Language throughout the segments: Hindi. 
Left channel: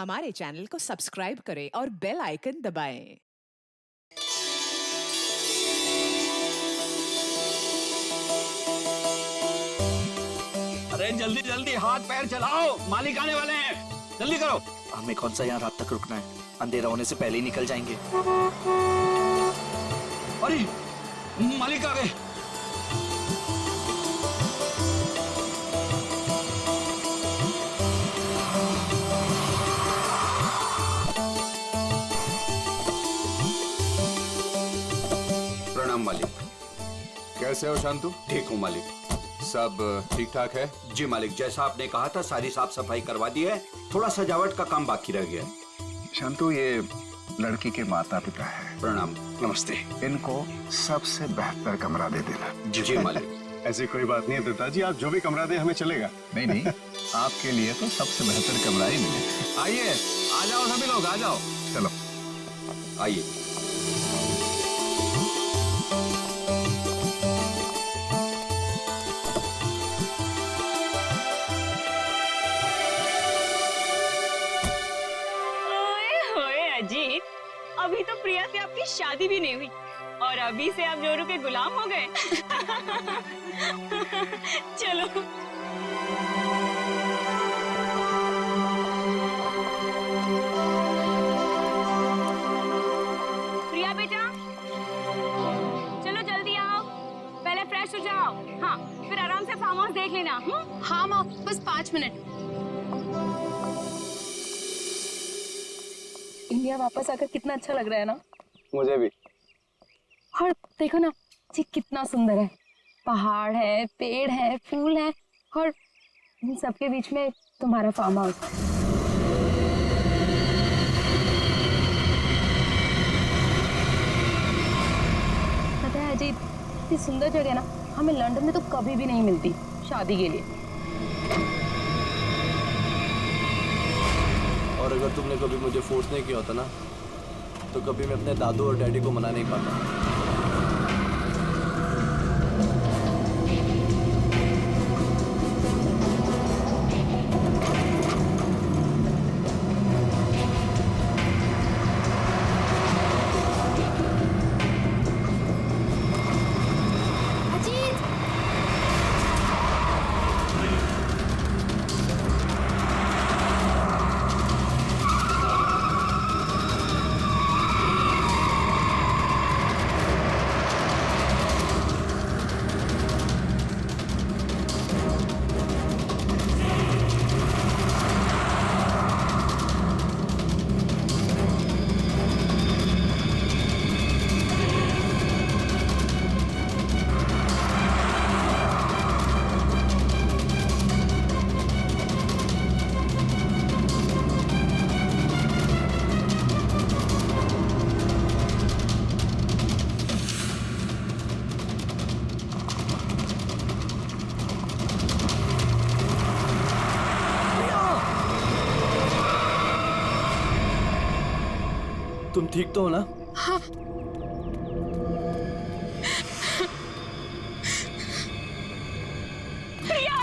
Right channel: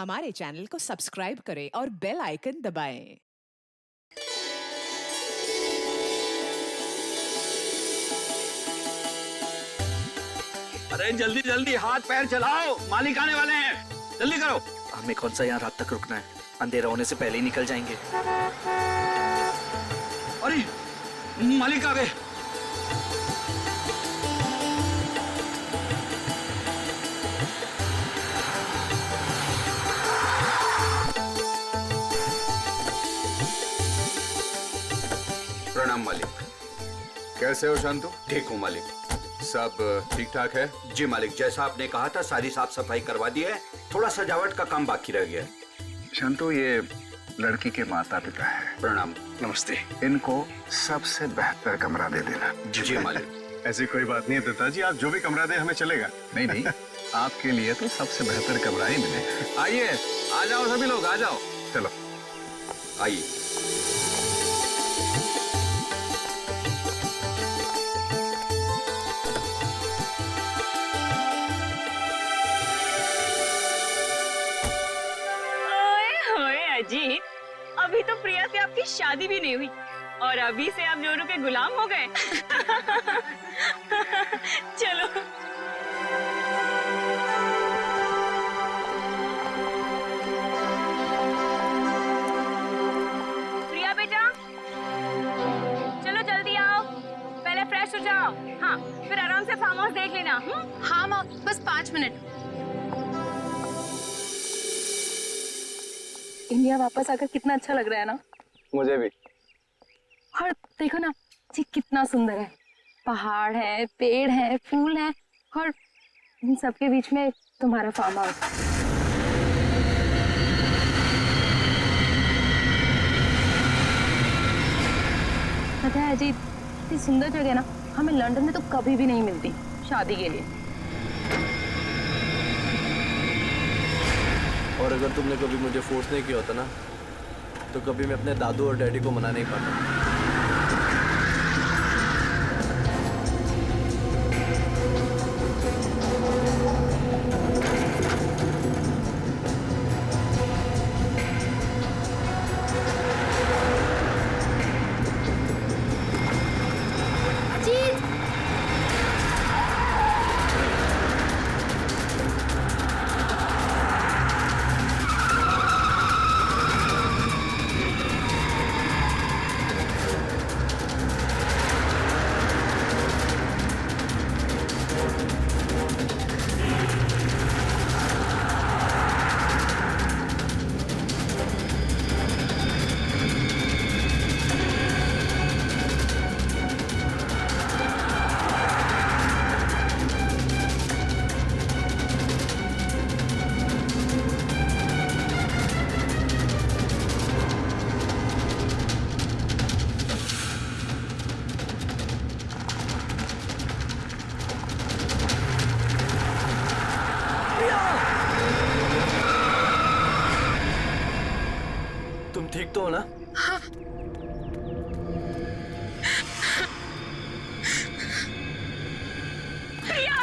हमारे चैनल को सब्सक्राइब करें और बेल आइकन दबाएं। अरे जल्दी जल्दी हाथ पैर चलाओ, मालिक आने वाले हैं, जल्दी करो। हमें कौन सा यहाँ रात तक रुकना है, अंधेरा होने से पहले ही निकल जाएंगे। अरे मालिक आ गए। प्रणाम मालिक। कैसे हो शांतु? ठीक हूँ मालिक। सब ठीक ठाक है? जी मालिक, जैसा आपने कहा था सारी साफ सफाई करवा दी है, थोड़ा सजावट का काम बाकी रह गया है। शांतु, ये लड़की के माता पिता है। प्रणाम। नमस्ते। इनको सबसे बेहतर कमरा दे देना। जी मालिक। ऐसी कोई बात नहीं है पिताजी, आप जो भी कमरा दे हमें चलेगा। नहीं नहीं, आपके लिए तो सबसे बेहतर कमरा ही मिलेगा। आइए, आ जाओ सभी लोग, आ जाओ। चलो आइए। अजीत, अभी तो प्रिया से आपकी शादी भी नहीं हुई और अभी से आप जोरू के गुलाम हो गए। चलो। प्रिया बेटा, चलो जल्दी आओ, पहले फ्रेश हो जाओ। हाँ, फिर आराम से फार्म हाउस देख लेना। हाँ माँ, बस 5 मिनट। इंडिया वापस आकर कितना अच्छा लग रहा है ना। मुझे भी। और देखो ना जी, कितना सुंदर है। पहाड़ है, पेड़ है, फूल है और इन सबके बीच में तुम्हारा फार्म हाउस। पता है अजीत, इतनी सुंदर जगह ना हमें लंदन में तो कभी भी नहीं मिलती शादी के लिए। और अगर तुमने कभी मुझे फोर्स नहीं किया होता ना, तो कभी मैं अपने दादू और डैडी को मना नहीं पाता। तुम ठीक तो हो ना? हाँ। प्रिया,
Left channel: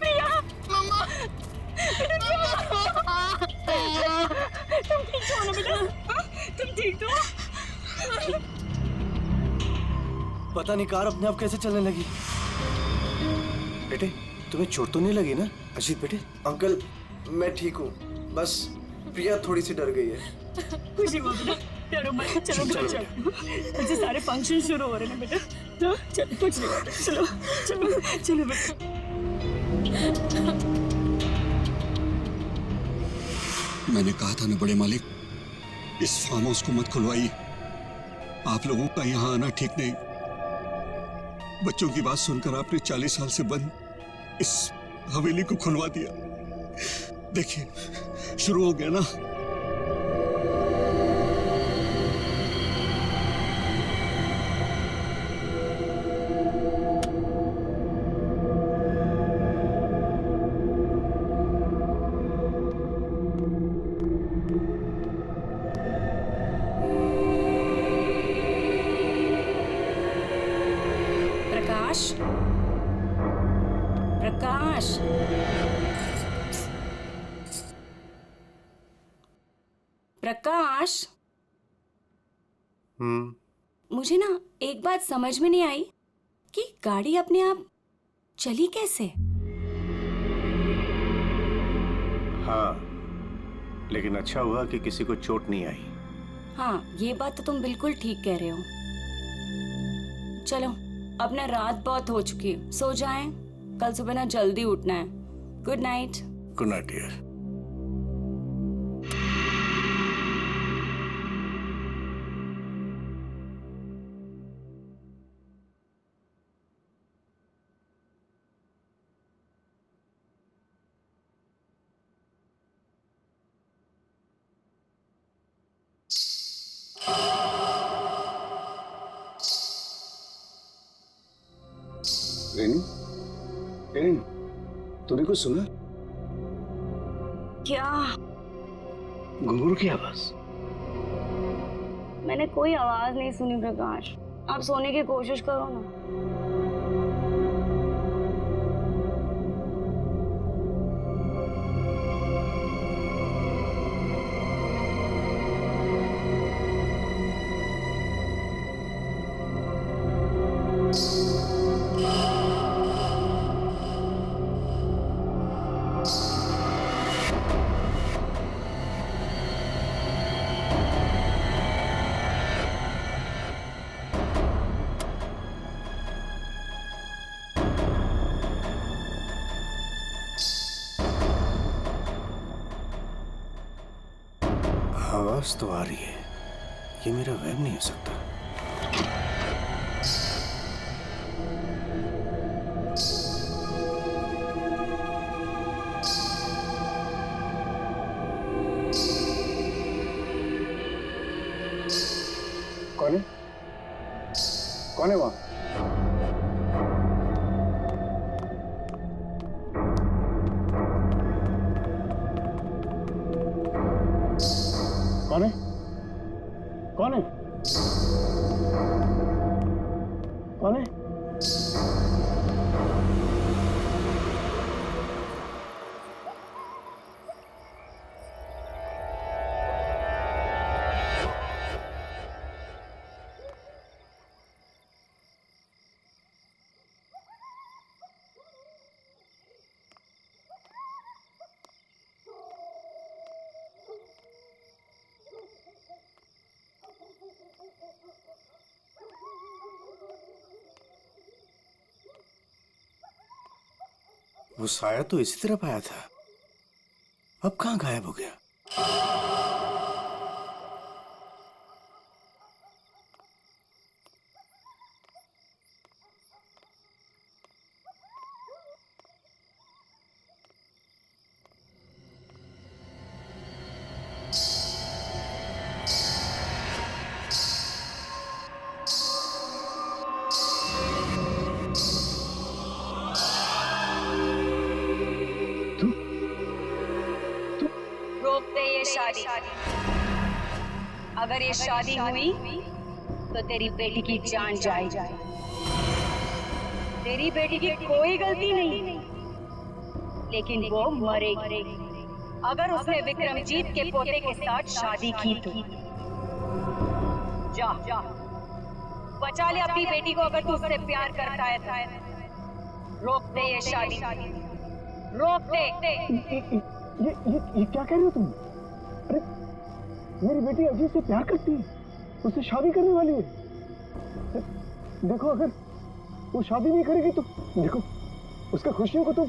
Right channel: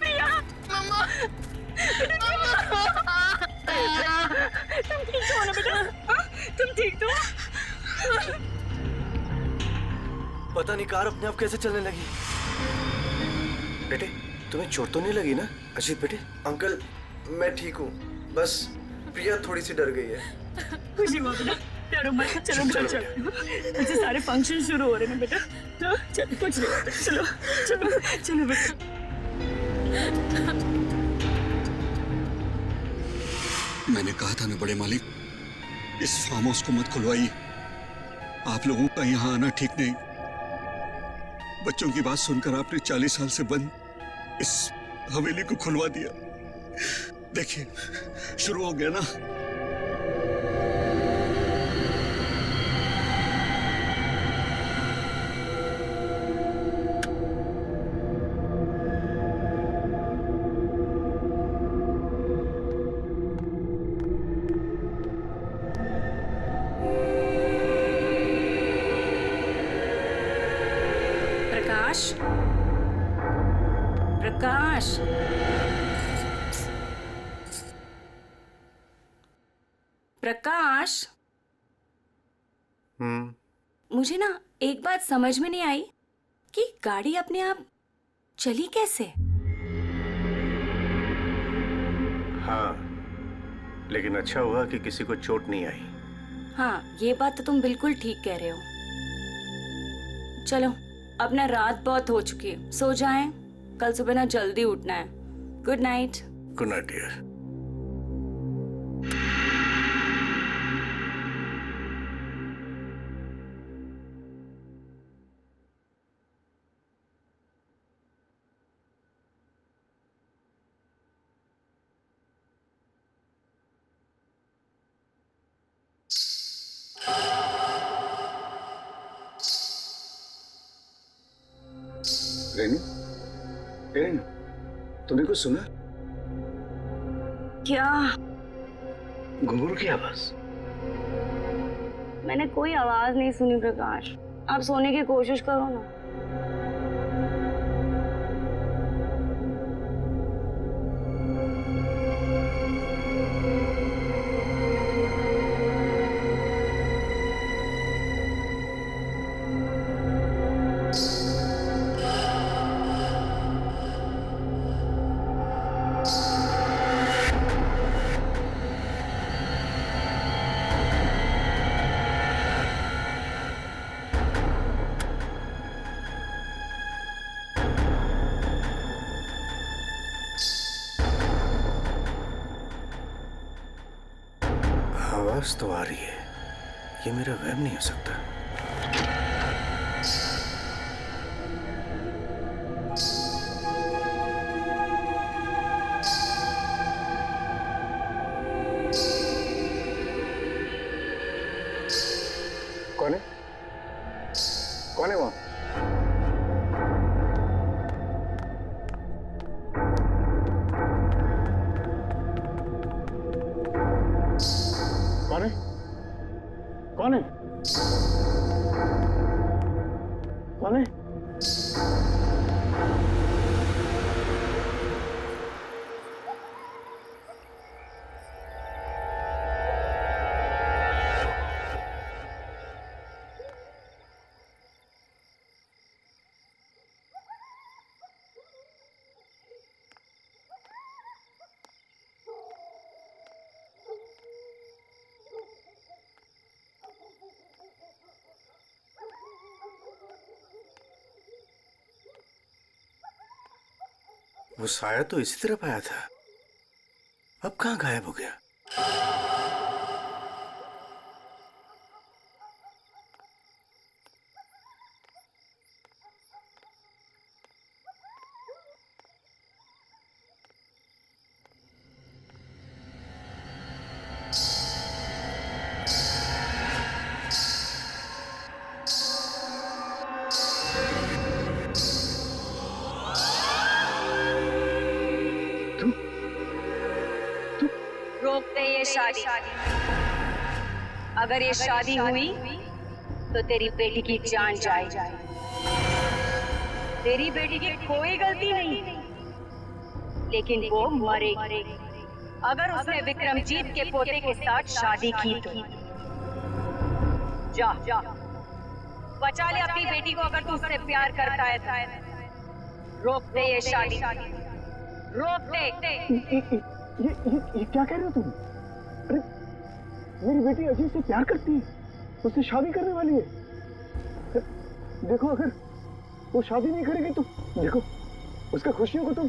प्रिया, मम्मा, तुम ठीक तो हो ना बेटा? हाँ? तुम ठीक तो हो? पता नहीं कार अपने आप कैसे चलने लगी। बेटे, तुम्हें चोट तो नहीं लगी ना? अजीत बेटे। अंकल, मैं ठीक हूँ, बस प्रिया थोड़ी सी डर गई है। खुशी हुआ बेटा, डरो मत। चलो बेटा, चलो। ऐसे सारे फंक्शन शुरू हो रहे हैं बेटा। हाँ, चलो, कुछ नहीं होता। चलो चलो चलो बेटा। मैंने कहा था ना बड़े मालिक, इस फार्म हाउस को मत खुलवाइए। आप लोगों का यहाँ आना ठीक नहीं। बच्चों की बात सुनकर आपने 40 साल से बंद इस हवेली को खुलवा दिया। देखिए, शुरू हो गया ना। प्रकाश, प्रकाश, प्रकाश, हम्म। मुझे ना एक बात समझ में नहीं आई कि गाड़ी अपने आप चली कैसे? हाँ, लेकिन अच्छा हुआ कि किसी को चोट नहीं आई। हाँ, ये बात तो तुम बिल्कुल ठीक कह रहे हो। चलो, अब ना रात बहुत हो चुकी है, सो जाएं। कल सुबह ना जल्दी उठना है। Good night. Good night dear. Renu, Renu, तूने कुछ सुना? क्या? घुंघरू की आवाज। मैंने कोई आवाज नहीं सुनी प्रकाश। आप सोने की कोशिश करो ना। आवाज तो आ रही है, ये मेरा वहम नहीं हो सकता। कौन है? कौन है वहां? कौन है? कौन है? कौन है? वो साया तो इसी तरफ आया था, अब कहाँ गायब हो गया? रोक दे ये शादी। अगर ये शादी हुई तो तेरी बेटी की जान जाएगी। तेरी बेटी की कोई गलती नहीं, लेकिन वो मरेगी अगर उसने विक्रमजीत के पोते के साथ शादी की तो। जा बचा ले अपनी बेटी को अगर तू उससे प्यार करता है तो। रोक दे ये शादी, रोक दे। ये क्या कह रहे हो तुम? अरे मेरी बेटी अजीत से प्यार करती है, उससे शादी करने वाली है। देखो अगर वो शादी नहीं करेगी तो देखो उसका खुशियों को तुम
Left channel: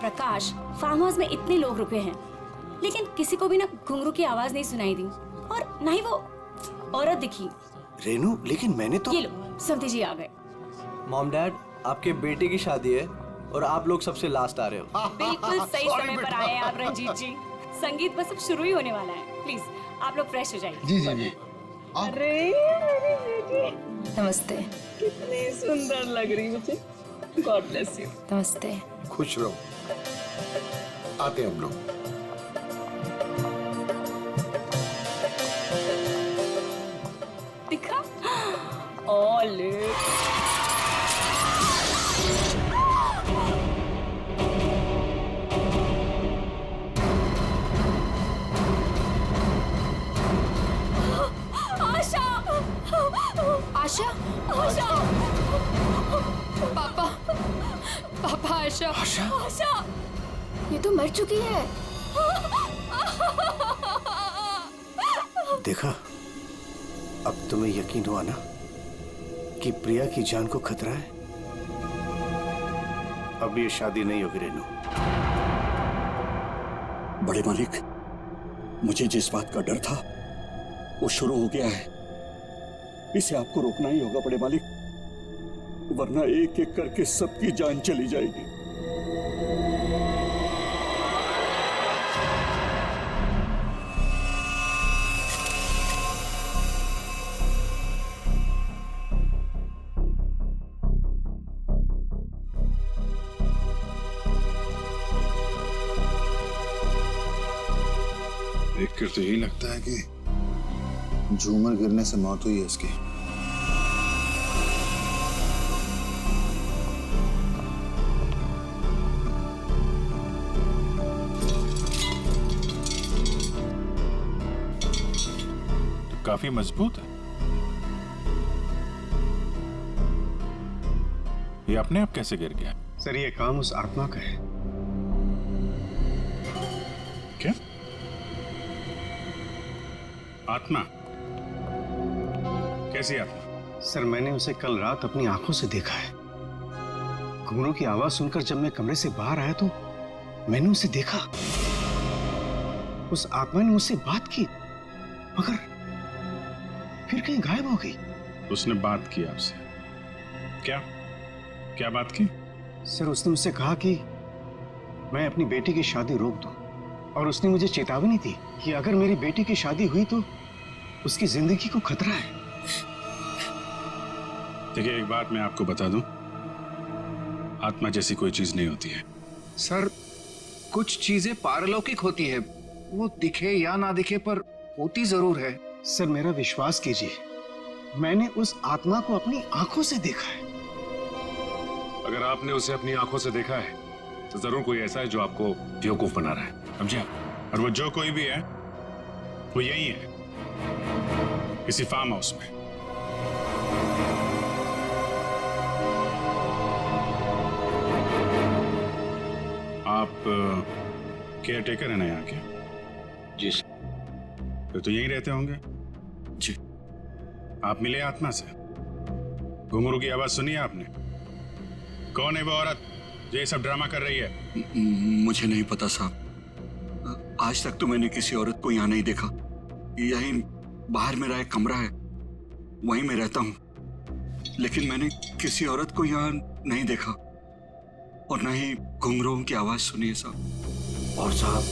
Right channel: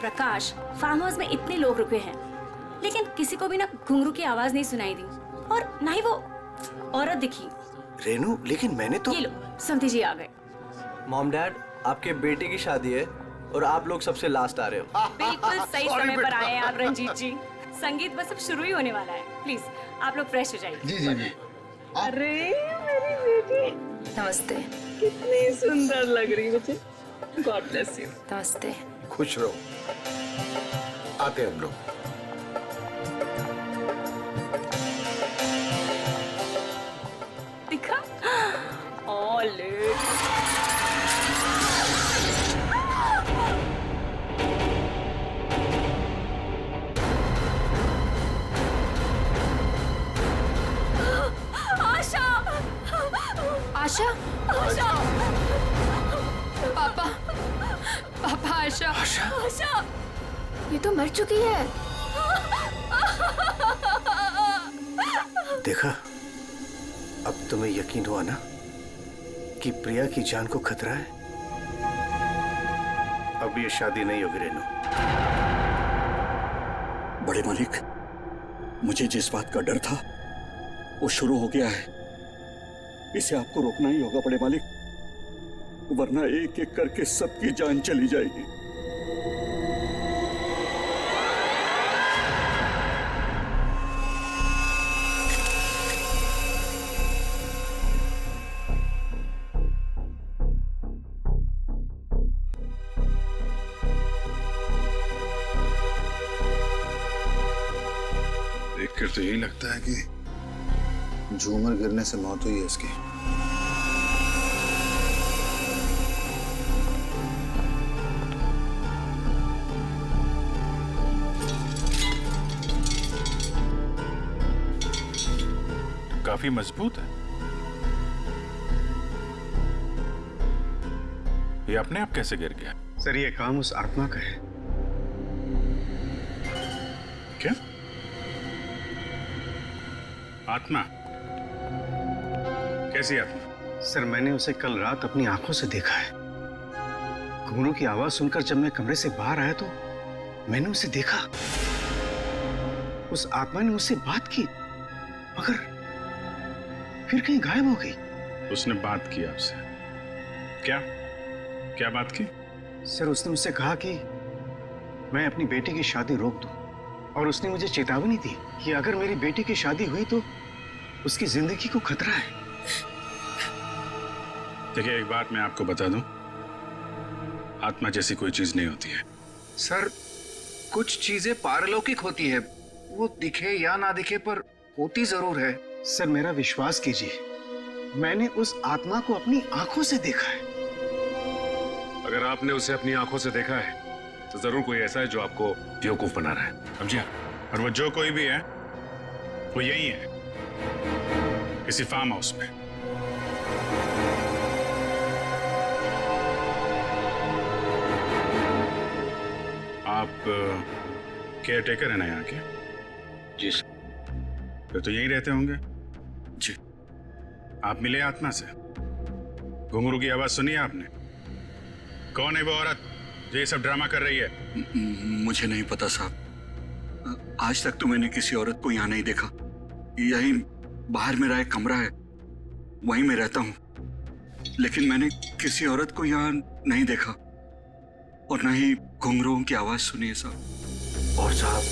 प्रकाश, फार्म हाउस में इतने लोग रुके हैं, लेकिन किसी को भी ना घुंघरू की आवाज नहीं सुनाई दी और ना ही वो औरत दिखी। रेनू, लेकिन मैंने तो। ये लो, समधी जी आ गए। मॉम डैड, आपके बेटे की शादी है और आप लोग सबसे लास्ट आ रहे हो। बिल्कुल सही समय पर आए हैं आप रंजीत जी। संगीत बस अब शुरू ही होने वाला है। प्लीज आप लोग फ्रेश हो जाइए। जी जी जी। अरे मेरी बेटी नमस्ते। कितनी सुंदर लग रही है बच्चे। God bless you. नमस्ते। खुश रहो। आते हैं हम लोग। दिखा ऑल आशा आशा। आशा पापा पापा आशा। आशा ये तो मर चुकी है। देखा, अब तुम्हें यकीन हुआ ना कि प्रिया की जान को खतरा है। अब ये शादी नहीं होगी रेनू। बड़े मालिक, मुझे जिस बात का डर था वो शुरू हो गया है। इसे आपको रोकना ही होगा बड़े मालिक, वरना एक एक करके सबकी जान चली जाएगी। देखकर तो यही लगता है कि झूमर गिरने से मौत हुई है इसकी। काफी मजबूत है। ये अपने आप कैसे गिर गया? सर, ये काम उस आत्मा का है। क्या आत्मा? कैसी आत्मा? सर, मैंने उसे कल रात अपनी आंखों से देखा है। घुंघरू की आवाज सुनकर जब मैं कमरे से बाहर आया तो मैंने उसे देखा। उस आत्मा ने मुझसे बात की, मगर फिर कहीं गायब हो गई। उसने बात की आपसे? क्या क्या बात की? सर, उसने मुझसे कहा कि मैं अपनी बेटी की शादी रोक दूं, और उसने मुझे चेतावनी दी कि अगर मेरी बेटी की शादी हुई तो उसकी जिंदगी को खतरा है। देखिए, एक बात मैं आपको बता दूं, आत्मा जैसी कोई चीज नहीं होती है। सर, कुछ चीजें पारलौकिक होती है, वो दिखे या ना दिखे पर होती जरूर है। सर, मेरा विश्वास कीजिए, मैंने उस आत्मा को अपनी आंखों से देखा है। अगर आपने उसे अपनी आंखों से देखा है तो जरूर कोई ऐसा है जो आपको बेवकूफ बना रहा है, समझे? और वो जो कोई भी है वो यही है, किसी फार्म हाउस में। आप केयर टेकर है ना यहाँ के? जी सर। फिर तो यहीं रहते होंगे। जी। आप मिले आत्मा से? घुंघरू की आवाज सुनी आपने? कौन है वो औरत जो ये सब ड्रामा कर रही है? मुझे नहीं पता साहब, आज तक तो मैंने किसी औरत को यहाँ नहीं देखा। यही बाहर मेरा एक कमरा है, वहीं मैं रहता हूँ, लेकिन मैंने किसी औरत को यहाँ नहीं देखा और न ही घुंघरूओं की आवाज सुनी है साहब। और साहब,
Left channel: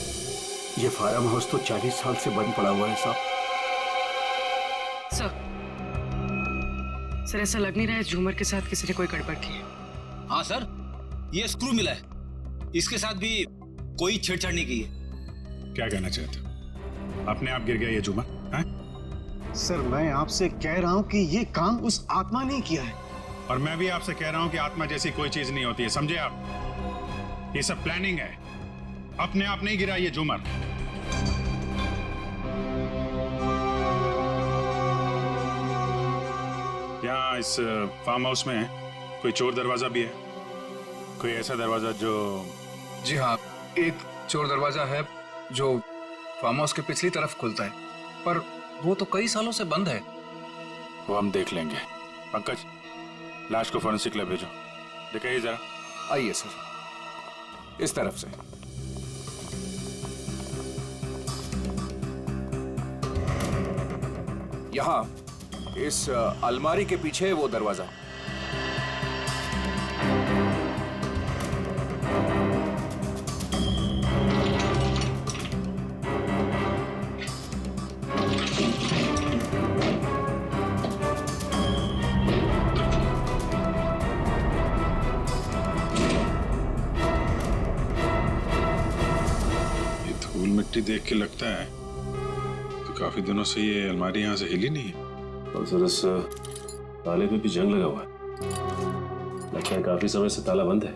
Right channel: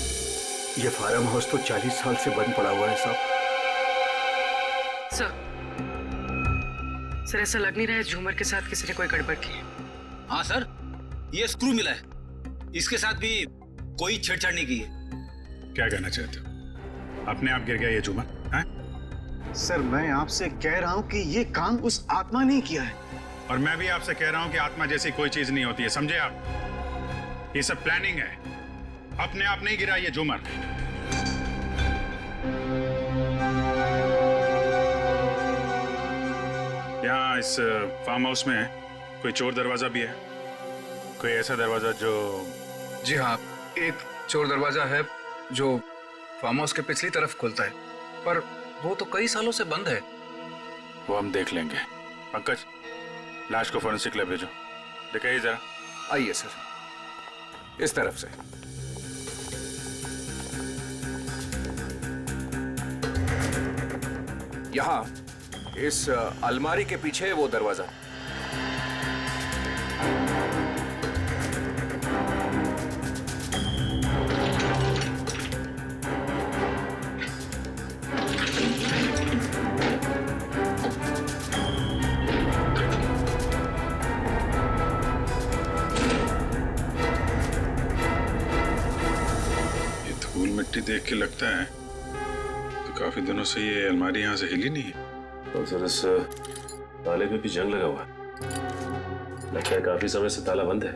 ये फार्म हाउस तो 40 साल से बंद पड़ा हुआ है साहब। सर ऐसा लग नहीं रहा है झूमर के साथ किसी ने कोई गड़बड़ की है। हाँ सर, ये स्क्रू मिला है, इसके साथ भी कोई छेड़छाड़ नहीं की है। क्या कहना चाहते हो? अपने आप गिर गया ये झूमर? हैं? सर, मैं आपसे कह रहा हूं कि ये काम उस आत्मा ने किया है। और मैं भी आपसे कह रहा हूं कि आत्मा जैसी कोई चीज नहीं होती है, समझे आप? ये सब प्लानिंग है, अपने आप नहीं गिरा ये झूमर। यहाँ इस फार्म हाउस में कोई चोर दरवाजा भी है? कोई ऐसा दरवाजा जो... जी हाँ, एक चोर दरवाजा है जो फार्म हाउस के पिछली तरफ खुलता है, पर वो तो कई सालों से बंद है। वो हम देख लेंगे। पंकज, लाश को फोरेंसिक लैब भेजो, दिखाइए जरा। आइए सर, इस तरफ से। यहाँ इस अलमारी के पीछे वो दरवाजा। मिट्टी देख के लगता है तो काफी दिनों से ये अलमारी यहाँ से हिली नहीं है। और सर इस ताले पे भी जंग लगा हुआ है, लगता है काफी समय से ताला बंद है।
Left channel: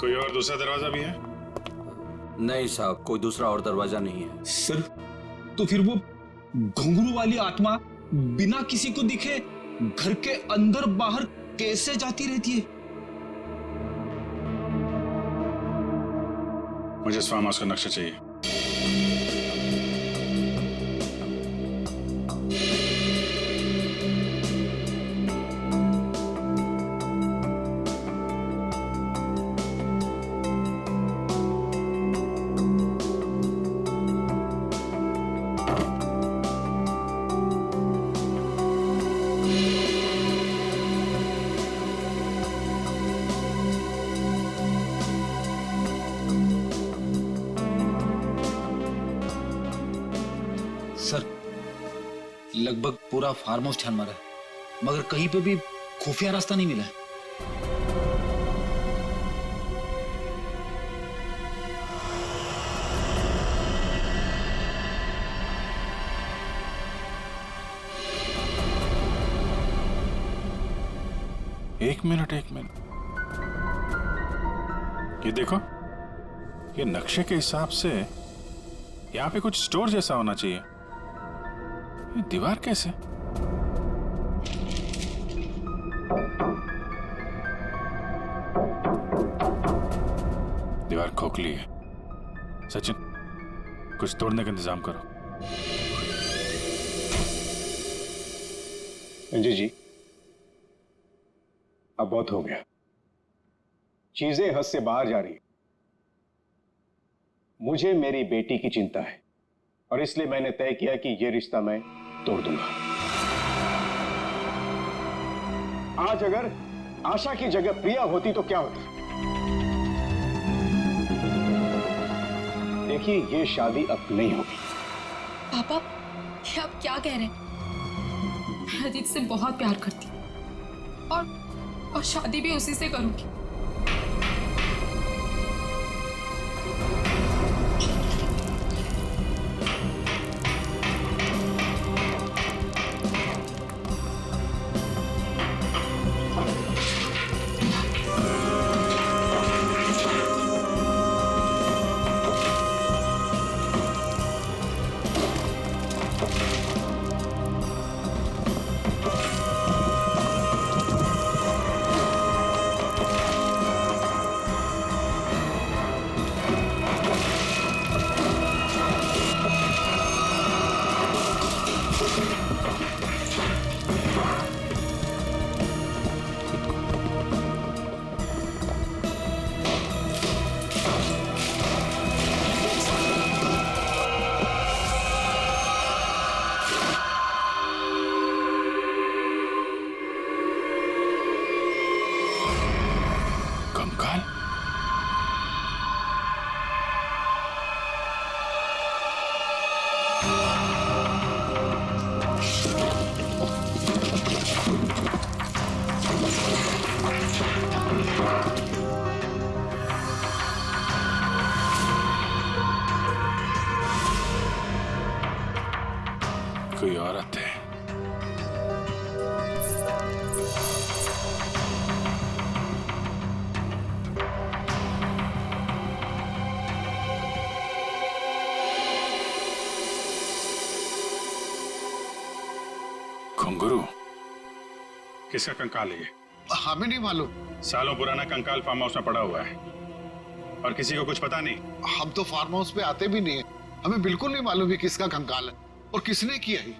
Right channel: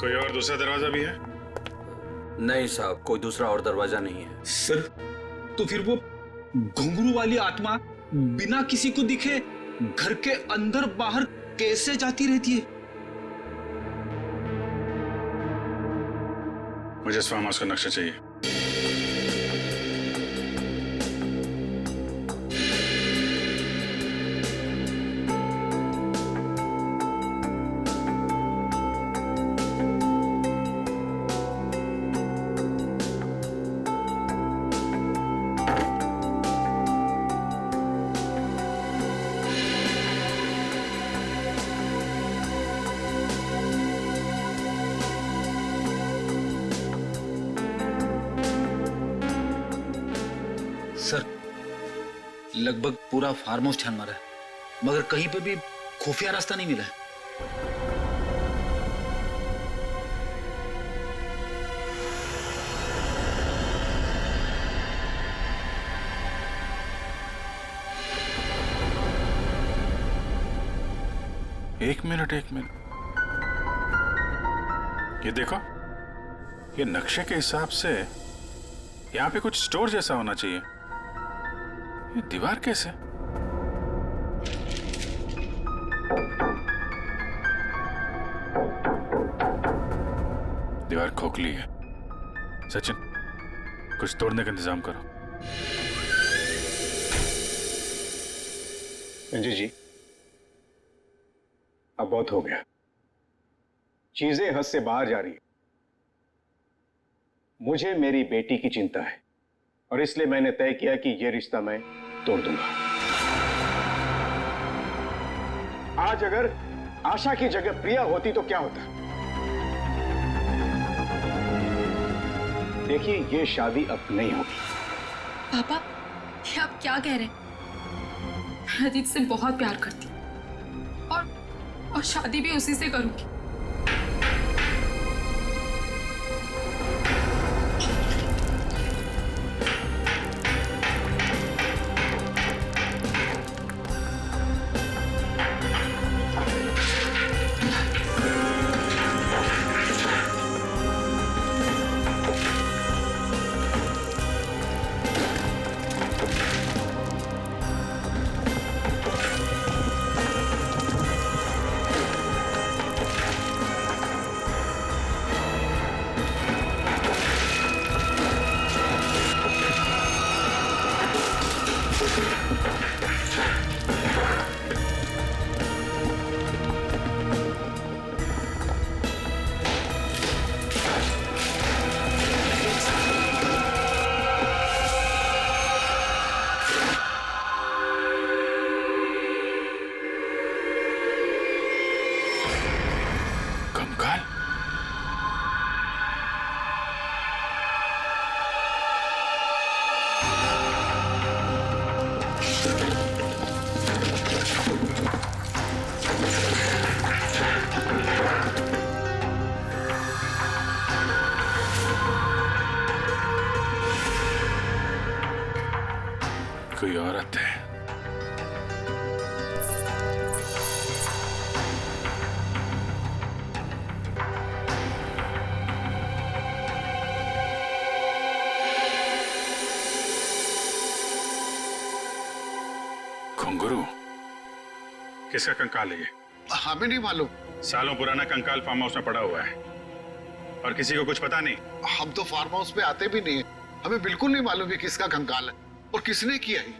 कोई और दूसरा दरवाजा भी है? नहीं साहब, कोई दूसरा और दरवाजा नहीं है। सर तो फिर वो घुंघरू वाली आत्मा बिना किसी को दिखे घर के अंदर बाहर कैसे जाती रहती है? मुझे इस फार्म हाउस का नक्शा चाहिए। सर लगभग पूरा फार्म हाउस छान मारा है, मगर कहीं पे भी खुफिया रास्ता नहीं मिला है। एक मिनट ये देखो, ये नक्शे के हिसाब से यहाँ पे कुछ स्टोर जैसा होना चाहिए। ये दीवार कैसे? दीवार खोखली है। सचिन, कुछ तोड़ने का इंतजाम करो। संजय जी, अब बहुत हो गया, चीजें हद से बाहर जा रही है। मुझे मेरी बेटी की चिंता है और इसलिए मैंने तय किया कि यह रिश्ता मैं तोड़ दूंगा। आज अगर आशा की जगह प्रिया होती तो क्या होता? देखिए, यह शादी अब नहीं होगी। पापा, ये आप क्या कह रहे हैं? मैं अजीत से बहुत प्यार करती हूँ और शादी भी उसी से करूंगी। कंकाल? कोई औरत है। घुंघरू? किसका कंकाल है ये? हमें नहीं मालूम। सालों पुराना कंकाल फार्म हाउस में पड़ा हुआ है और किसी को कुछ पता नहीं। हम तो फार्म हाउस पे आते भी नहीं है, हमें बिल्कुल नहीं मालूम है किसका कंकाल है और किसने किया है।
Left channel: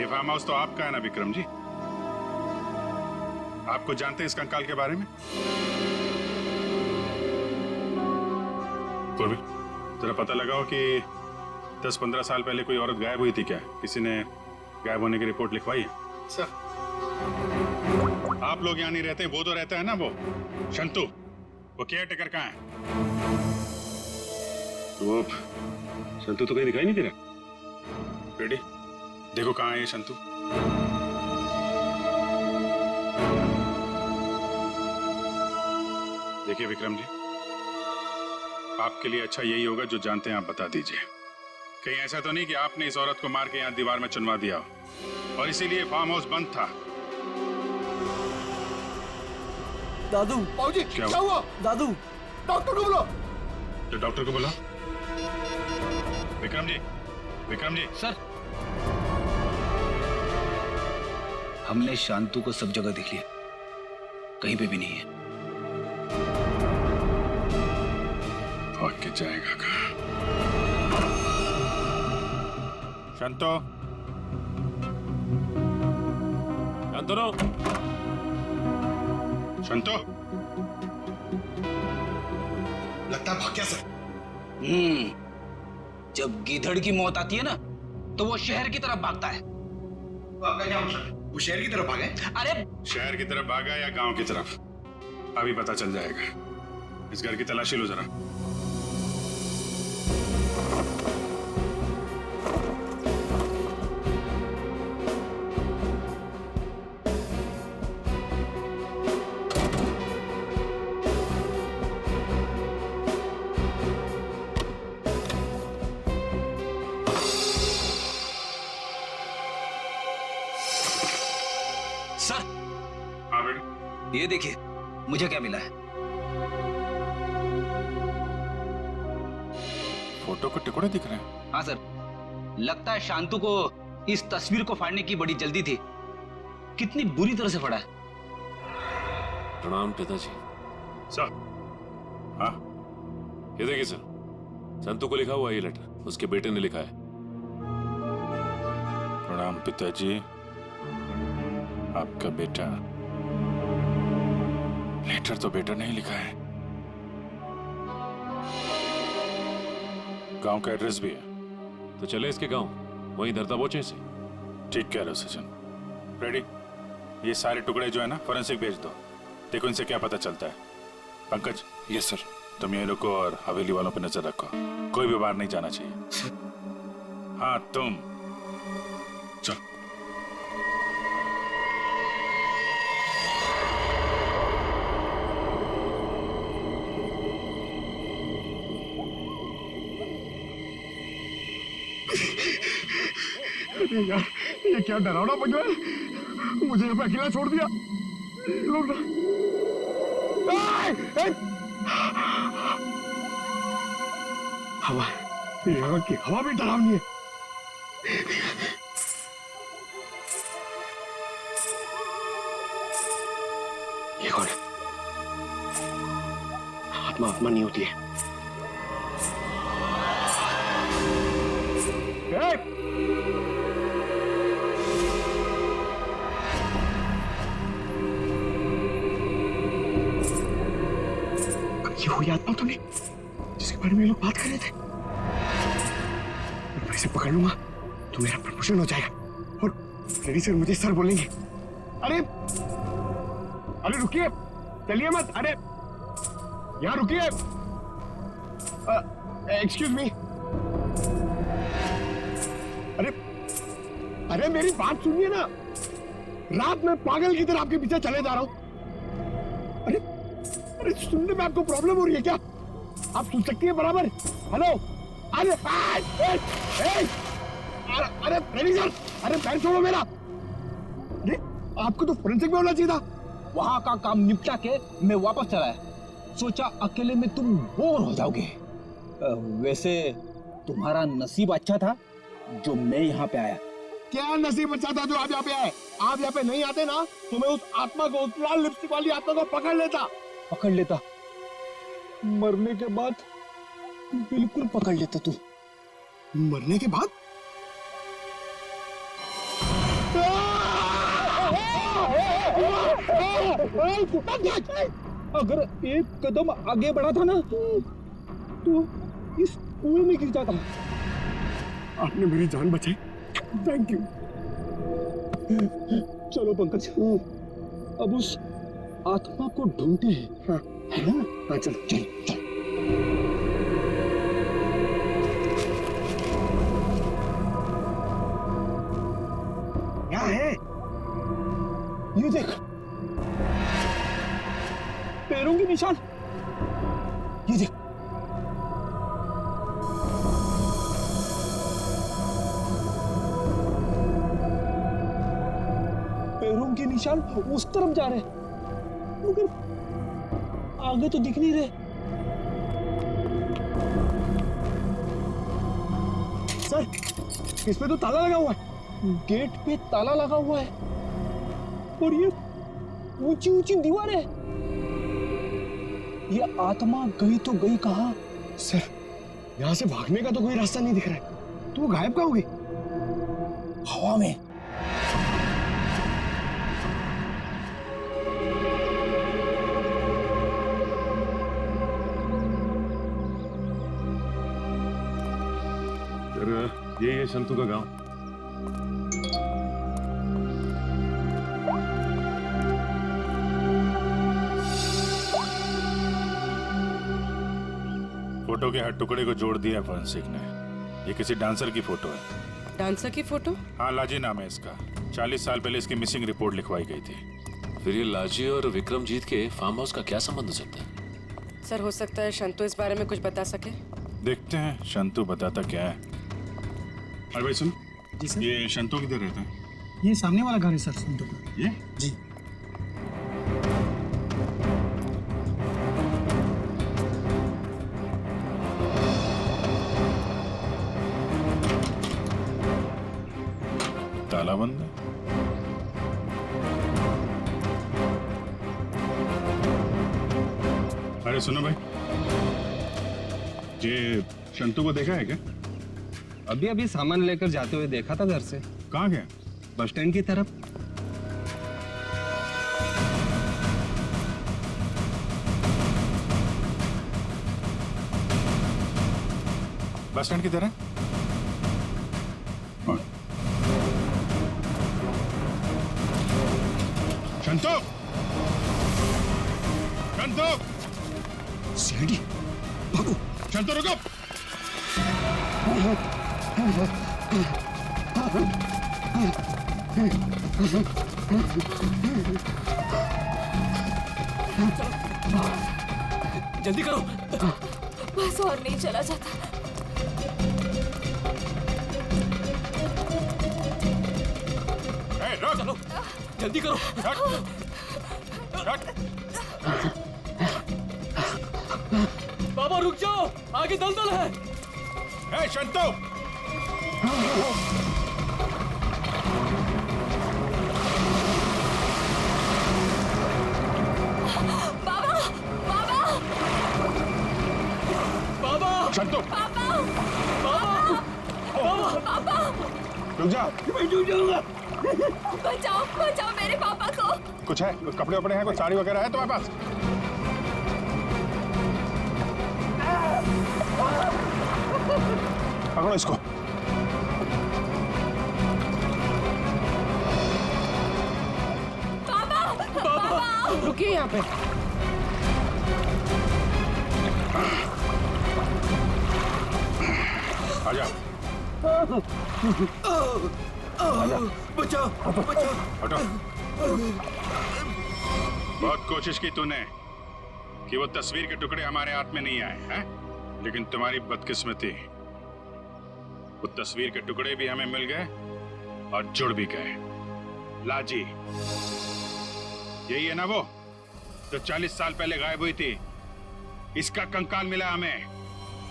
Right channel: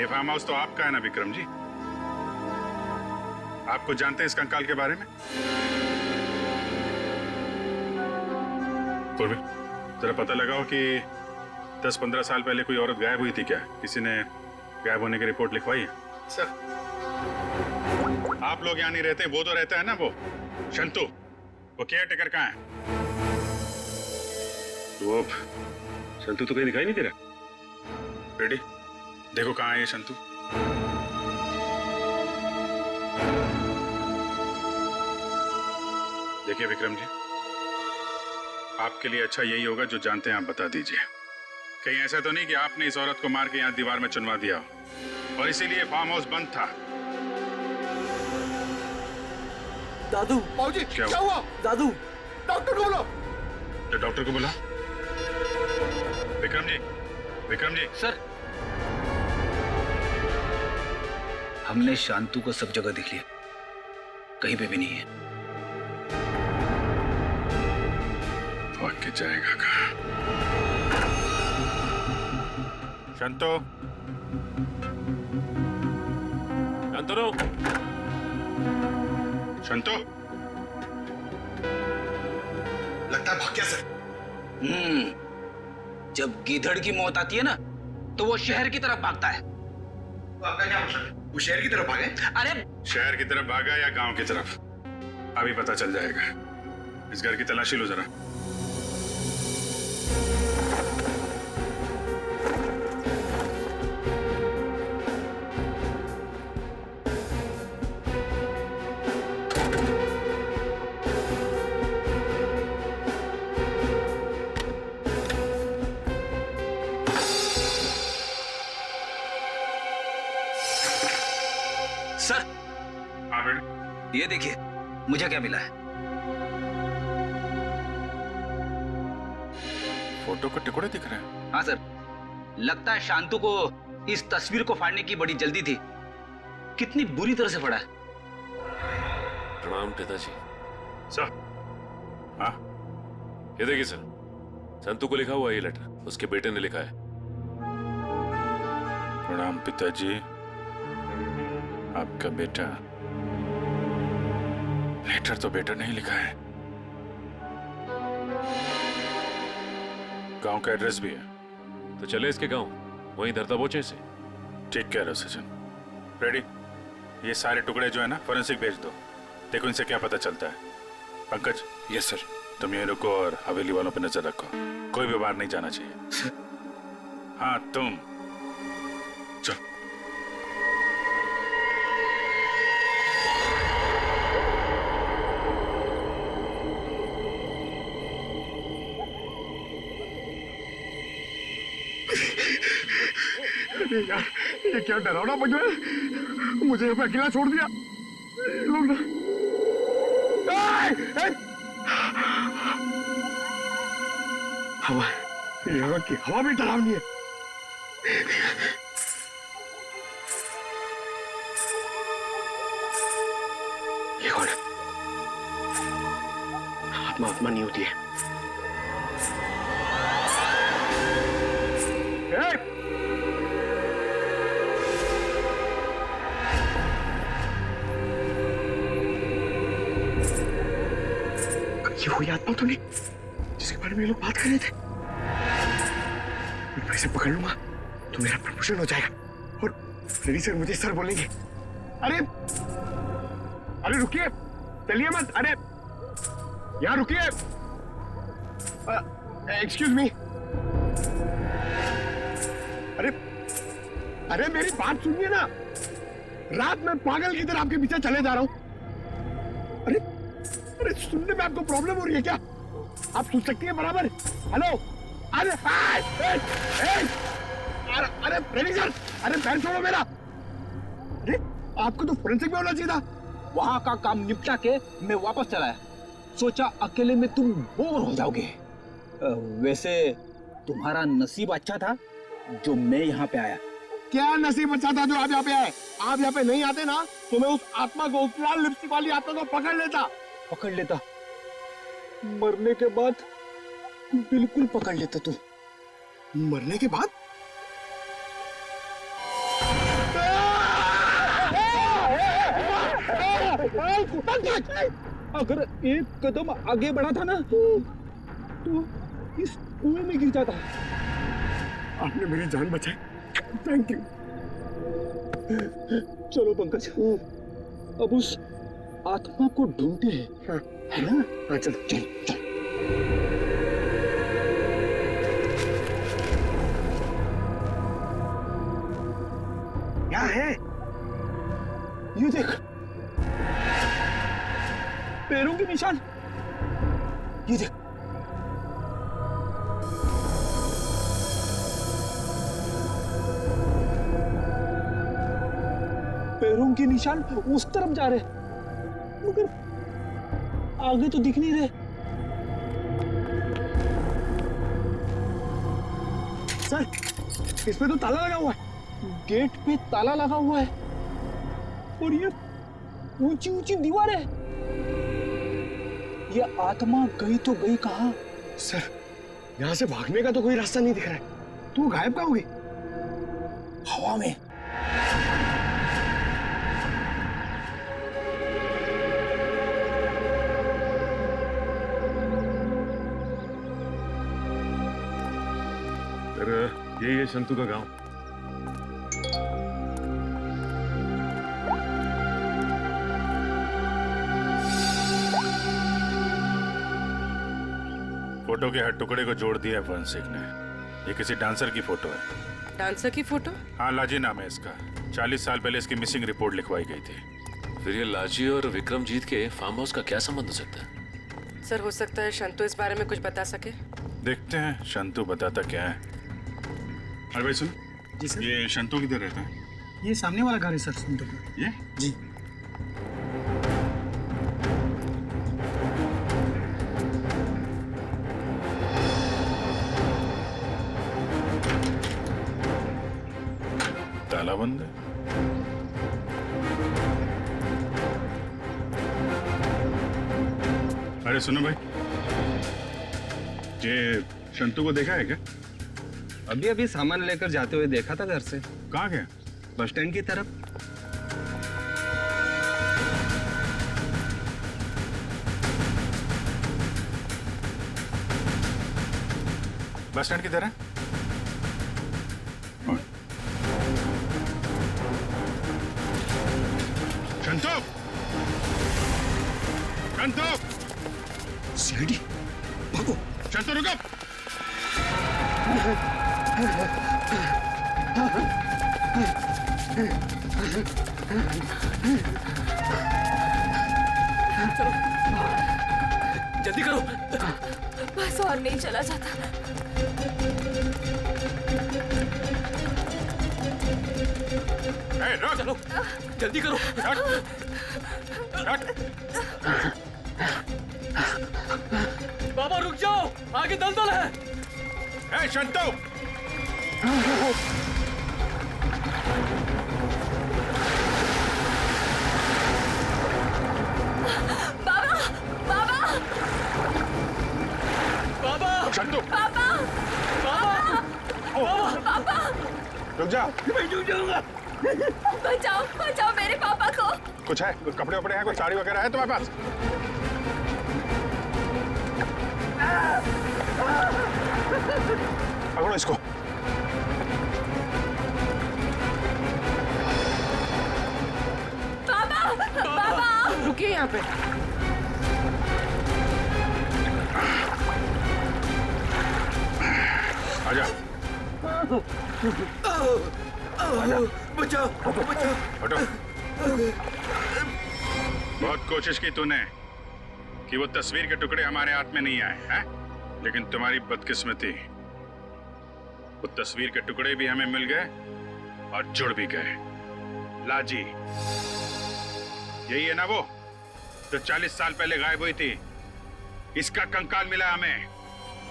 ये फार्म हाउस तो आपका है ना विक्रम जी? आप कुछ जानते हैं इस कंकाल के बारे में? पूर्वी, जरा पता लगाओ कि 10-15 साल पहले कोई औरत गायब हुई थी क्या? किसी ने गायब होने की रिपोर्ट लिखवाई है? सर, आप लोग यहाँ नहीं रहते, वो तो रहता है ना, वो शंतु, वो केयर टेकर कहाँ है? वो शंतु तो कहीं दिखाई नहीं दे रहा। बेटी देखो कहाँ है ये शंतु। देखिए विक्रम जी, आपके लिए अच्छा यही होगा जो जानते हैं आप बता दीजिए। कहीं ऐसा तो नहीं कि आपने इस औरत को मार के यहाँ दीवार में चुनवा दिया हो और इसीलिए फार्म हाउस बंद था। दादू। बाबूजी क्या हुआ? दादू, डॉक्टर को बुलाओ। तो डॉक्टर को बुला। विक्रम जी, विक्रम जी। सर, हमने शांतु को सब जगह देख लिया, कहीं पे भी नहीं है। भाग के जाएगा कहाँ? शांतो, शांतनो, शांतो। लगता है भाग गया सर। जब गीधड़ की मौत आती है ना, तो वो शहर की तरफ भागता है। तो आपका क्या मतलब है? वो शहर की तरफ भागे? अरे शहर की तरफ भागा या गांव की तरफ, अभी पता चल जाएगा। इस घर की तलाशी लो जरा। सर, हाँ बेटे, ये देखिए मुझे क्या मिला है। फोटो के टुकड़े दिख रहे हैं। हाँ सर, लगता है शांतु को इस तस्वीर को फाड़ने की बड़ी जल्दी थी। कितनी बुरी तरह से फाड़ा है। प्रणाम पिताजी। सर, हाँ ये देखिए सर, संतु को लिखा हुआ ये लेटर उसके बेटे ने लिखा है। प्रणाम पिताजी, आपका बेटा। लेटर तो बेटा नहीं लिखा है, गांव का एड्रेस भी है। तो चले इसके गांव, वहीं धरता बोचे से। ठीक कह रहे हो सचिन। रेडी, ये सारे टुकड़े जो है ना फॉरेंसिक भेज दो, देखो इनसे क्या पता चलता है। पंकज। Yes sir. तुम यहीं रुको और हवेली वालों पे नजर रखो, कोई भी बाहर नहीं जाना चाहिए। हाँ तुम चलो। अरे यार, ये क्या डरावना बज रहा है। मुझे यहाँ पे अकेला छोड़ दिया। लोग ना हवा, यहाँ की हवा भी डरावनी है। ये कौन है? आत्मा आत्मा नहीं होती है। ये वही आत्मा तो नहीं जिसके बारे में ये लोग बात कर रहे थे। मैं इसे पकड़ लूंगा तो मेरा प्रमोशन हो जाएगा और फ्रेडी सर मुझे सर बोलेंगे। अरे अरे रुकिए, चलिए मत। अरे यहाँ रुकिए। Excuse me. अरे अरे मेरी बात सुनिए ना। रात में पागल की तरह आपके पीछे चले जा रहा हूं। अरे अरे सुनने में आपको प्रॉब्लम हो रही है क्या? आप सुन सकती हैं बराबर? हेलो। अरे अरे फ्रेडी सर, अरे पैर छोड़ो मेरा। अरे आपको तो फोरेंसिक में होना चाहिए था। वहां का काम निपटा के मैं वापस चला आया। सोचा अकेले में तुम बोर हो जाओगे। वैसे तुम्हारा नसीब अच्छा था जो मैं यहाँ पे आया। क्या नसीब अच्छा था जो आप यहाँ पे आए? आप यहाँ पे नहीं आते ना तो मैं उस आत्मा को, उस लाल लिपस्टिक वाली आत्मा को पकड़ लेता। मरने के बाद बिल्कुल पकड़ लेता तू। मरने के बाद? अगर एक कदम आगे बढ़ा था ना तो इस कुएं में गिर जाता। आपने मेरी जान बचाई, थैंक यू। चलो पंकज, अब उस आत्मा को ढूंढते हैं। हाँ, है ना? हाँ चल चल चल। क्या है? ये देख, पैरों के निशान। ये देख, पैरों के निशान उस तरफ जा रहे, मगर आगे तो दिख नहीं रहे। सर, इस पे तो ताला लगा हुआ है, गेट पे ताला लगा हुआ है, और ये ऊंची ऊंची दीवार है। ये आत्मा गई तो गई कहां? सर, यहाँ से भागने का तो कोई रास्ता नहीं दिख रहा है, तो वो गायब कहाँ होगी? हवा में। सर, यही है शंतु का गांव। फोटो के हर टुकड़े को जोड़ दिया फॉरेंसिक ने। ये किसी डांसर की फोटो है। डांसर की फोटो? हाँ, लाजी नाम है इसका। 40 साल पहले इसकी मिसिंग रिपोर्ट लिखवाई गई थी। फिर ये लाजी और विक्रमजीत के फार्म हाउस का क्या संबंध हो सकता है? सर, हो सकता है शंतु इस बारे में कुछ बता सके। देखते हैं शंतु बताता क्या है। अरे भाई सुन। जी सर। ये शंतु किधर रहता है? ये सामने वाला घर है सर, संतु का। ये? जी। ताला बंद है। अरे सुनो भाई, ये शंतु को देखा है क्या? अभी अभी सामान लेकर जाते हुए देखा था घर से। कहाँ गया? बस स्टैंड की तरफ। बस स्टैंड किधर है? शंतु! शंतु! सीढ़ी, भागो! शंतु रुको! जल्दी करो। बस और नहीं चला जाता। ए, रुक! चलो, जल्दी करो। बाबा रुक जाओ, आगे दलदल है। ए, शंतु! बाबा! बाबा! बाबा! शंतु! बाबा! बाबा! पापा! रुक जा! मैं डूब जाऊंगा। बचाओ, बचाओ मेरे पापा को। कुछ है? कपड़े वपड़े हैं? कुछ साड़ी वगैरह है तुम्हारे पास? पकड़ो इसको। पापा! पापा! रुकिए यहाँ पे। आजा। बचाओ, बचाओ। हटो। बहुत कोशिश की तूने कि वो तस्वीर के टुकड़े हमारे हाथ में नहीं आए हैं, लेकिन तुम्हारी बदकिस्मती, वो तस्वीर के टुकड़े भी हमें मिल गए और जुड़ भी गए। लाजी, यही है ना वो जो 40 साल पहले गायब हुई थी? इसका कंकाल मिला हमें,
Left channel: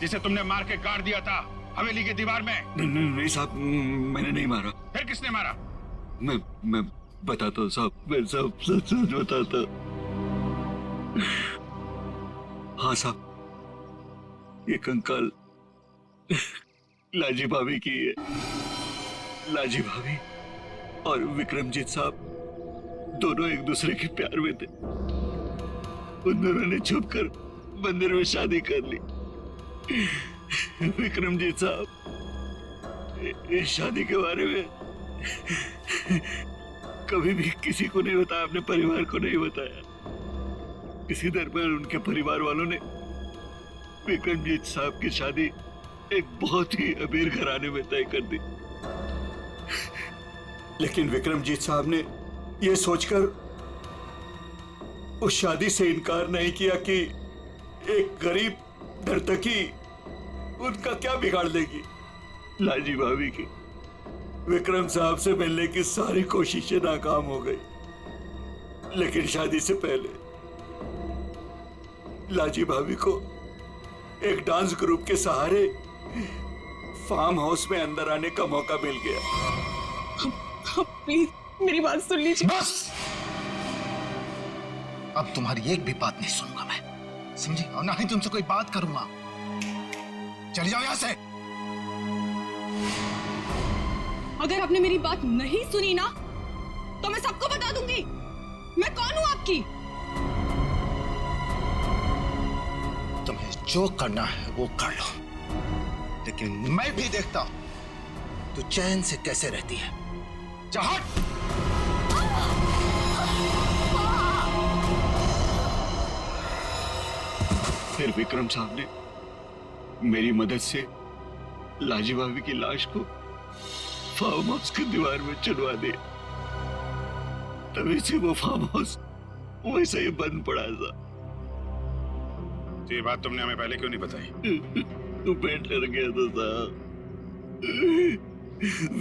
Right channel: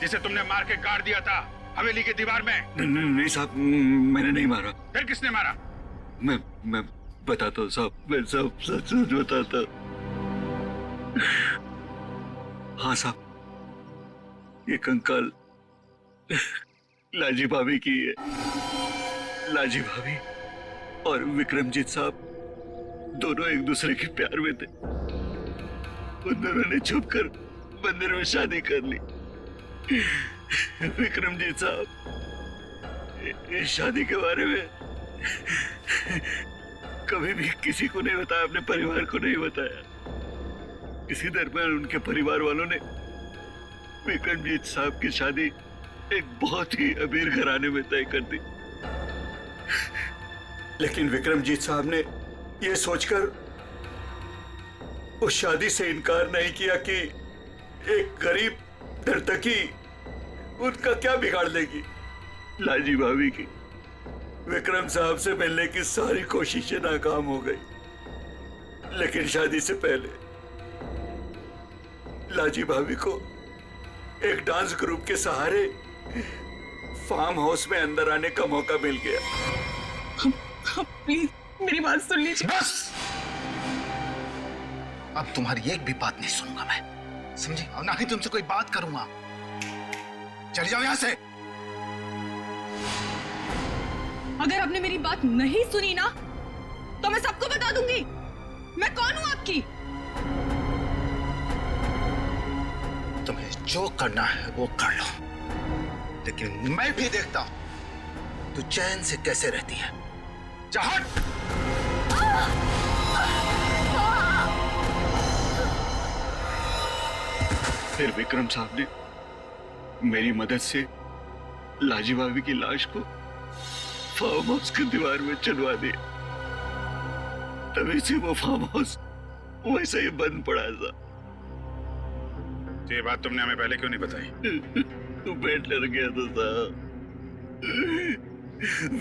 जिसे तुमने मार के गाड़ दिया था हवेली की दीवार में। नहीं साहब, मैंने नहीं मारा। फिर किसने मारा? मैं बताता हूँ साहब, मैं सब सच सच बताता। हाँ साहब, ये कंकाल लाजी भाभी की है। लाजी भाभी और विक्रमजीत साहब दोनों एक दूसरे के प्यार में थे। उन दोनों ने छुपकर मंदिर में शादी कर ली। विक्रमजीत साहब इस शादी के बारे में कभी भी किसी को नहीं बताया, अपने परिवार को नहीं बताया। इसी दरमियान उनके परिवार वालों ने विक्रमजीत साहब की शादी एक बहुत ही अमीर घराने में तय कर दी। लेकिन विक्रमजीत साहब ने यह सोचकर उस शादी से इनकार नहीं किया कि एक गरीब नर्तकी उनका क्या बिगाड़ लेगी? लाजी भाभी की विक्रम साहब से मिलने की सारी कोशिशें नाकाम हो गई, लेकिन शादी से पहले लाजी भाभी को एक डांस ग्रुप के सहारे फार्म हाउस में अंदर आने का मौका मिल गया। प्लीज मेरी बात सुन लीजिए। बस, अब तुम्हारी एक भी बात नहीं सुनूंगा मैं, समझी? और ना ही तुमसे कोई बात करूंगा। चली जाओ यहां से। अगर आपने मेरी बात नहीं सुनी ना तो मैं सबको बता दूंगी मैं कौन हूं आपकी। तुम्हें जो करना है वो कर लो, लेकिन मैं भी देखता हूं तू चैन से कैसे रहती है। जा हट। फिर विक्रम साहब ने मेरी मदद से लाजी भाभी की लाश को फार्म हाउस की दीवार में चुनवा दिया। तभी से वो फार्म हाउस वैसे ही बंद पड़ा था। तो ये बात तुमने हमें पहले क्यों नहीं बताई? तू बैठ डर गया था साहब।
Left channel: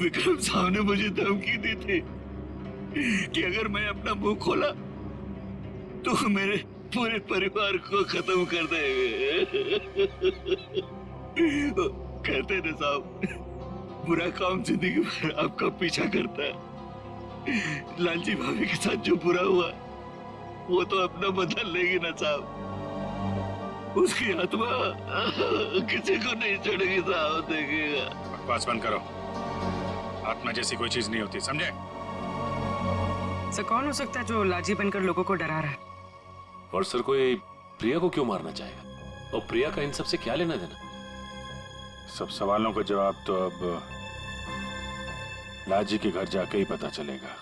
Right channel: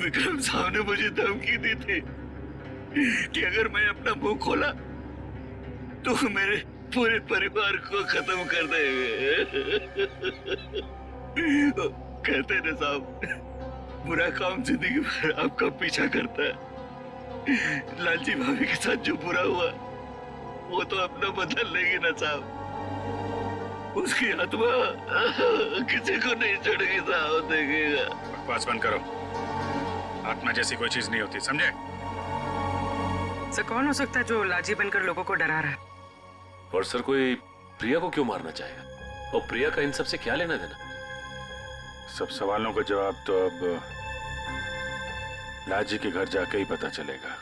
विक्रम साहब ने मुझे धमकी दी थी कि अगर मैं अपना मुंह खोला तो मेरे पूरे परिवार को खत्म कर देंगे। कहते हैं साहब, बुरा काम जिंदगी भर आपका पीछा करता है। लालजी भाभी के साथ जो बुरा हुआ वो तो अपना बदल लेगी ना साहब। उसकी आत्मा किसी को नहीं छोड़ेगी साहब, देखेगा। बकवास बंद करो, आत्मा जैसी कोई चीज नहीं होती, समझे? सर कौन हो सकता है जो लाजी बनकर लोगों को डरा रहा है? और सर कोई प्रिया को क्यों मारना चाहेगा? और प्रिया का इन सब से क्या लेना देना? सब सवालों का जवाब तो अब लाजी के घर जाके ही पता चलेगा।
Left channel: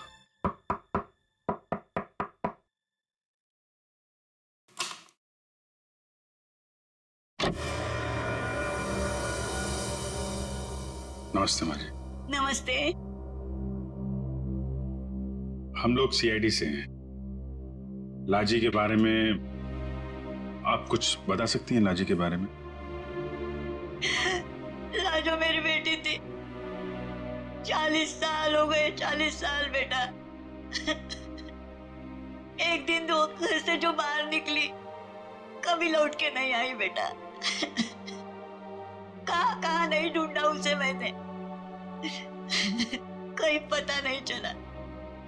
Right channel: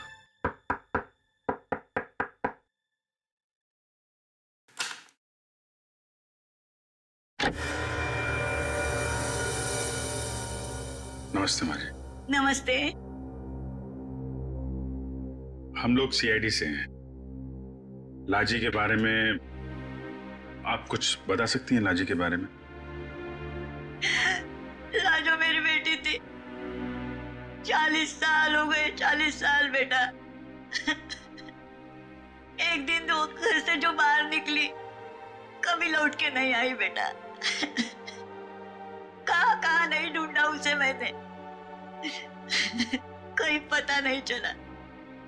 नमस्ते माँ जी। नमस्ते। हम लोग सीआईडी से हैं। लाजी के बारे में आप कुछ बता सकती हैं? लाजी के बारे में? लाजो मेरी बेटी थी। 40 साल हो गए, 40 साल बेटा। एक दिन वो घर से जो बाहर निकली कभी लौट के नहीं आई बेटा। कहाँ नहीं ढूंढा उसे मैंने, कहीं पता नहीं चला।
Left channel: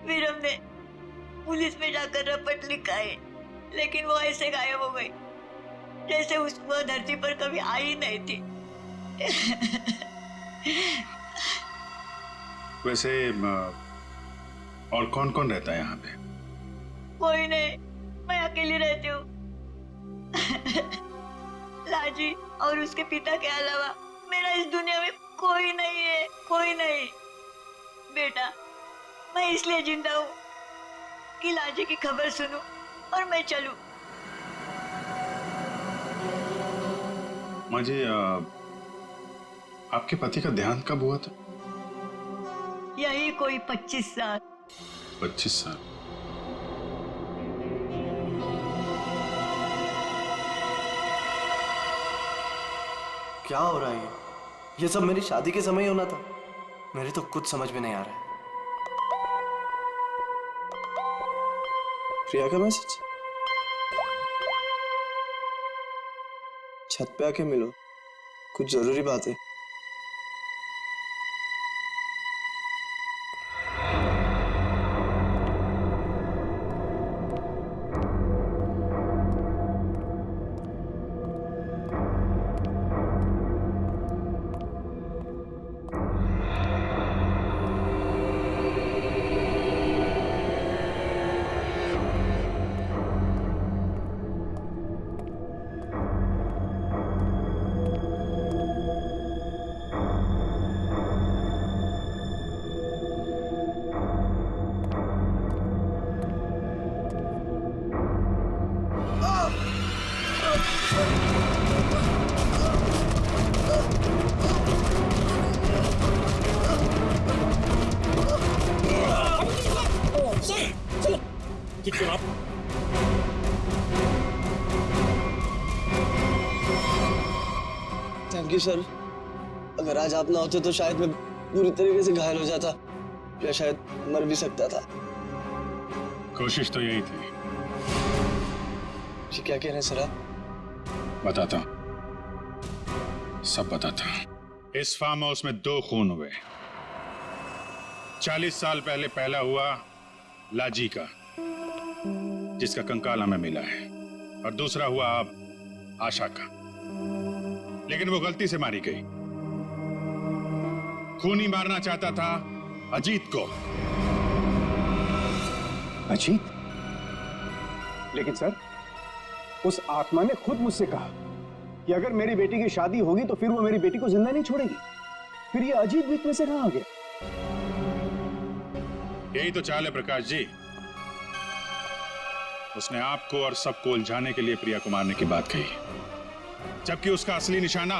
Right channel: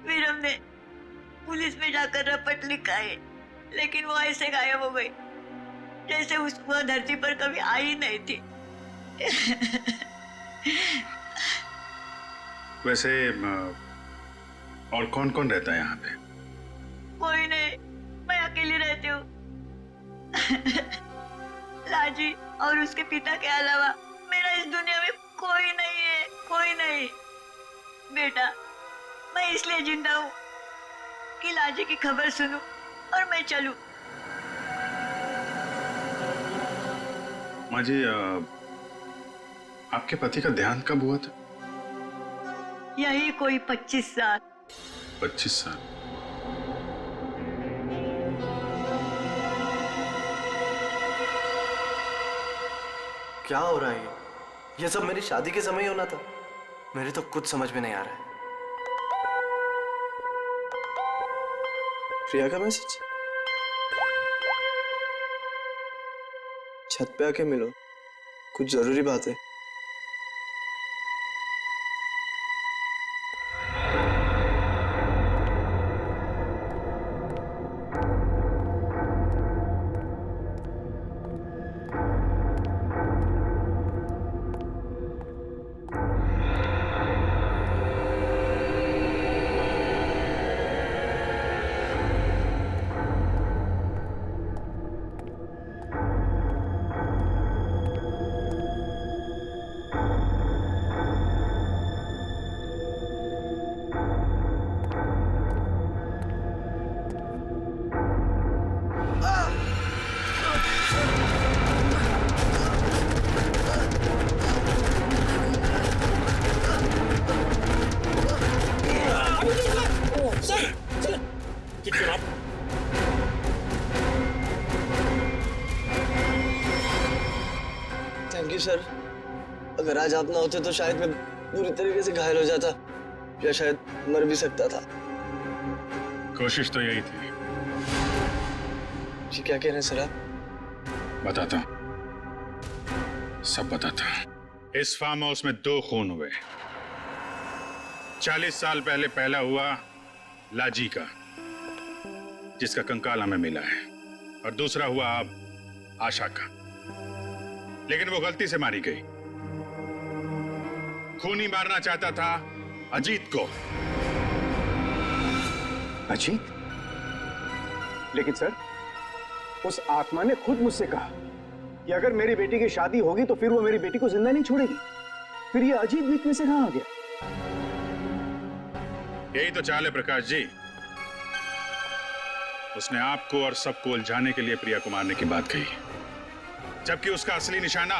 फिर हमने पुलिस में जाकर रपट लिखाए, लेकिन वो ऐसे गायब हो गई जैसे वो धरती पर कभी आई नहीं थी। वैसे और कौन कौन रहता है यहाँ पे? कोई नहीं, मैं अकेली रहती हूँ। लाजी और उसके पिता के अलावा मेरा इस दुनिया में कोई नहीं है, कोई नहीं। बेटा मैं इसलिए जिंदा हूँ कि लाजी की खबर सुनूं और मैं चलूं। माँ जी, आपके पति का देहांत कब हुआ था? यही कोई 25 साल। 25 साल? क्या हो रहा है ये सब मेरी शादी के समय ही होना था। मेरी तो कुछ समझ में नहीं आ रहा है। प्रिया का मैसेज? छत पे आके मिलो, कुछ जरूरी बात है। कि सर, अगर आज आप ना होते तो शायद मैं बुरी तरीके से घायल हो जाता या शायद मर भी सकता था। कोशिश तो यही थी। जी क्या कह रहे हैं सर आप? बताता हूं, सब बताता हूं। इस फार्म हाउस में 2 खून हुए। 40 साल पहले पहला हुआ लाजी का, जिसका कंकाल हमें मिला है, और दूसरा हुआ अब आशा का, लेकिन वो गलती से मारी गई। खूनी मारना चाहता था अजीत को। अजीत? लेकिन सर, उस आत्मा ने खुद मुझसे कहा कि अगर मेरी बेटी की शादी होगी तो फिर वो मेरी बेटी को जिंदा नहीं छोड़ेगी। फिर ये अजीत बीच में से कहां आ गया? यही तो चाल है प्रकाश जी। उसने आपको और सबको उलझाने के लिए प्रिया को मारने की बात कही, जबकि उसका असली निशाना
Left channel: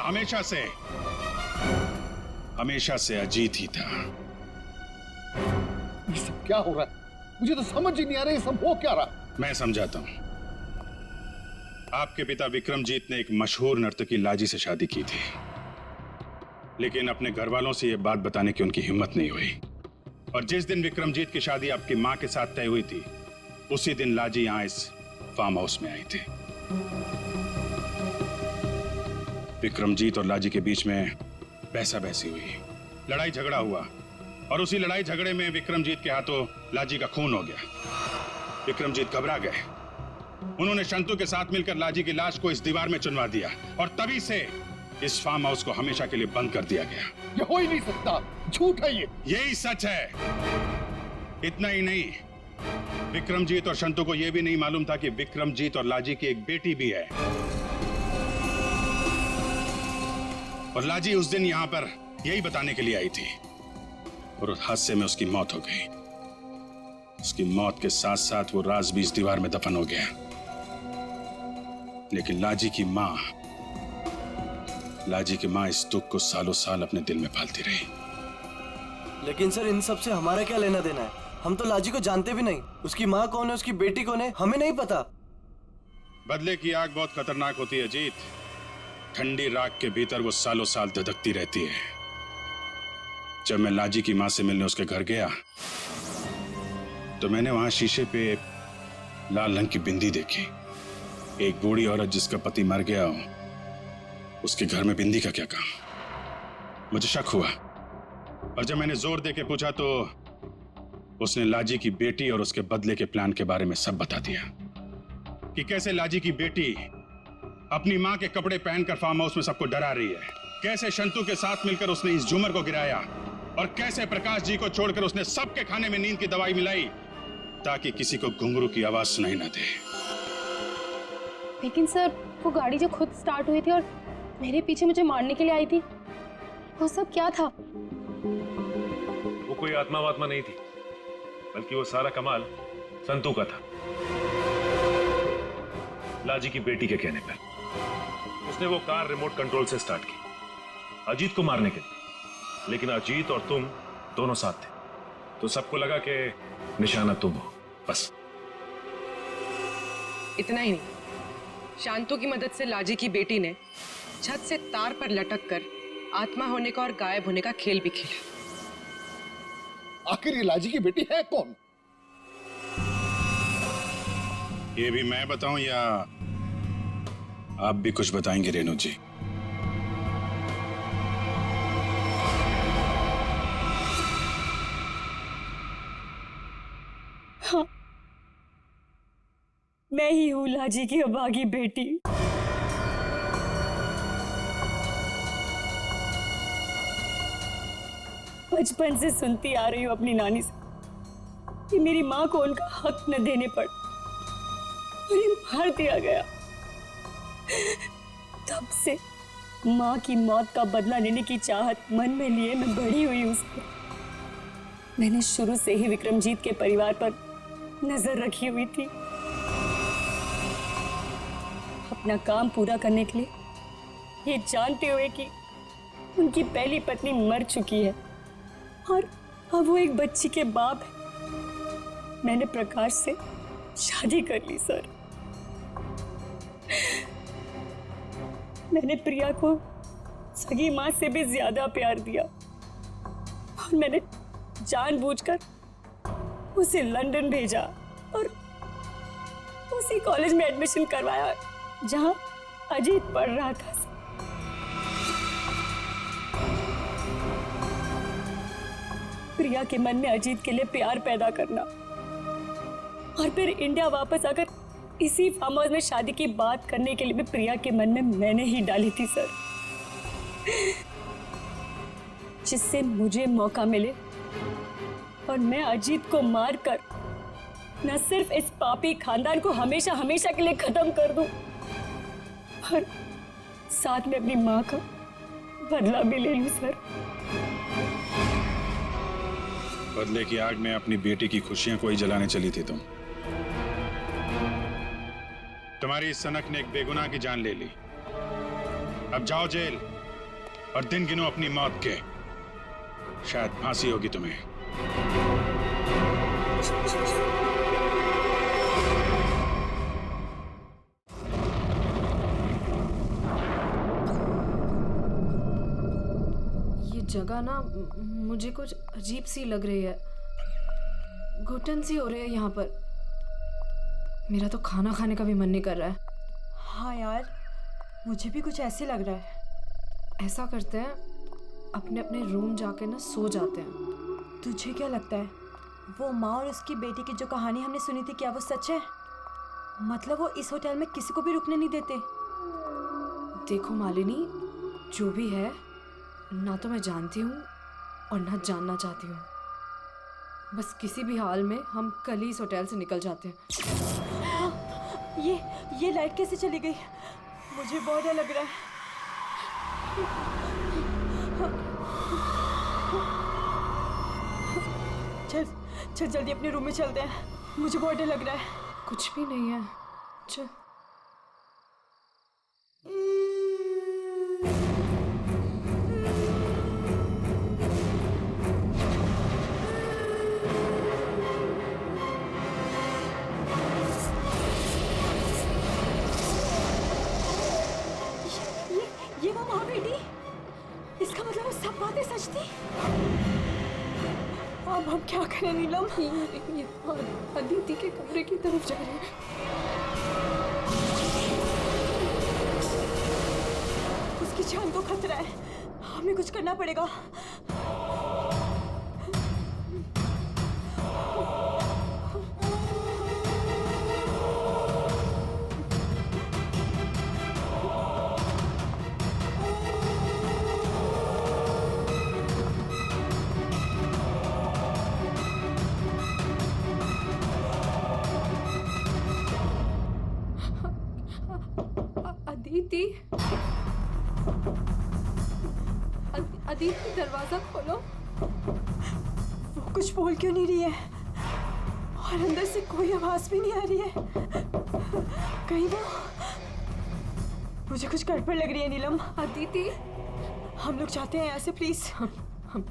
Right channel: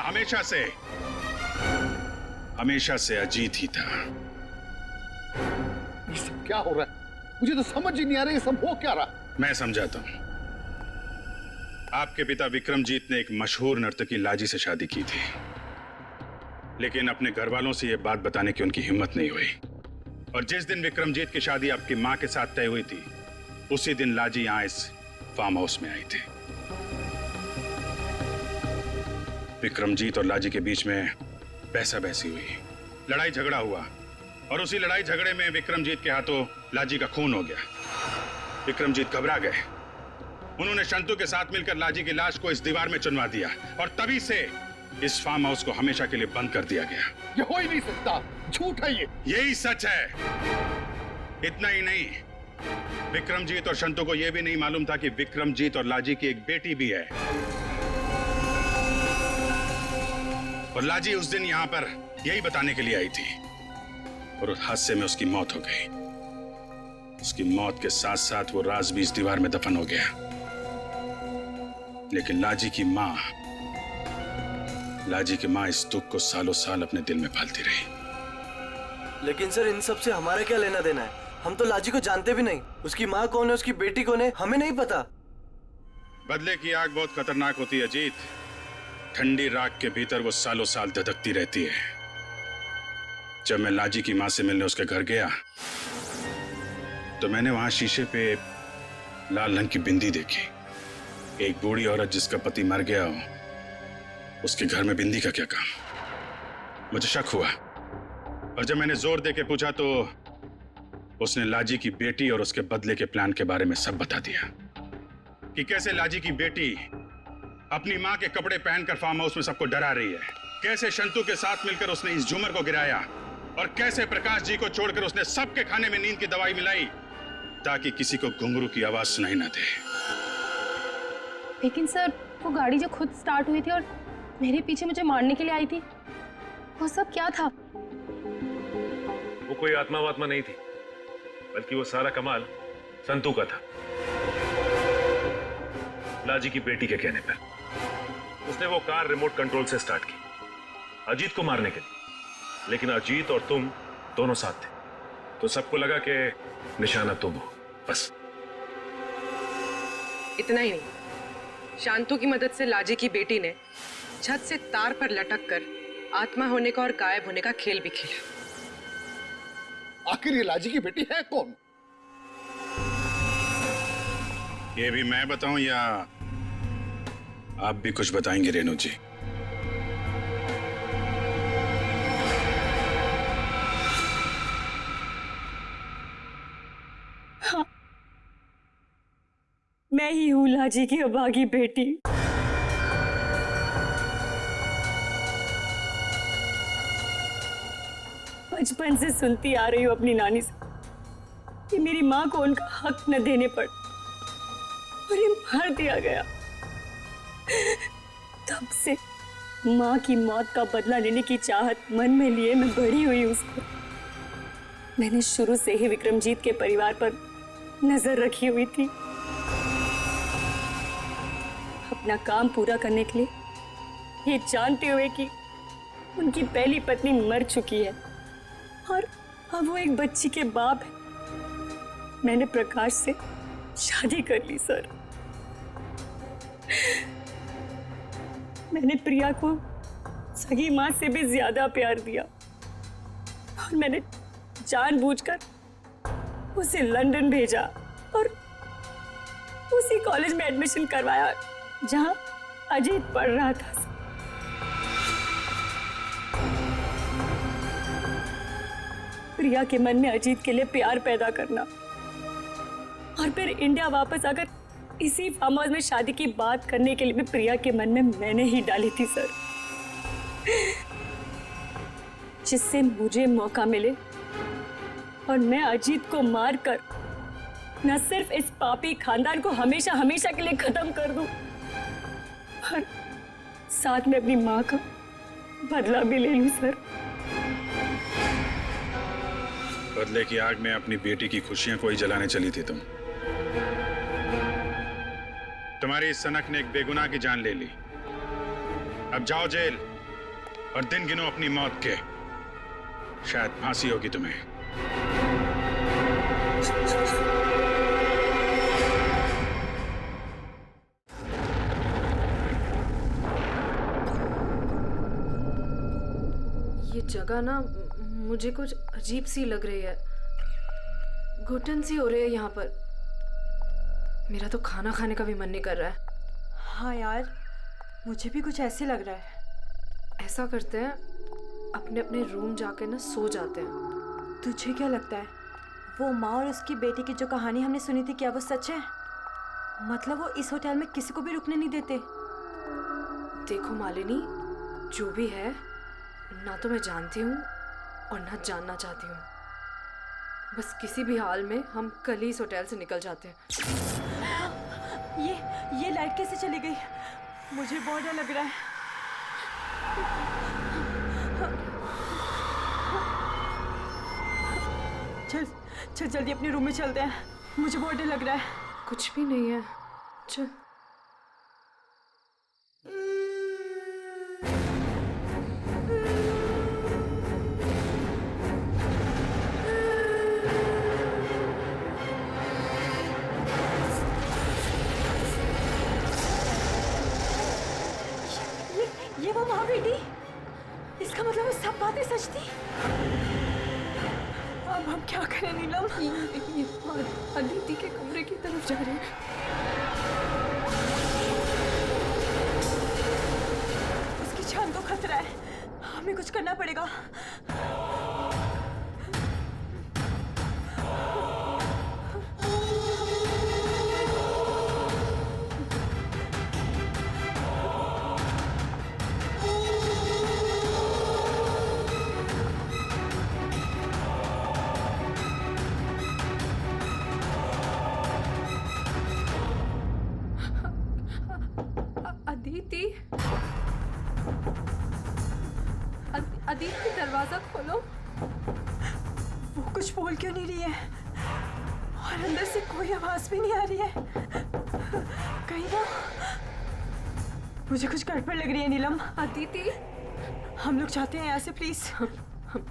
हमेशा से अजीत ही था। ये सब क्या हो रहा है? मुझे तो समझ ही नहीं आ रहा ये सब हो क्या रहा। मैं समझाता हूं। आपके पिता विक्रमजीत ने एक मशहूर नर्तकी लाजी से शादी की थी, लेकिन अपने घर वालों से यह बात बताने की उनकी हिम्मत नहीं हुई। और जिस दिन विक्रमजीत की शादी आपकी मां के साथ तय हुई थी, उसी दिन लाजी यहां इस फार्म हाउस में आई थी। विक्रमजीत और लाजी के बीच में बहसा बहसी हुई, लड़ाई झगड़ा हुआ, और उसी लड़ाई झगड़े में विक्रमजीत के हाथों लाजी का खून हो गया। विक्रमजीत घबरा गए। उन्होंने शंतु के साथ मिलकर लाजी की लाश को इस दीवार में चुनवा दिया, और तभी से इस फार्म हाउस को हमेशा के लिए बंद कर दिया गया। ये हो ही नहीं सकता, झूठ है ये। यही सच है। इतना ही नहीं, विक्रमजीत और शंतु को यह भी नहीं मालूम था कि विक्रमजीत और लाजी की एक बेटी भी है। और लाजी उस दिन यहां पर यही बताने के लिए आई थी, और उस हादसे में उसकी मौत हो गई। उसकी मौत के साथ साथ वो राज भी इस दीवार में दफन हो गया। लेकिन लाजी की मां इस दुख को सालों साल अपने दिल में पालती रही। लेकिन सर, इन सब से हमारा क्या लेना देना है? हम तो लाजी को जानते भी नहीं। उसकी माँ कौन है, उसकी बेटी कौन है, हमें नहीं पता। बदले की आग बहुत खतरनाक होती है अजीत। ठंडी राख के भीतर वो सालों साल धधकती रहती है। जब मैं लाजी की मां से मिलने उसके घर गया, तो मैंने वहां शीशे पे लाल रंग की बिंदी देखी। एक बूढ़ी औरत जिसका पति मर गया हो, उसके घर में बिंदी का क्या काम? मुझे शक हुआ, और जब मैंने जोर दे के पूछा तो उसने लाजी की बेटी और उसके बदले के प्लान के बारे में सब बता दिया, कि कैसे लाजी की बेटी अपनी मां के कपड़े पहनकर फार्म हाउस में सबको डरा रही है, कैसे शंतु के साथ मिलकर उसने इस झूमर को गिराया, और कैसे प्रकाश जी को छोड़कर उसने सबके खाने में नींद की दवाई मिलाई ताकि किसी को घुंघरू की आवाज सुनाई ना दे। लेकिन सर, वो गाड़ी जो खुद स्टार्ट हुई थी और मेरे पीछे मुझे मारने के लिए आई थी, वो सब क्या था? वो कोई आत्मा वात्मा नहीं थी, बल्कि वो सारा कमाल संतू का था। लाजी की बेटी के कहने पर उसने वो कार रिमोट कंट्रोल से स्टार्ट की अजीत को मारने के लिए, लेकिन अजीत और तुम दोनों साथ थे, तो सबको लगा कि निशाना तुम हो। बस इतना ही नहीं, शांतु की मदद से लाजी की बेटी ने छत से तार पर लटक कर आत्मा होने का और गायब होने का खेल भी खेला। आखिर ये लाजी की बेटी है कौन? ये भी मैं बताऊं या आप भी कुछ बताएंगे रेणु जी? हाँ, मैं ही हूं लाजी की अभागी बेटी। बचपन से सुनती आ रही हूं अपनी नानी से कि मेरी मां को उनका हक न देने पर उन्हें मार दिया गया। तब से मां की मौत का बदला लेने की चाहत मन में लिए मैं बड़ी हुई उसको। मैंने शुरू से ही विक्रमजीत के परिवार पर नजर रखी हुई थी। अपना काम पूरा करने के लिए, ये जानते हुए कि उनकी पहली पत्नी मर चुकी है और अब वो एक बच्ची के बाप है, मैंने प्रकाश से शादी कर ली सर। मैंने प्रिया को सगी माँ से भी ज्यादा प्यार दिया और मैंने जानबूझकर उसे लंदन भेजा और उसी कॉलेज में एडमिशन करवाया जहां अजीत पढ़ रहा था। प्रिया के मन में अजीत के लिए प्यार पैदा करना और फिर इंडिया वापस आकर इसी फार्म हाउस में शादी की बात करने के लिए भी प्रिया के मन में मैंने ही डाली थी सर, जिससे मुझे मौका मिले और मैं अजीत को मारकर न सिर्फ इस पापी खानदान को हमेशा हमेशा के लिए खत्म कर दूं, और साथ में अपनी मां का बदला भी ले लूं सर। बदले की आग में अपनी बेटी की खुशियां कोई जलाने चली थी तुम। तुम्हारी इस सनक ने एक बेगुनाह की जान ले ली। अब जाओ जेल और दिन गिनो अपनी मौत के। शायद फांसी होगी तुम्हें। ये जगह ना मुझे कुछ अजीब सी लग रही है, घुटन सी हो रही है यहाँ पर। मेरा तो खाना खाने का भी मन नहीं कर रहा है। हाँ यार, मुझे भी कुछ ऐसे लग रहा है। ऐसा करते हैं, अपने अपने रूम जाके ना सो जाते हैं। तुझे क्या लगता है वो माँ और उसकी बेटी की जो कहानी हमने सुनी थी, क्या वो सच है? मतलब वो इस होटल में किसी को भी रुकने नहीं देते। देखो मालिनी, जो भी है ना तो मैं जानती हूँ और ना जानना चाहती हूँ। बस किसी भी हाल में हम कल ही इस होटल से निकल जाते हैं। ये लाइट कैसे चली गई? मुझे बहुत डर लग रहा है। चल जल्दी अपने रूम में चलते हैं, मुझे बहुत डर लग रहा है। कुछ भी नहीं है, चल। ये वो माँ बेटी, इसका मतलब वो सब बातें सच थी। अब हम क्या करें नीलम? ये अदिति के कमरे की तरफ जा रहे हैं। उसकी जान को खतरा है, हमें कुछ करना पड़ेगा। अदिति, दरवाजा खोलो। वो कुछ बोल क्यों नहीं रही है? और अंदर से कोई आवाज भी नहीं आ रही है। कहीं वो... मुझे कुछ गड़बड़ लग रही है नीलम। अदिति, हम लोग चाहते हैं यहाँ से, प्लीज।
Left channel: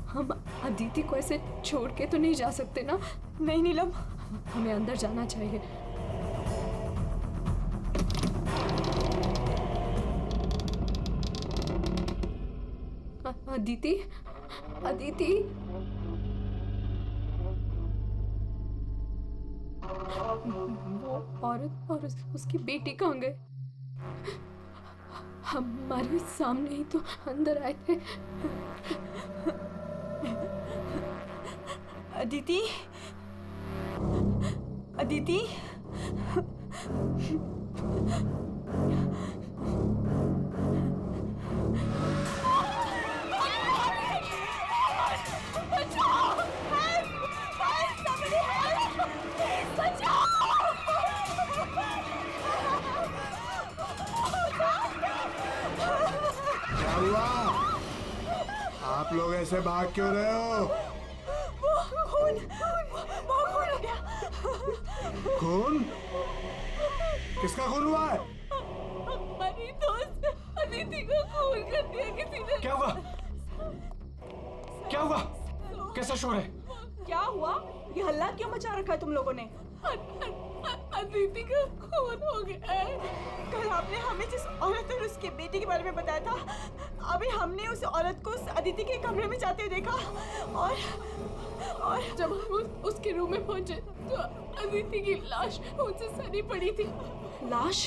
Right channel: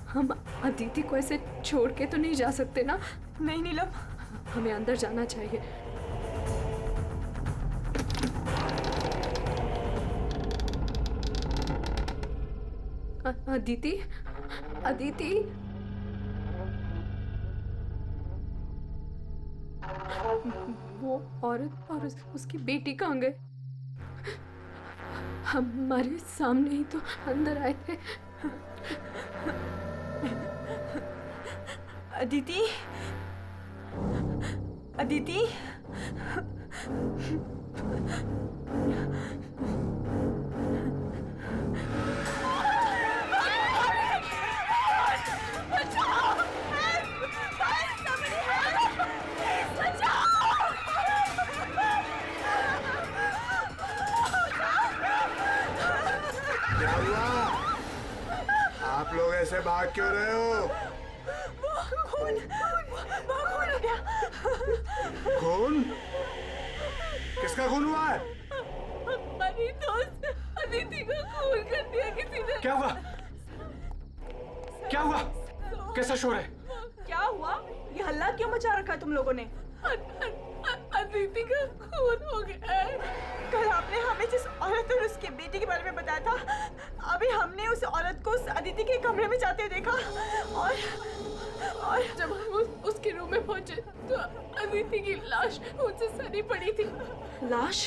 हम अदिति को ऐसे छोड़ के तो नहीं जा सकते ना? नहीं नीलम, हमें अंदर जाना चाहिए। अदिति, अदिति, वो औरत और उसकी बेटी कहाँ गए? हमारे सामने ही तो अंदर आए थे। अदिति, अदिति, क्या हुआ? आप लोग ऐसे भाग क्यों रहे हो? वो खून हो गया। खून? किसका खून हुआ है? हमारी दोस्त अदिति को खून कर दिया किसी ने। क्या हुआ? क्या हुआ? कैसा शोर है? क्या हुआ? ये हल्ला क्यों मचा रखा है तुम लोगों ने? अदिति का खून हो गया है। कल आपने हमें जिस औरत और उसके बेटे के बारे में बताया था, अभी हमने उस औरत को उस अदिति के कमरे में जाते हुए देखा और जब हम उसके रूम में पहुंचे तो अदिति की लाश मुझसे सनी पड़ी थी। लाश?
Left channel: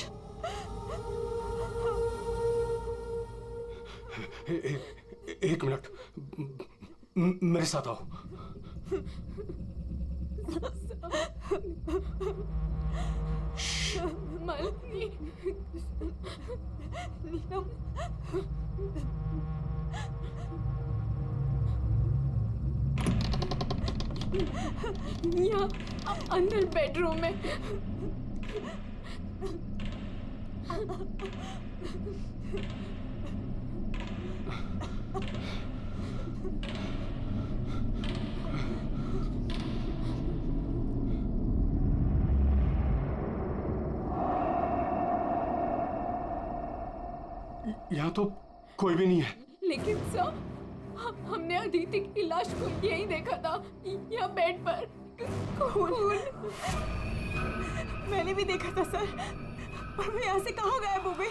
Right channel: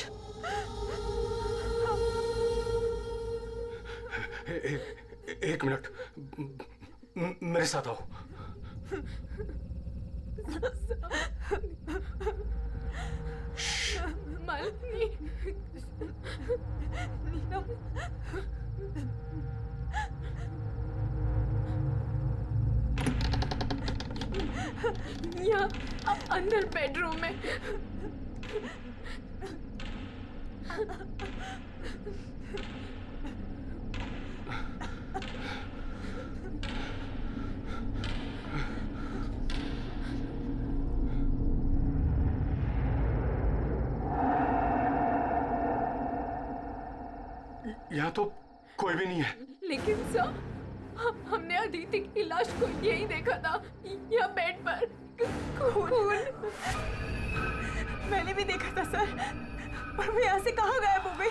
एक मिनट, मेरे साथ आओ। मालिनी, नीलम, यहाँ अंदर बेडरूम में। यहाँ तो कोई भी नहीं है। लेकिन सर, हमने अदिति की लाश को यही देखा था, यहाँ बेड पर खून। मैंने भी देखा था सर, पर वो यहाँ से कहाँ गायब हो गई?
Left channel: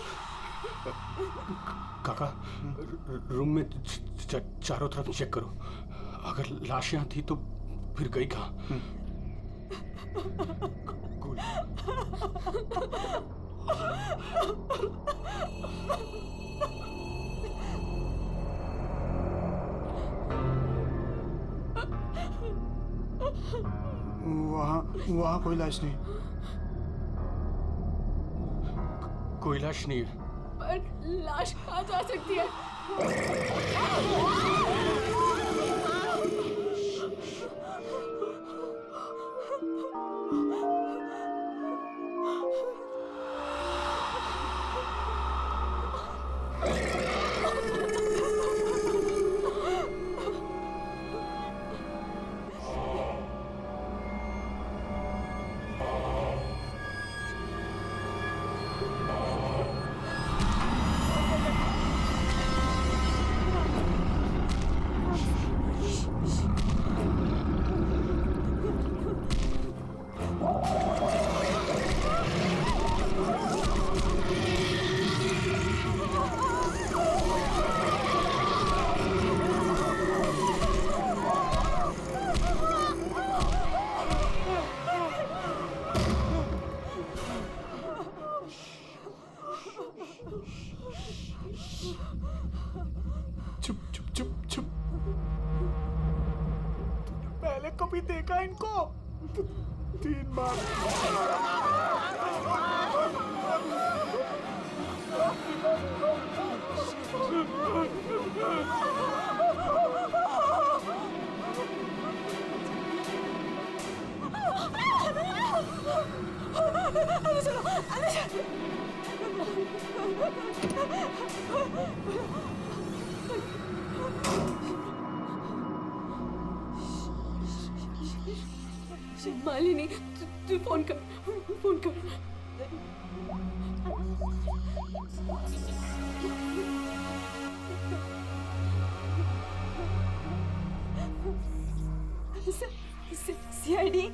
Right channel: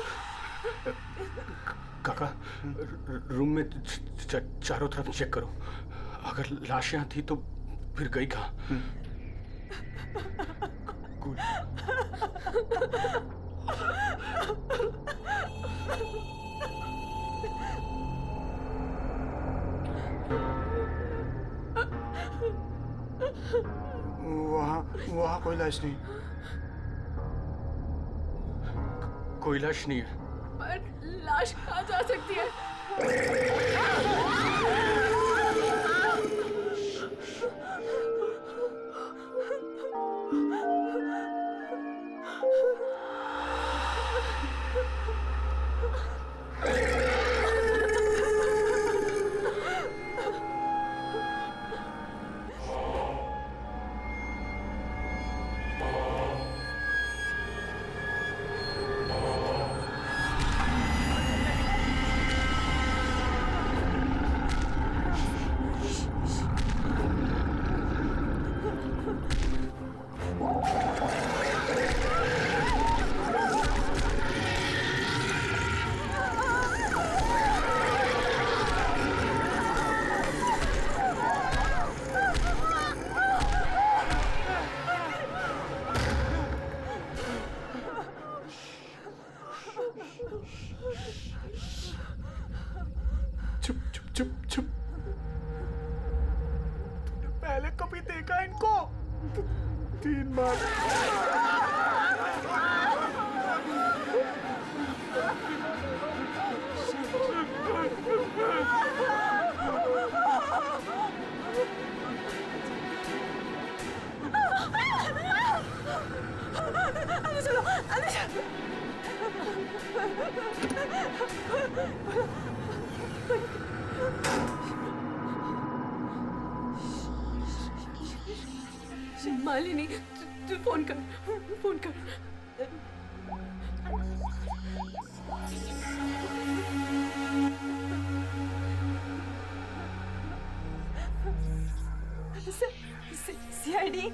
काका, रूम में चारों तरफ चेक करो। अगर लाश यहाँ थी तो फिर गई कहाँ? कूल। वहाँ कोई लाश नहीं। कोई लाश नहीं है। पर लाश कहाँ जा सकती है? चुप चुप चुप चुप। तूने पहले कभी देखा इनको? 3 बार। अंदर चलो, अंदर चलो। मालिनी, तू फोन कर, फोन कर। सीआईडी।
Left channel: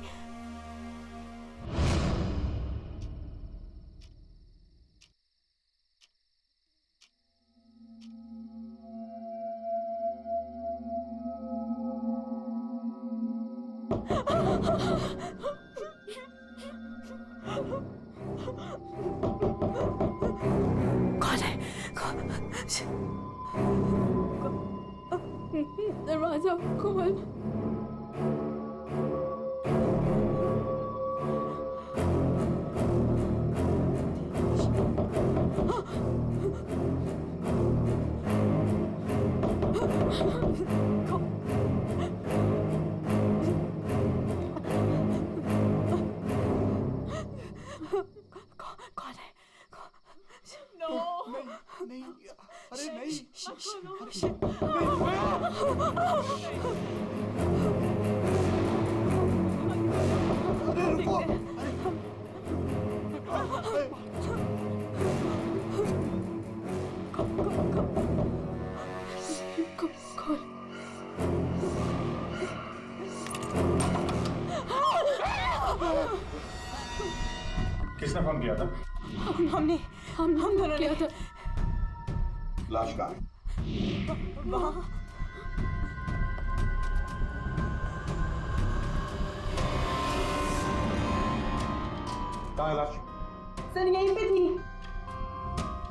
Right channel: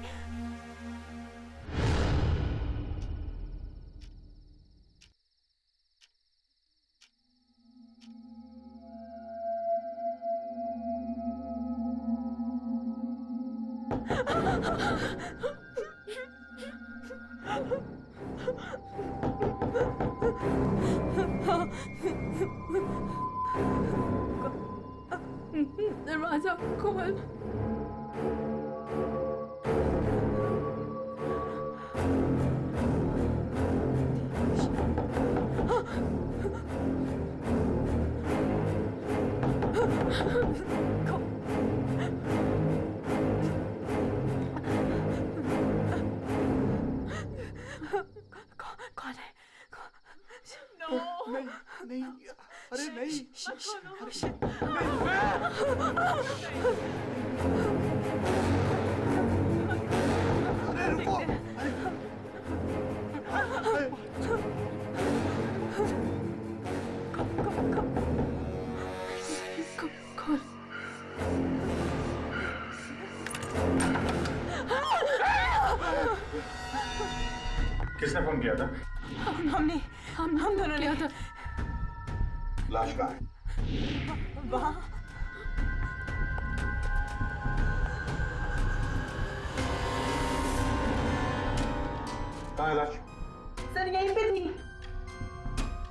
दरवाजा खोल। कौन है? नहीं, अरे नहीं। अरे रुको। कौन? किसने फोन किया था? हम दोनों ने था। लाश कहाँ है? वहाँ कहाँ है लाश? सर यहीं पे थी।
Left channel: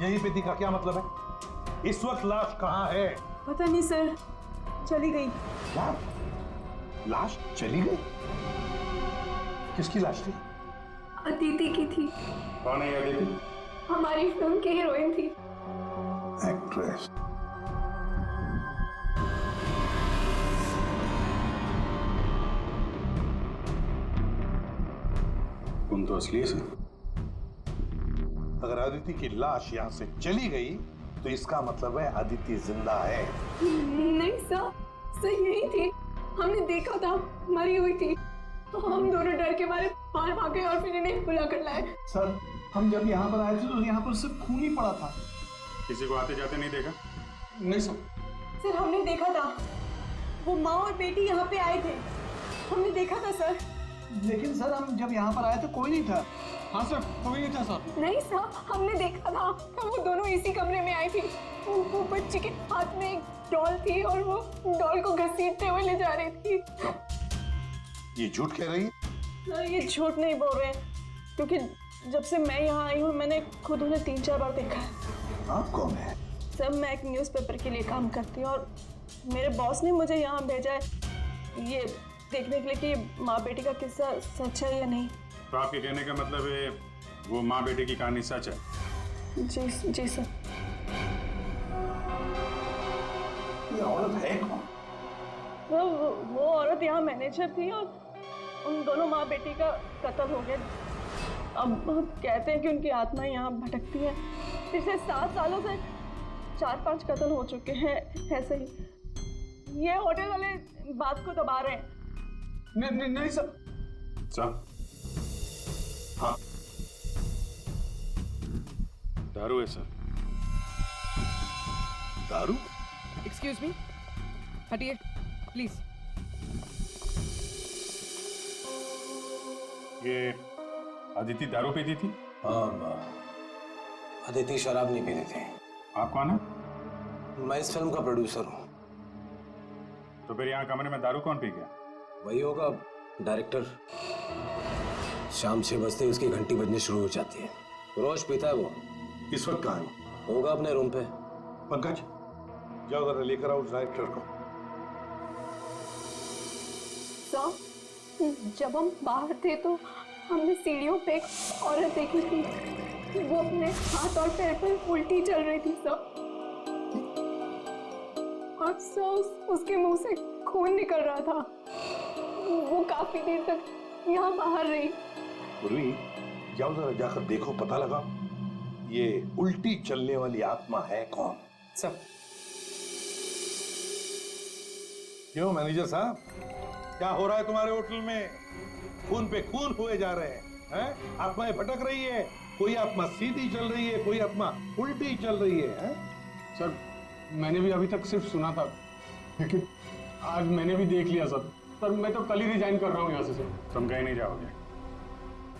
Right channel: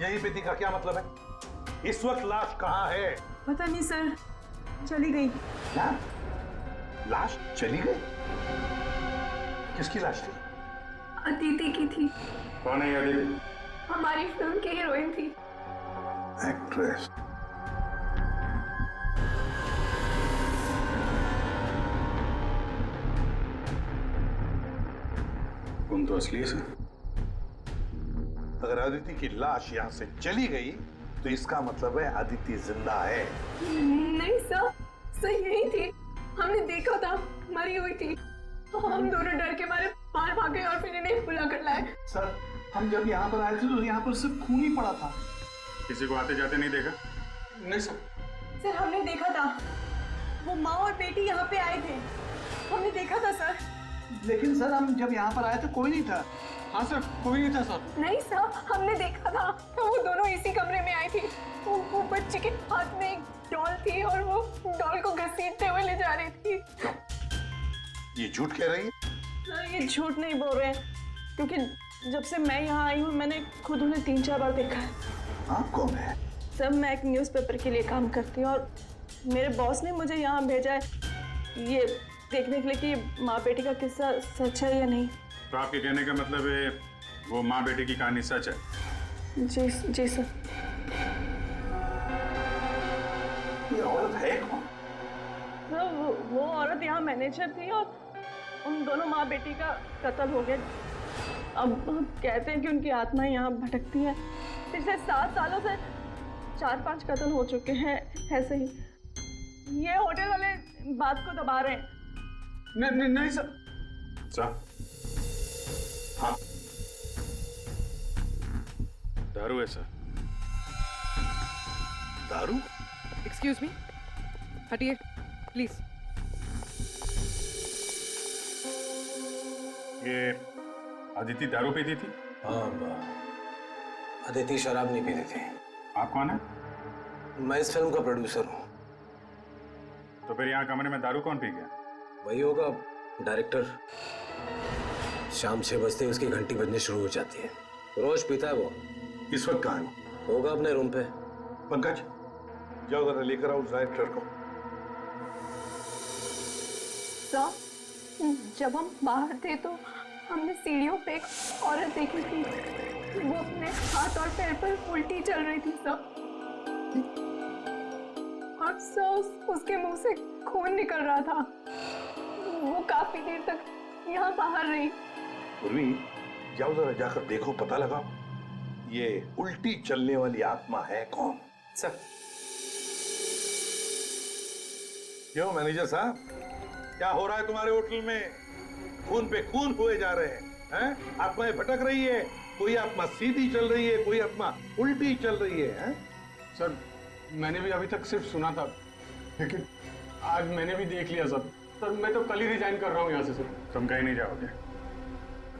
यहीं पे थी का क्या मतलब है? इस वक्त लाश कहाँ है? पता नहीं सर, चली गई। क्या? लाश चली गई? किसकी लाश थी? अदिति की थी। कौन है ये अदिति? हमारी फिल्म की हीरोइन थी। एक्ट्रेस। तुम तो असली से। अगर अदिति की लाश यहाँ से चली गई तो इसका मतलब है अदिति जिंदा है। नहीं सर यही थी, हमने देखा था, मरी हुई थी। हम दोनों डर के मारे बाहर भागे और फिर इन्हें बुला कर लाए। सर हम जब यहाँ पर आए थे तो यहाँ पर सिर्फ खून ही पड़ा था। किसी को आते जाते नहीं देखा? नहीं सर। सर हमने देखा था, वो माँ और बेटी यहाँ पे आए थे, हमने देखा था सर। लेकिन सर हम जब यहाँ पर आए तो कोई नहीं था। हाँ सर कोई नहीं था सर। नहीं सर हमने देखा था, वो दोनों इसी कमरे में आई थी। वो बच्ची के हाथ में एक डॉल थी और वो डॉल को घसीटते हुए ले जा रही थी। ये झूठ कह रही है? सर ये झूठ नहीं बोल रहे हैं, क्योंकि जब से मैं यहाँ आई हूँ मैंने खुद उन्हें 3-4 बार देखा है। आप कौन है? सर मैं एक न्यूज़पेपर के लिए काम करती हूँ और मेरे बॉस ने मुझे यहाँ भेजा है ये देखने के लिए कि माँ बेटी का किस्सा सच है या नहीं। तो आपके कहने का मतलब है वो माँ बेटे की कहानी सच है? जी सर। ये औरत है कौन? सर वो औरत यहाँ मैनेजर थी और उन दोनों माँ बेटी का कत्ल हो गया। अब कहते हैं कि उनकी आत्मा यहाँ भटकती है। पिछले 7 सालों से 4-5 कत्ल हो चुके हैं ऐसे ही। ये होटल वाले बात को दबा रहे हैं। नहीं सर। सर हाँ दारू है सर। दारू? एक्सक्यूज मी, हटिए प्लीज। ये अदिति दारू पीती थी? हाँ अदिति शराब नहीं पीती थी। आप कौन है? मैं इस फिल्म का प्रोड्यूसर हूँ। तो फिर यहाँ कमरे में दारू कौन पी गया? वही होगा डायरेक्टर। शाम 6 बजते ही उसकी घंटी बजनी शुरू हो जाती है। रोज पीता है वो। इस वक्त कहाँ है? होगा अपने रूम पे। पंकज जाओ जरा लेकर आओ उस डायरेक्टर को। सर जब हम बाहर थे तो हमने सीढ़ियों पे एक औरत देखी थी, वो अपने हाथ और पैर पर उल्टी चल रही थी सर। और सर उसके मुंह से खून निकल रहा था। वो काफी देर तक यहाँ बाहर रही। पूर्वी जाओ जरा जाकर देखो, पता लगाओ ये उल्टी चलने वाली आत्मा है कौन। सर क्यों मैनेजर साहब, क्या हो रहा है तुम्हारे होटल में? खून पे खून हुए जा रहे हैं? आत्माएं भटक रही है। कोई आत्मा सीधी चल रही है, कोई आत्मा उल्टी चल रही है। सर मैंने भी अभी तक सिर्फ सुना था, लेकिन आज मैंने भी देख लिया सर। सर मैं तो कल ही रिजाइन कर रहा हूँ यहाँ से सर। तुम कहीं नहीं जाओगे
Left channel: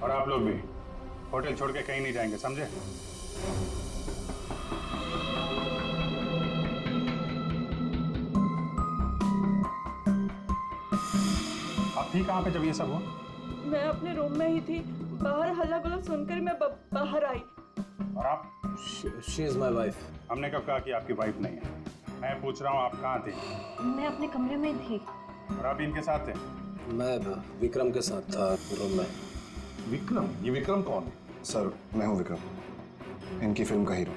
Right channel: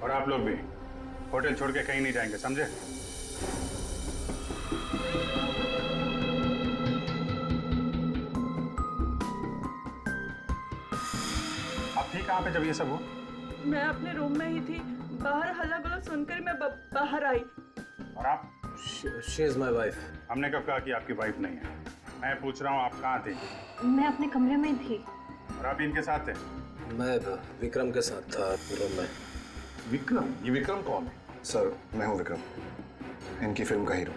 और आप लोग भी होटल छोड़ के कहीं नहीं जाएंगे, समझे? आप थी कहाँ पे जब ये सब हुआ? मैं अपने रूम में ही थी, बाहर हल्ला गुल्ला सुनकर मैं बाहर आई। और आप? She is my wife. हमने कब कहा कि आपकी वाइफ नहीं है? मैं पूछ रहा हूँ आप कहाँ थे? मैं अपने कमरे में थी। और आप इनके साथ थे? मैं विक्रम के साथ था रूम में। विक्रम? ये विक्रम कौन है? सर मैं हूँ विक्रम, इनकी फिल्म का हीरो।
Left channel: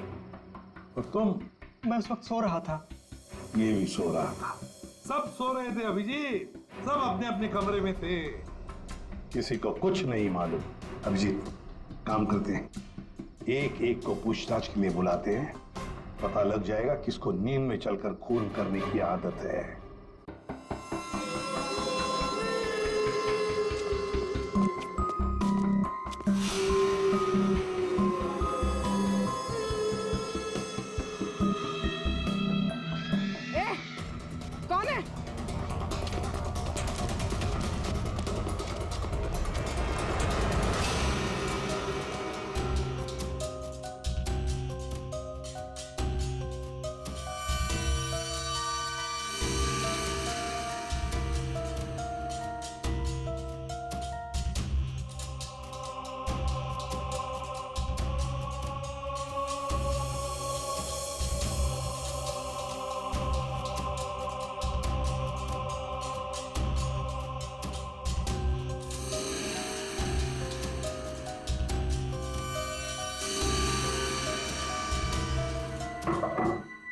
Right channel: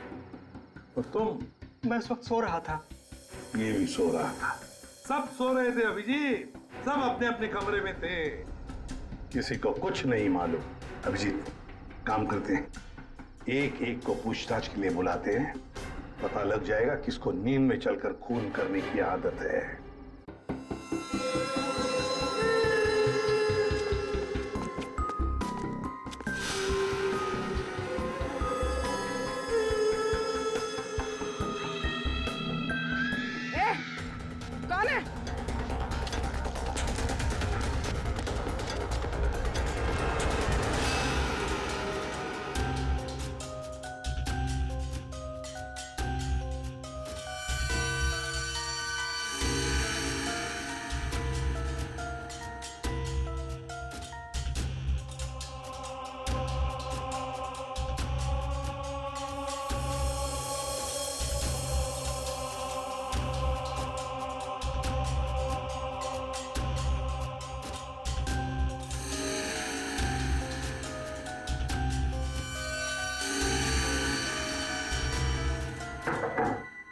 और तुम? मैं इस वक्त सो रहा था। ये भी सो रहा था। सब सो रहे थे अभिजीत, सब अपने अपने कमरे में थे, किसी को कुछ नहीं मालूम। अभिजीत काम करते हैं, एक एक को पूछताछ के लिए बुलाते हैं, पता लग जाएगा किसको नींद में चलकर खून करने की आदत है। कौन है?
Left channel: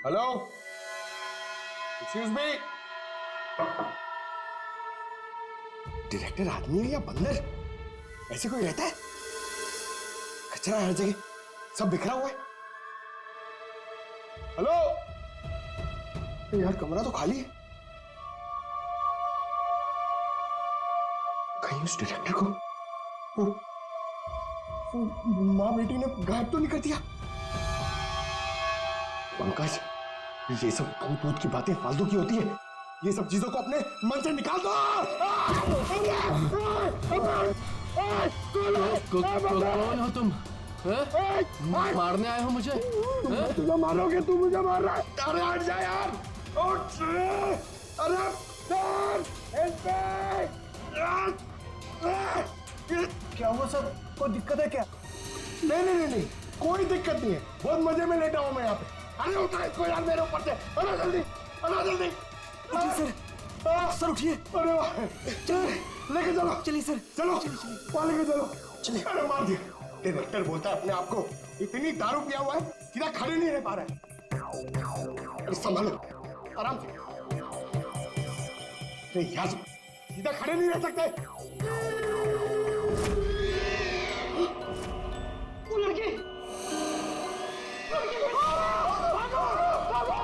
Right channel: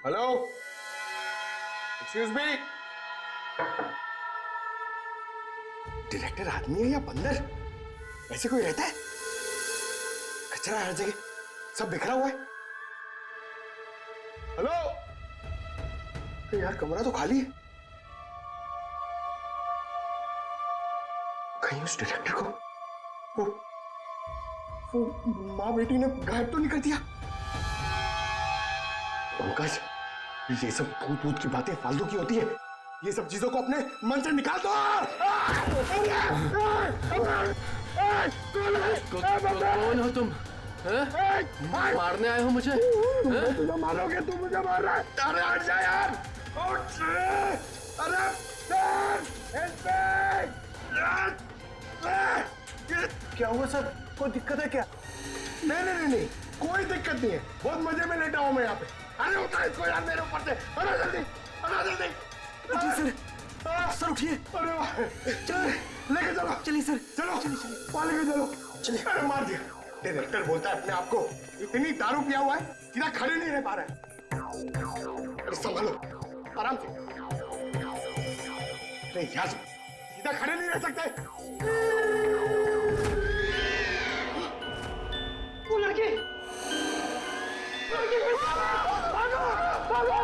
Hello, excuse me. डायरेक्टर आदमी है या बंदर? ऐसे कोई रहता है? कचरा हर जगह, सब बिखरा हुआ है। हेलो, यार कमरा तो खाली है। कहीं उस डायरेक्टर को वो माँ बेटी ने गायब तो नहीं कर दिया? पंकज, ये सब भूत भूत की बातें फालतू की होती है। ये सब चीजों को अपने मन से निकाल दो। कौन हो तुम? मारने आए हो मुझे? तुझे मारोगे, तू मुझे मार रहा है। अरे हट जा यार, उठ। अरे क्या हुआ सर? कोई दिक्कत है क्या? नहीं, कोई दिक्कत नहीं है। बहुत मजे में लेटा हूं मैं यहाँ पे। अरे उठा इसको यार मेरे ऊपर से। अरे जल्दी, उठिए सर। सर उठिए। अरे वाह, लेके चलो। चलिए सर, चलो वहां लेके चलो। चलिए। अरे मार दिया। डायरेक्टर बोलता है अपने आप को इतनी दारू पिया हुआ है, सीधा खड़े नहीं रह पा रहा है। अरे संभालो, आराम से। अरे यार, सीधा खड़े नहीं रह सकते। वो लड़की, भागो,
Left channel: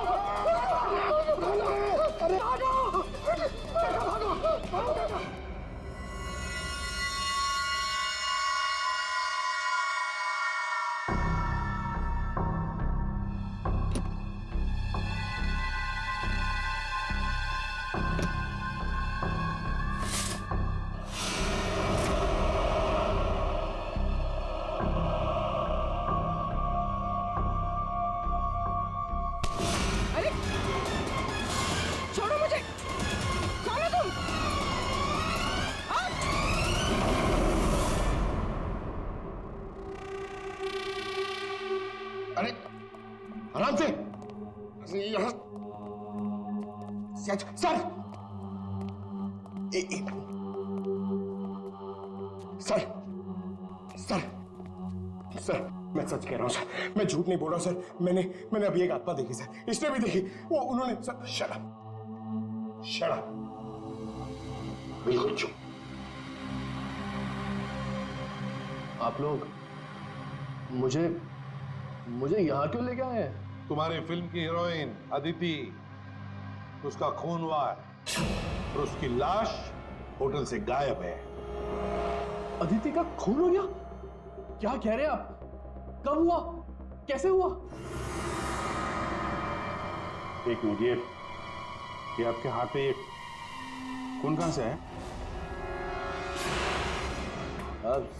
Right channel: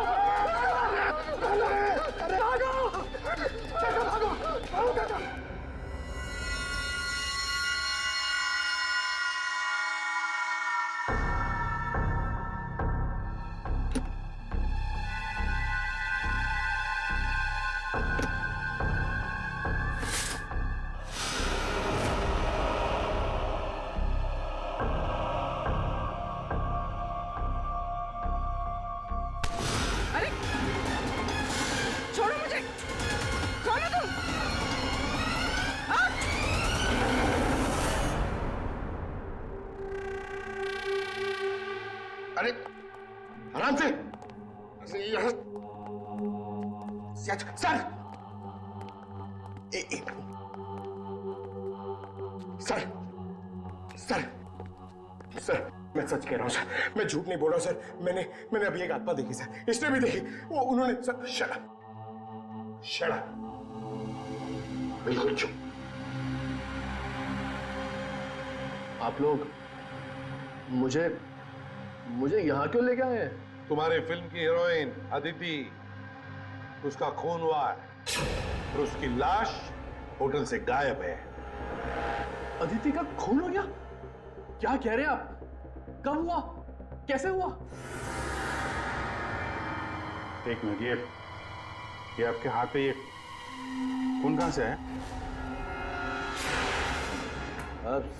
अरे भागो। अरे छोड़ो मुझे, कौन हो तुम? अरे आराम से। सर, सर, मैं सच कह रहा हूं सर, मैं झूठ नहीं बोल रहा हूं सर। मैंने अभी एक आत्मा देखी सर, इसने भी देखी। वो उन्होंने सर। शट अप, बिल्कुल चुप। आप लोग मुझे यहाँ क्यों लेके आए हैं? तुम्हारी फिल्म की हीरोइन अदिति, उसका खून हुआ है और उसकी लाश होटल से गायब है। अदिति का खून हो गया? क्या कह रहे हैं आप? कब हुआ? कैसे हुआ? एक मिनट, ये आपके हाथ पे ये खून कहां से आया?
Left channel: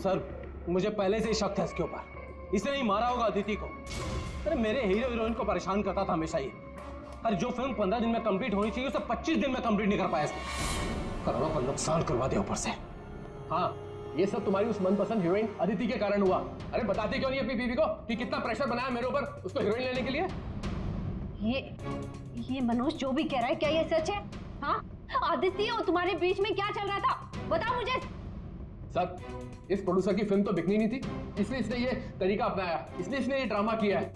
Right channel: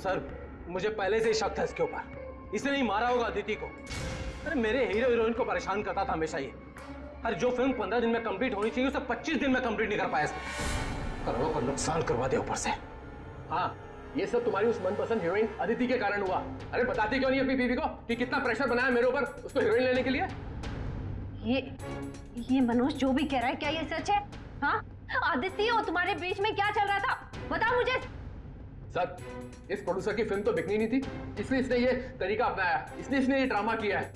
सर, मुझे पहले से ही शक था इसके ऊपर। इसने नहीं मारा होगा अदिति को। अरे मेरे हीरो हीरोइन को परेशान करता था हमेशा ये। अरे जो फिल्म 15 दिन में कंप्लीट होनी चाहिए उसे 25 दिन में कंप्लीट नहीं कर पाया इसने। करोड़ों का नुकसान करवा दिया ऊपर से। हाँ, ये सब तुम्हारी उस मनपसंद हीरोइन अदिति के कारण हुआ। अरे बताती क्यों नहीं अपनी बीवी को कि कितना प्रेशर बनाया मेरे ऊपर उसको हीरोइन लेने के लिए? ये मनोज जो भी कह रहा है, क्या ये सच है? हाँ, आदित्य और तुम्हारे बीच में क्या चल रहा था? बताओ मुझे। सर, इस प्रोड्यूसर की फिल्म तो बिकनी नहीं थी, इसलिए इसने ये तरीका अपनाया। इसने ये ड्रामा किया है।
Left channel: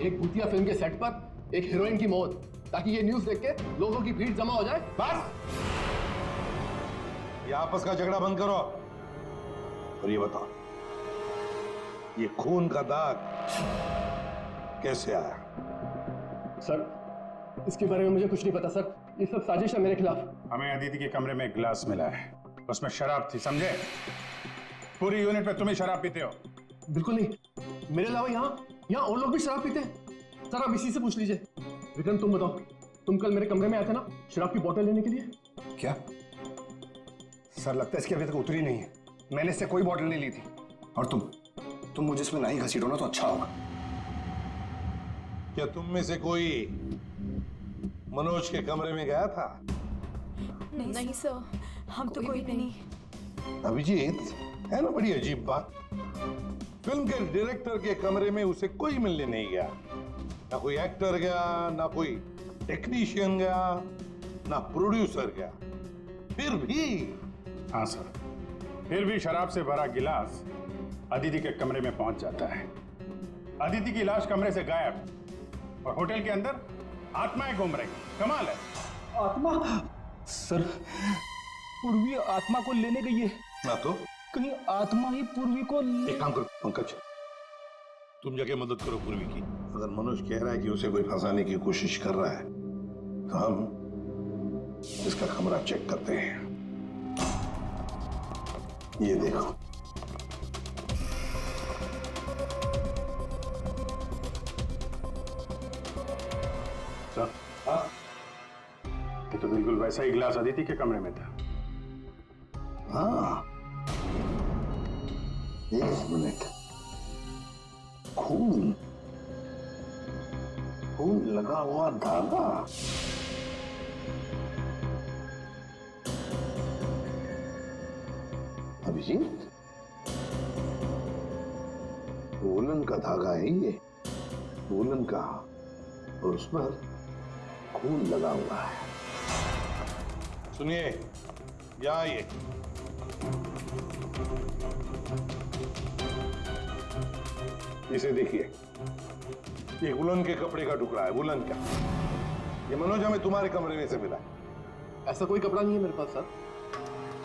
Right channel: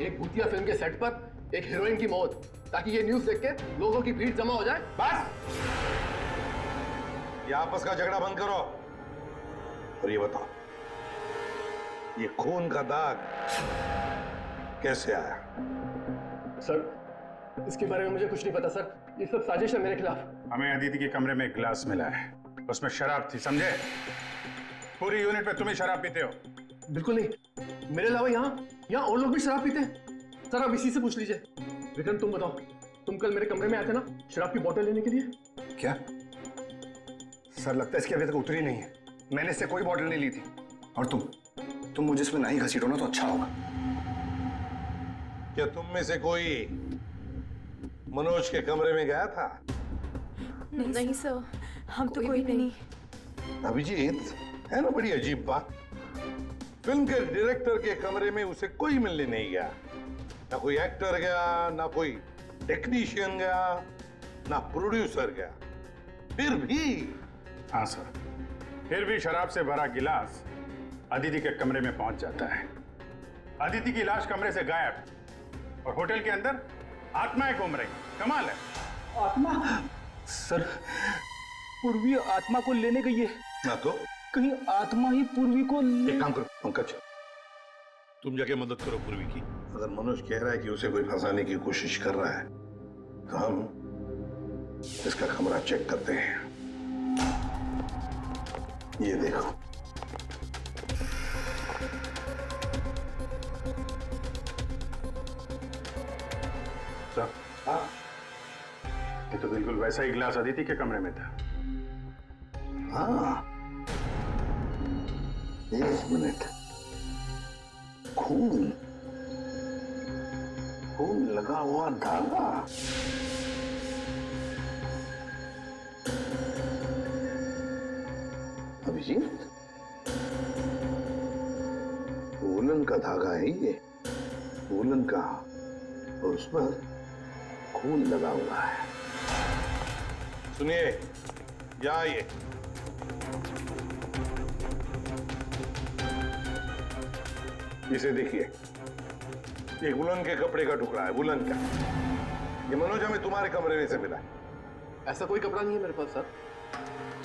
एक भूतिया फिल्म के सेट पर एक हीरोइन की मौत, ताकि ये न्यूज़ देख के लोगों की भीड़ जमा हो जाए। बस, ये आपस का झगड़ा बंद करो और ये बताओ, ये खून का दाग कैसे आया? सर, इसके बारे में मुझे कुछ नहीं पता सर। ये सब साजिश है मेरे खिलाफ। हमें अदिति के कमरे में एक गिलास मिला है, उसमें शराब थी, समझे? पूरी यूनिट में तुम ही शराब पीते हो। बिल्कुल नहीं, मेरे अलावा यहाँ और लोग भी शराब पीते हैं। सर, आप इसी से पूछ लीजिए। विक्रम, तुम बताओ, तुम कल मेरे कमरे में आए थे ना शराब की बोतल लेने के लिए? क्या सर, लगता है इसकी अभी तक उतरी नहीं है। मैंने इससे कोई बोतल नहीं ली थी। और तुम मुझे इसमें नहीं घसीटो ना तो अच्छा होगा। क्या तुम में से कोई मनोज के कमरे में गया था? नहीं सर, हम तो कोई भी नहीं। अभिजीत, है ना बड़ी अजीब बात। फिल्म के डायरेक्टर के कमरे में उसे कोई मिलने नहीं गया। ना कोई एक्टर गया, ना कोई टेक्नीशियन गया, ना प्रोड्यूसर गया। फिर भी हाँ सर, फिर भी शराब से भरा गिलास अदिति के कमरे में पहुंच जाता है। अदिति की लाश कमरे से गायब और होटल के अंदर आत्माएं घूम रही, कमाल है। आत्मा? सर, पूर्वी आत्मा को लेने गई है ना तो कहीं आत्मा ही पूर्वी को एक काम करो पंकज, तुम जाके मदद करो पूर्वी की। अगर मनोज कह रहा है कि उसे कोई फंसाने की कोशिश कर रहा है तो हम इसका कमरा चेक करते हैं। ये देखो, सर, ये तो बिल्कुल वैसा ही गिलास अदिति के कमरे में था। हाँ, एक मिनट, खून खून लगा हुआ धागा। अभिजीत, वूलन का धागा है ये, वूलन का, और उस पर खून लगा हुआ है। सुनिए, या ये इसे देखिए, एक वुलन के कपड़े का टुकड़ा है, वुलन का। ये मनोज हमें तुम्हारे कमरे में से मिला है। ऐसा कोई कपड़ा नहीं है मेरे पास सर।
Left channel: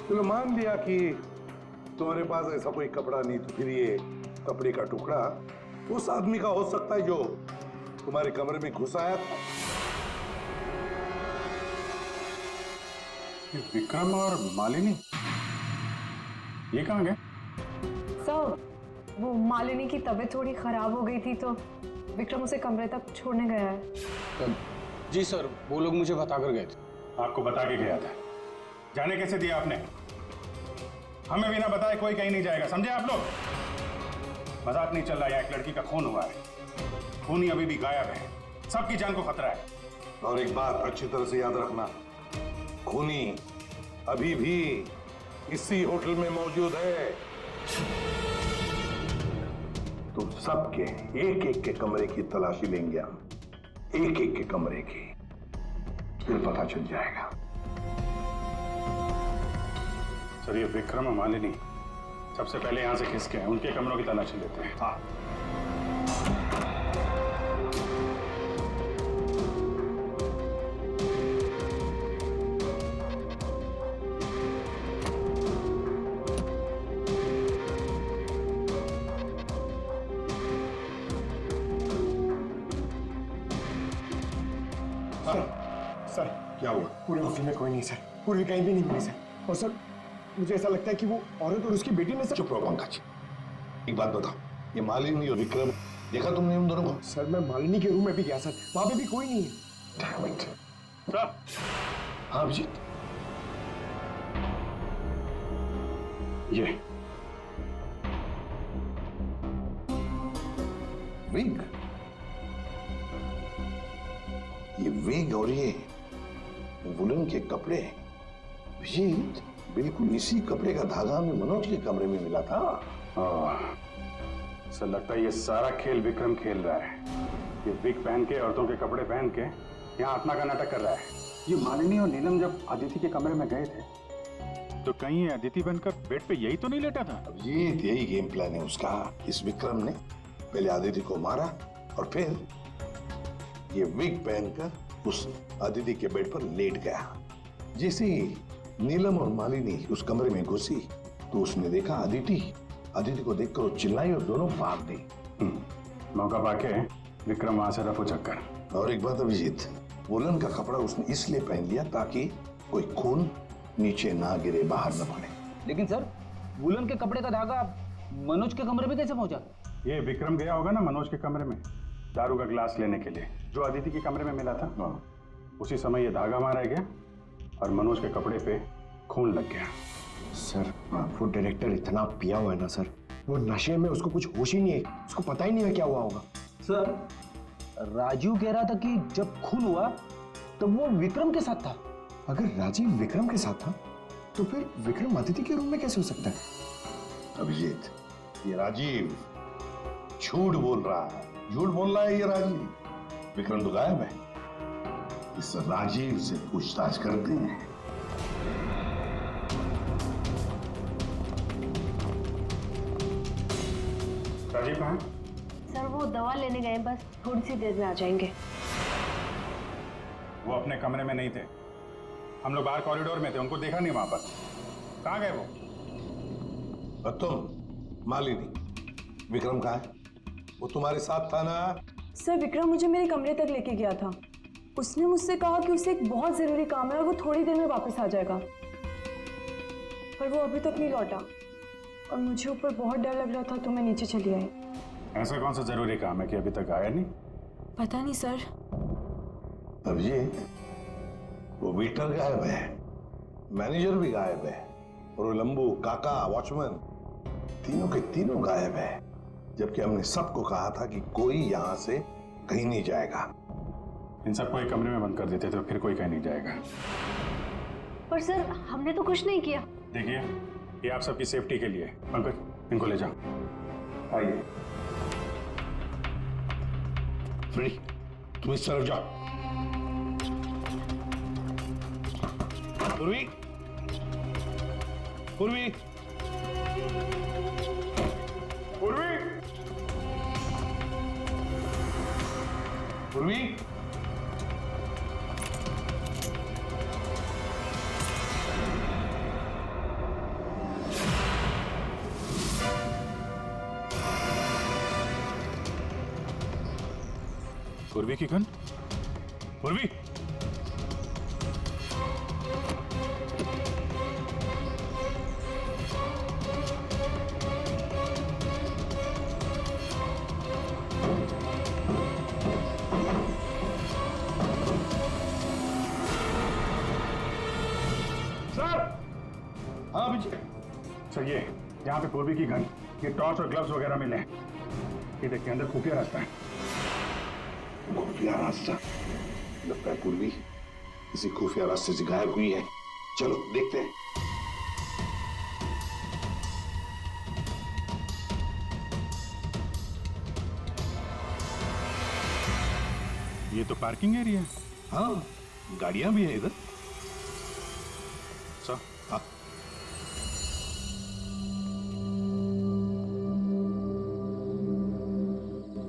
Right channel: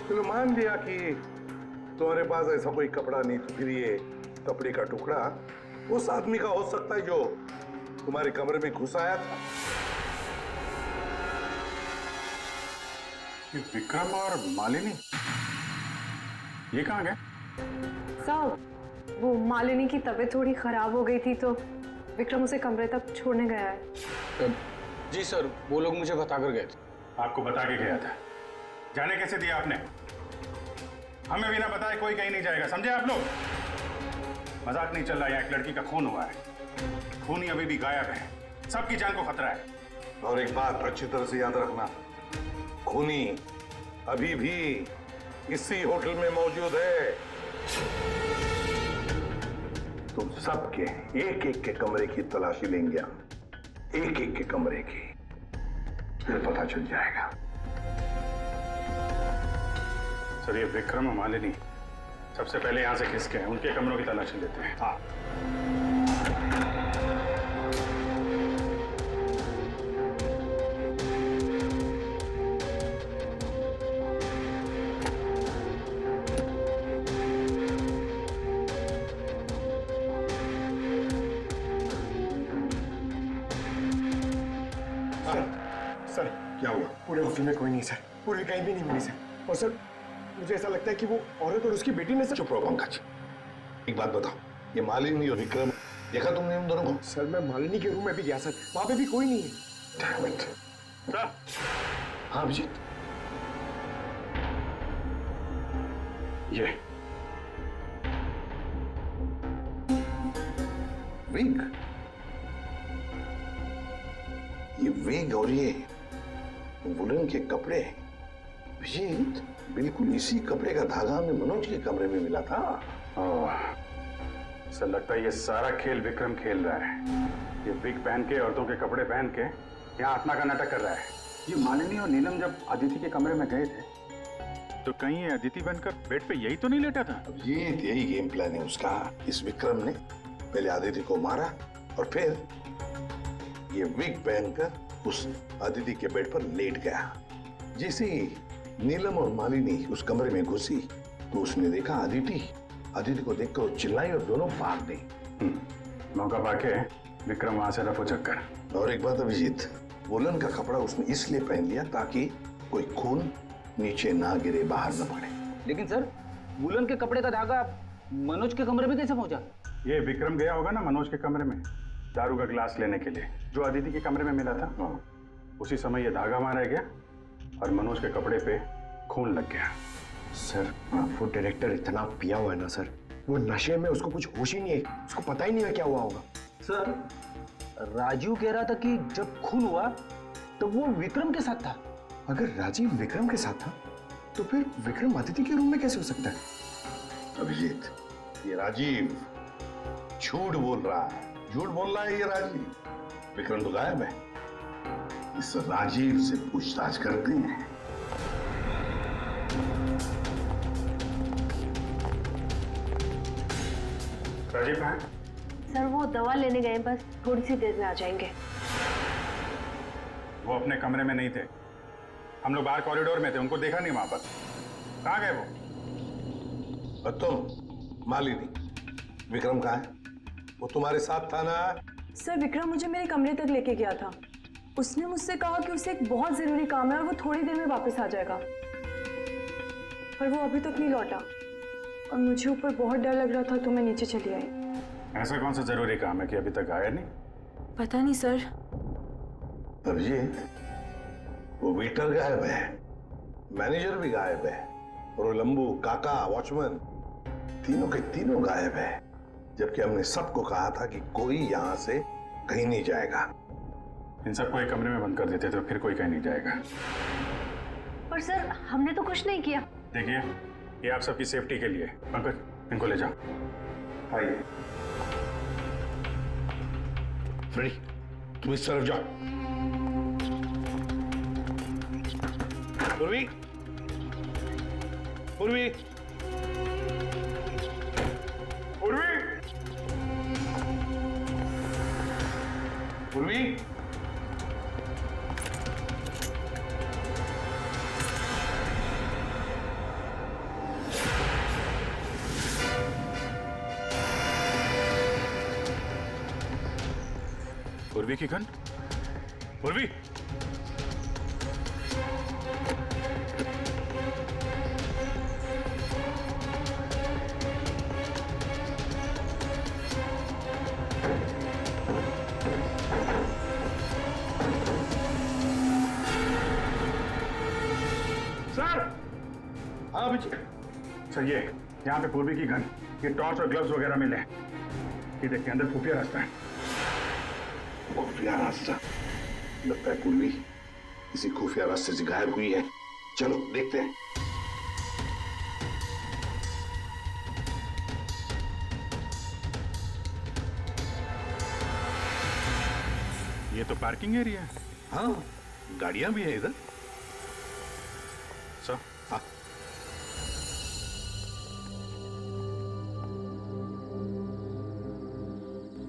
चलो मान लिया कि तुम्हारे पास ऐसा कोई कपड़ा नहीं, तो फिर ये कपड़े का टुकड़ा उस आदमी का हो सकता है जो तुम्हारे कमरे में घुस आया था। ये विक्रम और मालिनी ये कहाँ गए? सर, वो मालिनी की तबीयत थोड़ी खराब हो गई थी तो विक्रम उसे कमरे तक छोड़ने गया है। जी सर, वो लोग मुझे बता कर गए थे। आपको बता के गया था? जाने कैसे दिया आपने? हमें बिना बताए कोई कहीं नहीं जाएगा, समझे आप लोग? मजाक नहीं चल रहा, यहाँ एक लड़की का खून हुआ है, खूनी अभी भी गायब है, सबकी जान को खतरा है। और एक बात अच्छी तरह से याद रखना, खूनी अभी भी इसी होटल में मौजूद है। तुम सबके एक एक के कमरे की तलाशी लेंगे हम, एक एक के कमरे की, फिर पता चल जाएगा। सर, ये विक्रम और मालिनी सबसे पहले यहां से खिसके हैं, उनके कमरों की तलाशी लेते हैं। हाँ, सर, क्या हुआ? पूरे होटल में कोई नहीं सर, पूर्वी कहीं भी नहीं मिली सर। और सर, मुझे ऐसा लगता है कि वो औरत और उसकी बेटी ने सर। चुप रहो पंकज, एक बात बताओ, ये मालिनी और विक्रम देखा तुमने उन दोनों को? सर, मैं मालिनी के रूम में भी गया सर, वहां पे भी कोई नहीं है। हाँ अभिजीत, ये विग, ये विग और ये वुलन के कपड़े, अभिजीत बिल्कुल इसी कपड़े का धागा हमें मनोज के कमरे में मिला था। सर, लगता है ये सारा खेल विक्रम खेल रहा है। ये विग पहन के, औरतों के कपड़े पहन के यहाँ आत्मा का नाटक कर रहा है। ये मालिनी और नीलम जब अदिति के कमरे में गए थे तो कहीं ये अदिति बनकर बेड पे यही तो नहीं लेटा था? अभिजीत, यही गेम प्लान है उसका। इस विक्रम ने पहले अदिति को मारा और फिर ये विग पहनकर उस अदिति के बेड पर लेट गया। जैसे ही नीलम और मालिनी उस कमरे में घुसी तो उसने देखा अदिति को देखकर वो चिल्लाई और दोनों भाग गई। मौका पाके विक्रम वहां से रफू चक्कर। और एक बात अभिजीत, वुलन का कपड़ा उसने इसलिए पहन लिया ताकि कोई खून नीचे ना गिरे, बाहर न पड़े। लेकिन सर, वुलन के कपड़े का धागा मनोज के कमरे में कैसे पहुंचा? ये विक्रम गया होगा ना मनोज के कमरे में दारू का ग्लास लेने के लिए, जो अदिति के कमरे में मिला था। उसी समय ये धागा मारा गया और मनोज के कपड़े पे खून लग गया। सर, वो डायरेक्टर इतना पिया हुआ है ना सर, वो नशे में उसको कुछ होश ही नहीं है, उसको पता ही नहीं है क्या हुआ होगा। सर, राजीव कह रहा था कि जब खून हुआ तब वो विक्रम के साथ था। अगर राजीव विक्रम के साथ था तो फिर विक्रम अदिति के रूम में कैसे हो सकता है? अभिजीत, ये राजीव झूठ बोल रहा है, झूठ बोल रहा है ये राजीव। विक्रम तो गायब है। इस राजीव से पूछताछ करते हैं। राजीव कहाँ है? सर, वो दवा लेने गए, बस थोड़ी सी देर में आ जाएंगे। वो अपने कमरे में नहीं थे, हम लोग बाहर कॉरिडोर में थे, उनको देखा नहीं वहां पर। कहाँ गए वो? और तुम मालिनी, विक्रम कहाँ है? वो तुम्हारे साथ था ना? सर विक्रम मुझे मेरे कमरे तक लेके गया था। उसने मुझसे कहा कि उसे एक बहुत जरूरी काम है और वो थोड़ी देर में वापस आ जाएगा, पर वो अभी तक नहीं लौटा और मुझे ऊपर बहुत डर लग रहा था तो मैं नीचे चली आई। ऐसा कौन सा जरूरी काम है कि अभी तक आया नहीं? पता नहीं सर। अभिजीत, वो वेटर गायब है, मैनेजर भी गायब है, और वो लंबू, काका, वॉचमैन, तीनों के तीनों गायब है, जबकि हमने सबको कहा था कि कोई यहां से कहीं नहीं जाएगा। इन सबको एक कमरे में बंद कर देते तो फिर कोई कहीं नहीं जाएगा। पर सर हमने तो कुछ नहीं किया। देखिए, ये आप सबकी सेफ्टी के लिए। पंकज, इनको ले जाओ। आइए। फ्रेडी, तुम इस तरफ जाओ। पूर्वी, पूर्वी, पूर्वी, पूर्वी। पूर्वी की गन? पूर्वी! सर! हाँ अभिजीत। सर, ये यहाँ पे पूर्वी की गन, ये टॉर्च और ग्लव्स वगैरह मिले हैं। ये देखिए, अंदर खुफिया रास्ता है। खुफिया रास्ता? लगता है पूर्वी किसी खुफिया रास्ते से गायब हुई है। चलो देखते हैं। ये तो पार्किंग एरिया है। हाँ, गाड़ियां भी हैं इधर। सर, हाँ।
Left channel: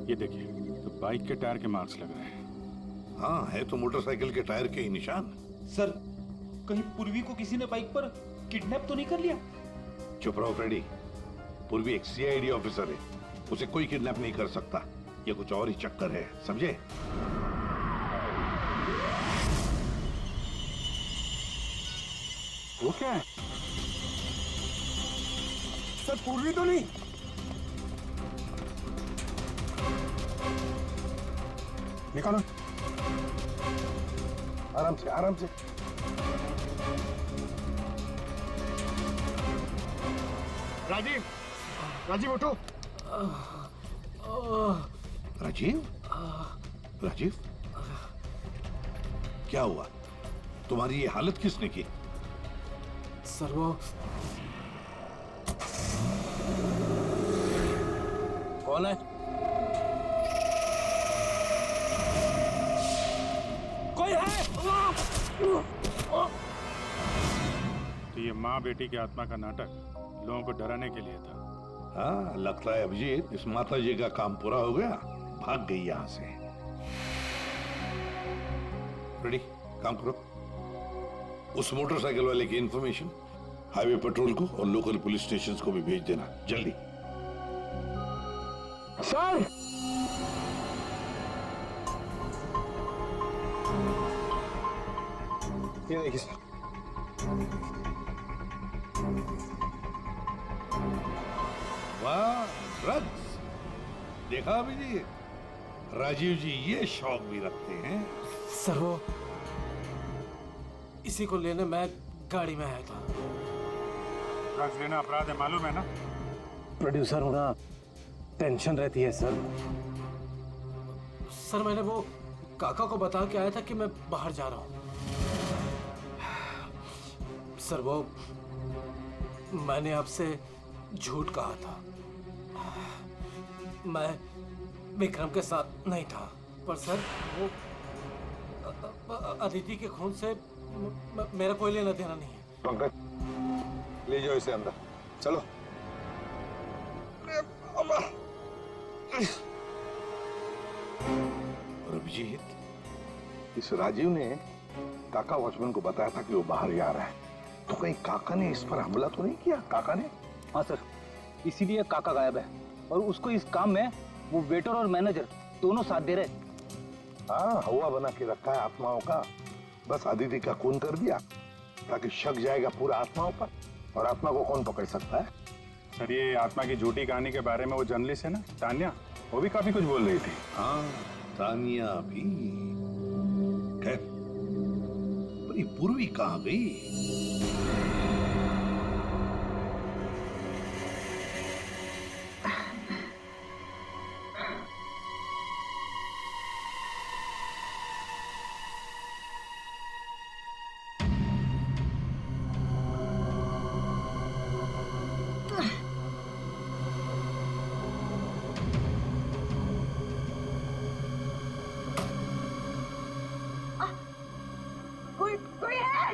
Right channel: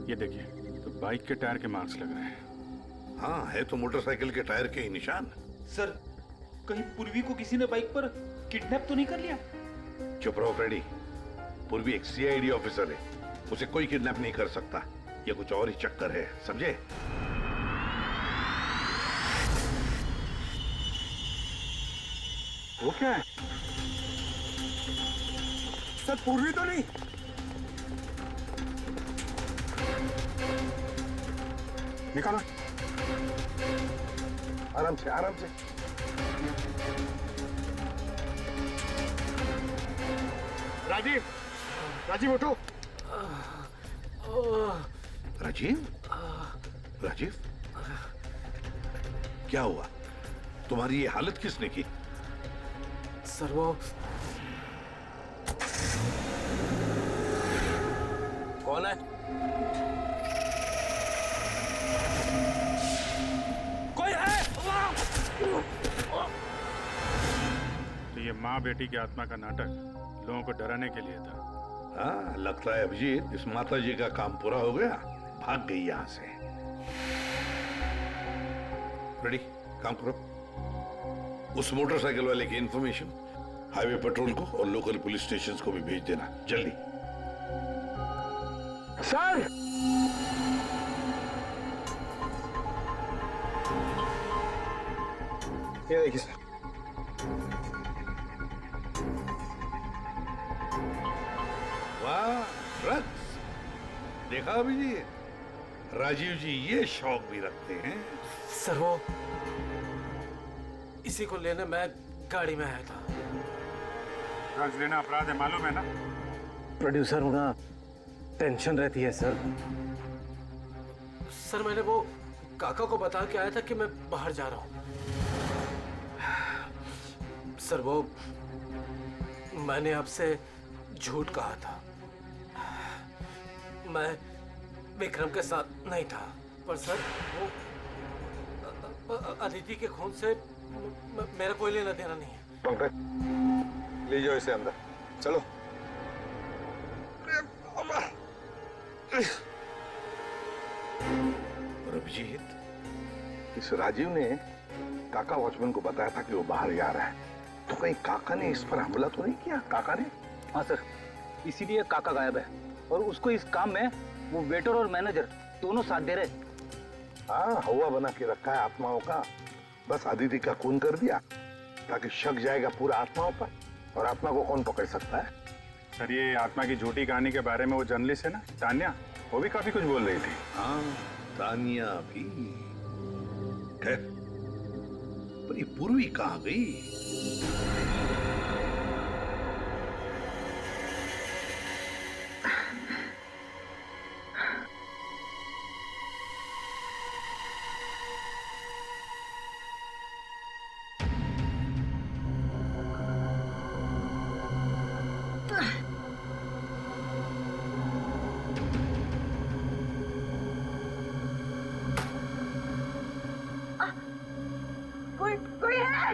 ये देखिए, तो बाइक के टायर के मार्क्स लग रहे हैं। हाँ, है तो मोटरसाइकिल के टायर के ही निशान। सर, कहीं पूर्वी को किसी ने बाइक पर किडनैप तो नहीं कर लिया? चुप रहो फ्रेडी। पूर्वी एक सीआईडी ऑफिसर है, उसे कोई किडनैप नहीं कर सकता। ये कुछ और ही चक्कर है, समझे? वो क्या है? सर पूर्वी तो नहीं? निकालो। आराम से, आराम से। राजीव, राजीव उठो। राजीव? राजीव? क्या हुआ? तुम्हारी ये हालत किसने की? सर वो कौन है? कोई है? तो ये माँ बेटी की आत्मा का नाटक लोगों को डराने के लिए था। हाँ, लगता है अभिजीत इस माता जी का काम पूरा हो गया, भाग गई यहां से। रेडी, काम करो। उस मोटरसाइकिल वाले की इंफॉर्मेशन हाईवे पेट्रोल को और लोकल पुलिस स्टेशन को भी भेज देना, जल्दी। सर! ये देखिए सर। वाह, ड्रग्स! देखा अभिजीत, राजीव जी ये शौक भी रखते हैं। सर वो इसी को लेने मैं गाड़ी में आया था। ड्रग्स लेना अपराध है, मालूम है ना? प्रोड्यूसर होना टेंशन रहती है सर। सर मैंने वो काका को बता के आया था कि मैं बाहर जा रहा हूं। सर वो मैंने आपसे झूठ कहा था। मैं विक्रम के साथ नहीं था, पर सर वो अदिति के खून से मेरा कोई लेना देना नहीं है। पंकज, ले जाओ इसे अंदर, चलो। और अभिजीत, इस राजीव ने काका वॉचमैन को बताया था कि वो बाहर जा रहा है, तो कहीं काका ने इस पर हमला तो नहीं किया? काका ने? हाँ सर, इसीलिए काका गायब है और उसको इस काम में वो वेटर और मैनेजर दोनों साथ दे रहे। हाँ, हवा बना के रखा है आत्माओं का। बस अदिति का खून कर दिया ताकि शक जाएगा पूरा आत्माओं पर, और आत्मा को कौन पकड़ सकता है? सर, ये आत्मा की झूठी कहानी के बारे में वो जर्नलिस्ट है ना तान्या, वो भी काफी कुछ बोल रही थी। हाँ, तानिया भी। खैर, पर ये पूर्वी कहाँ गई? कोई है?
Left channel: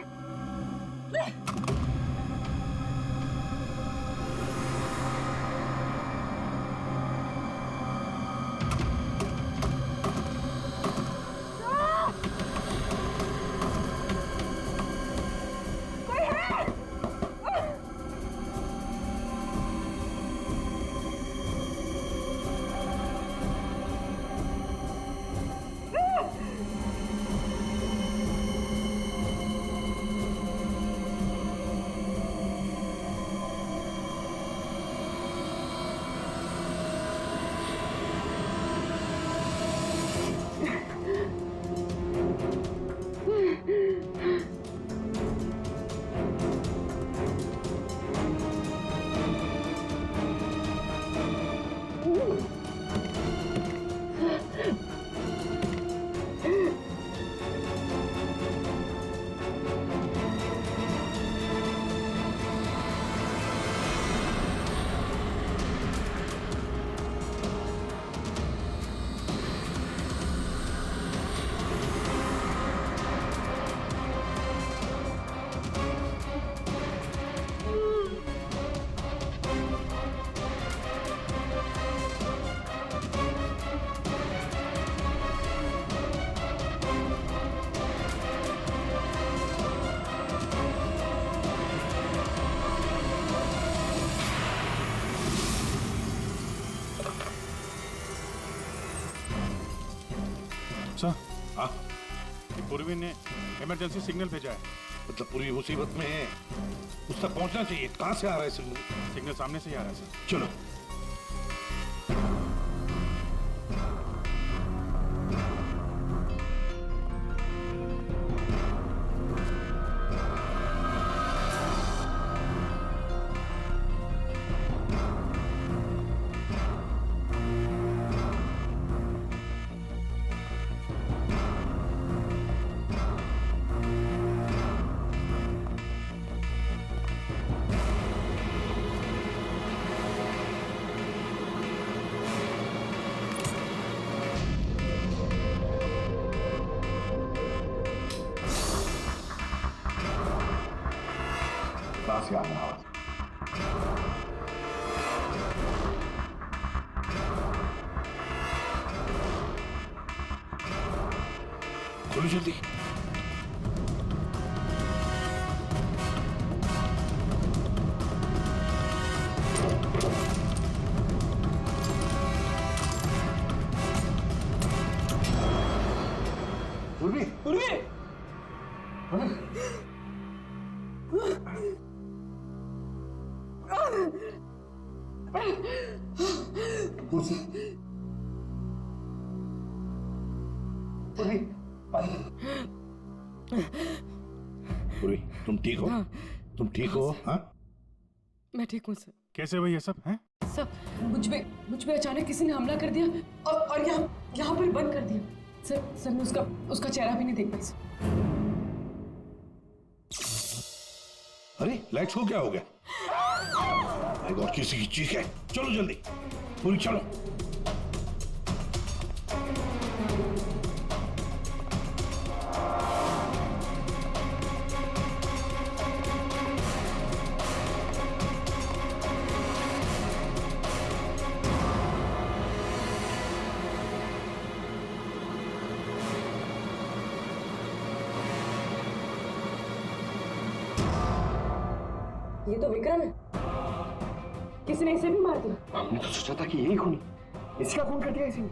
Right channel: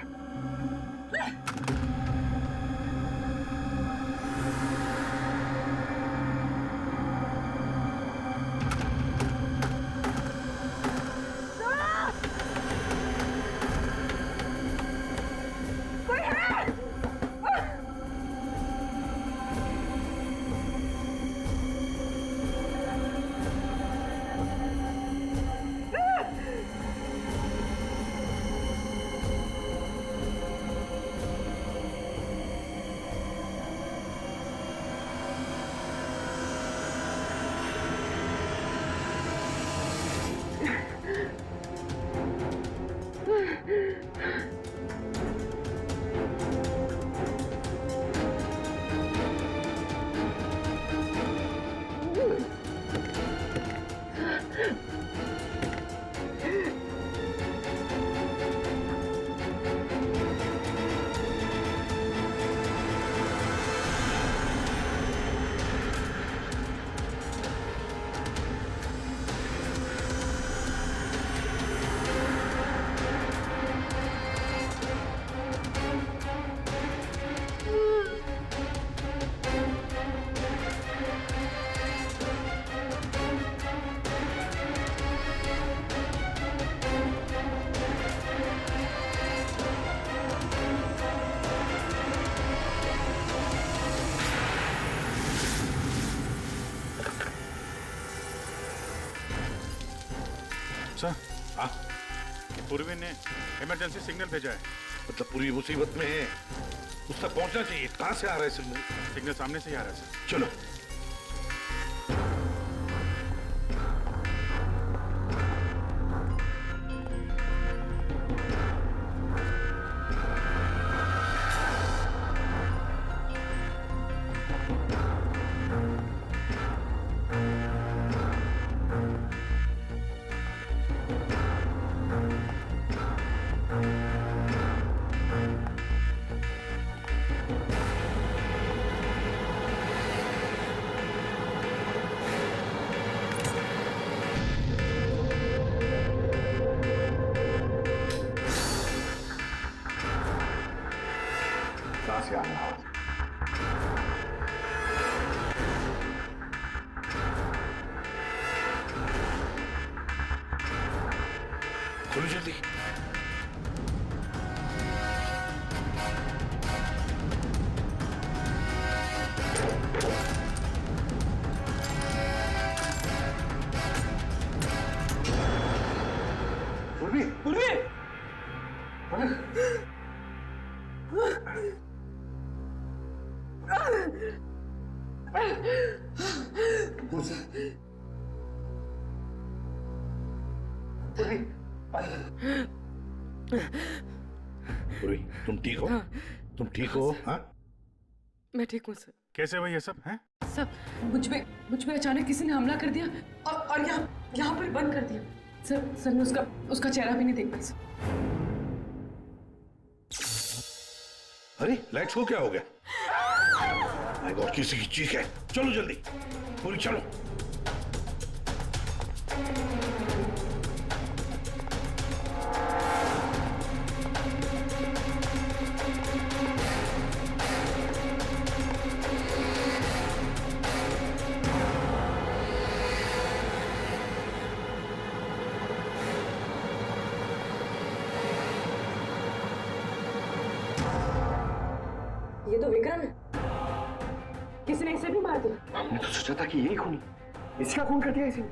हाँ, पूर्वी ने इमरजेंसी सिग्नल भेजा है। मतलब पूरी मुसीबत में है, उस तक पहुंचना चाहिए। कहां से आ रहा है सिग्नल? सिग्नल सामने से ही आ रहा है सर। चलो। कहां से आ रहा है? खोलो जल्दी। पूर्वी, पूर्वी। कुर्सी। पूर्वी, पूर्वी, तुम ठीक हो? हाँ। तुम ठीक हो? हाँ? मैं ठीक हूँ सर। कैसे हुई ये सब है? सर, मुझ पे अचानक किसी ने हमला कर दिया और यहाँ पर बंद कर दिया। सर मैं उसका चेहरा भी नहीं देख पाई सर। अरे लाइट्स को क्या हो गया? माय गॉड, किसी की चीख है। चलो जल्दी, पूरी चलो। ये तो विक्रम है। किसी ने इसे भी मार दिया। हमने तो सोचा था कि यही खूनी, इसी का खून कर दिया इसी ने।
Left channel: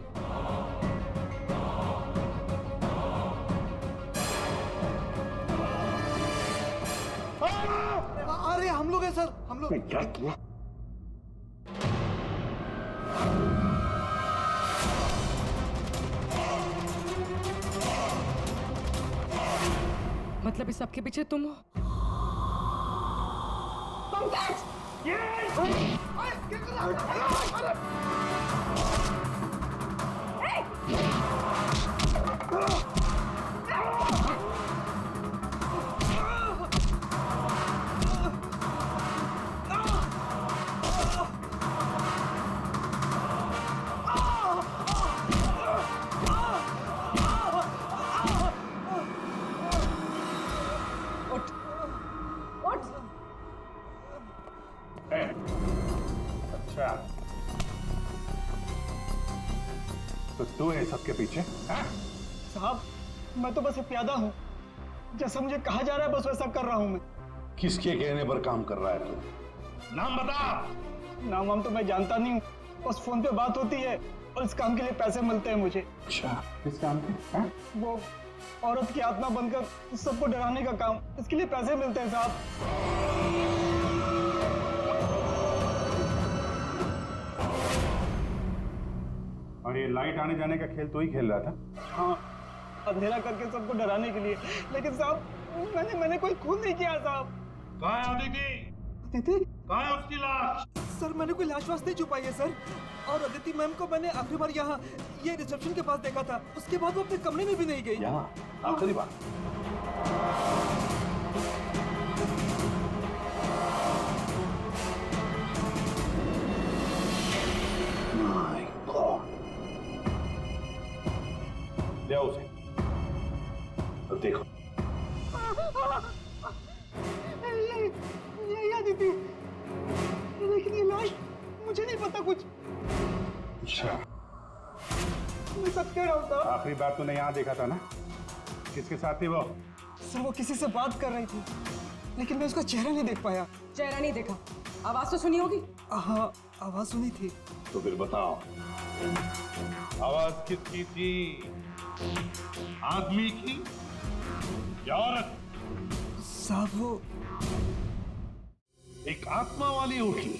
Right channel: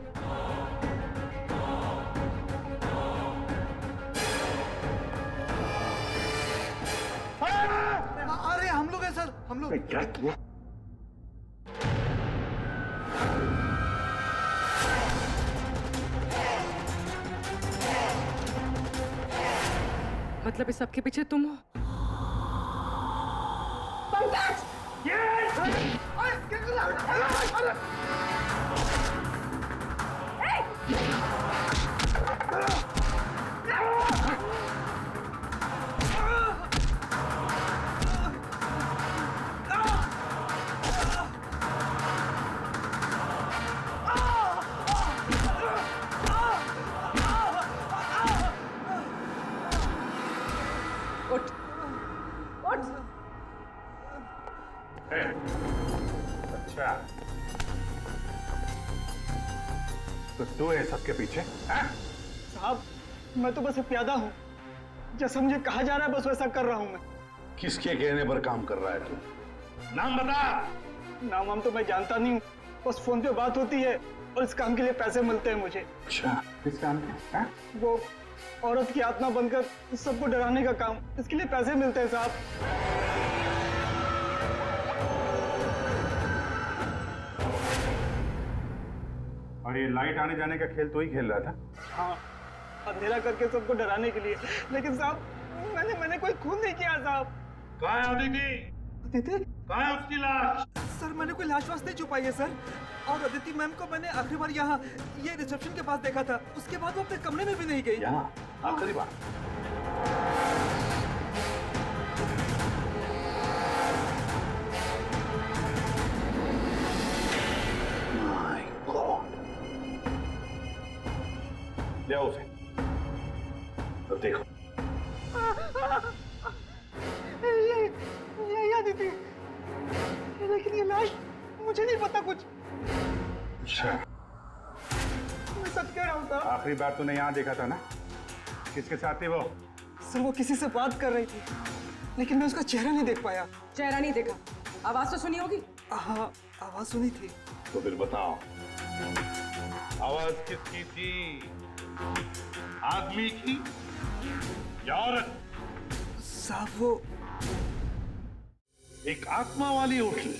अरे हम लोग हैं सर, हम लोग। क्या किया? मतलब इस सबके पीछे तुम हो? पंकज! उठ, उठ। अच्छा, तो तू है सबके पीछे? साहब, मैं तो बस एक प्यादा हूँ। जैसा मुझे कहा जा रहा है बस वैसा कर रहा हूँ मैं। किसके कहने पर काम कर रहा है तू? नाम बता। नाम वाम तो मैं जानता नहीं हूँ, बस फोन पे बात होती है और इस काम के लिए पैसे मिलते हैं मुझे। अच्छा, किस काम के? वो औरत की आत्मा बनकर सबको डराने का काम, इसके लिए पैसे मिलते हैं साहब। और ये लाइट आने जाने का खेल तो ही खेल रहा था? हाँ, अंधेरा करके सबको डराने के लिए। लेकिन साहब मैंने कोई खून नहीं किया साहब। कहाँ है अदिति? अदिति? कहाँ है उसकी लाश? सर मैंने कोई लाश वाश नहीं छुपाई है सर। और अदिति मैम को मैंने आखिरी बार यहाँ ये रिसेप्शन के पास देखा था। उसके बाद वो अपने कमरे में भी नहीं गई। यहाँ आखिरी बार? My God. ले आओ उसे। तो देखो। ये अदिति, लेकिन ये लाश मुझे नहीं पता कुछ। अच्छा, मैं सच कह रहा हूँ साहब। आखिरी बार तूने यहाँ देखा था ना? किसके साथ थी वो? सर वो किसी से बात कर रही थी, लेकिन मैं उसका चेहरा नहीं देख पाया। चेहरा नहीं देखा, आवाज तो सुनी होगी? हाँ, आवाज सुनी थी। तो फिर बताओ, आवाज किसकी थी? आदमी की या औरत? साहब वो एक आत्मा वाली होटल,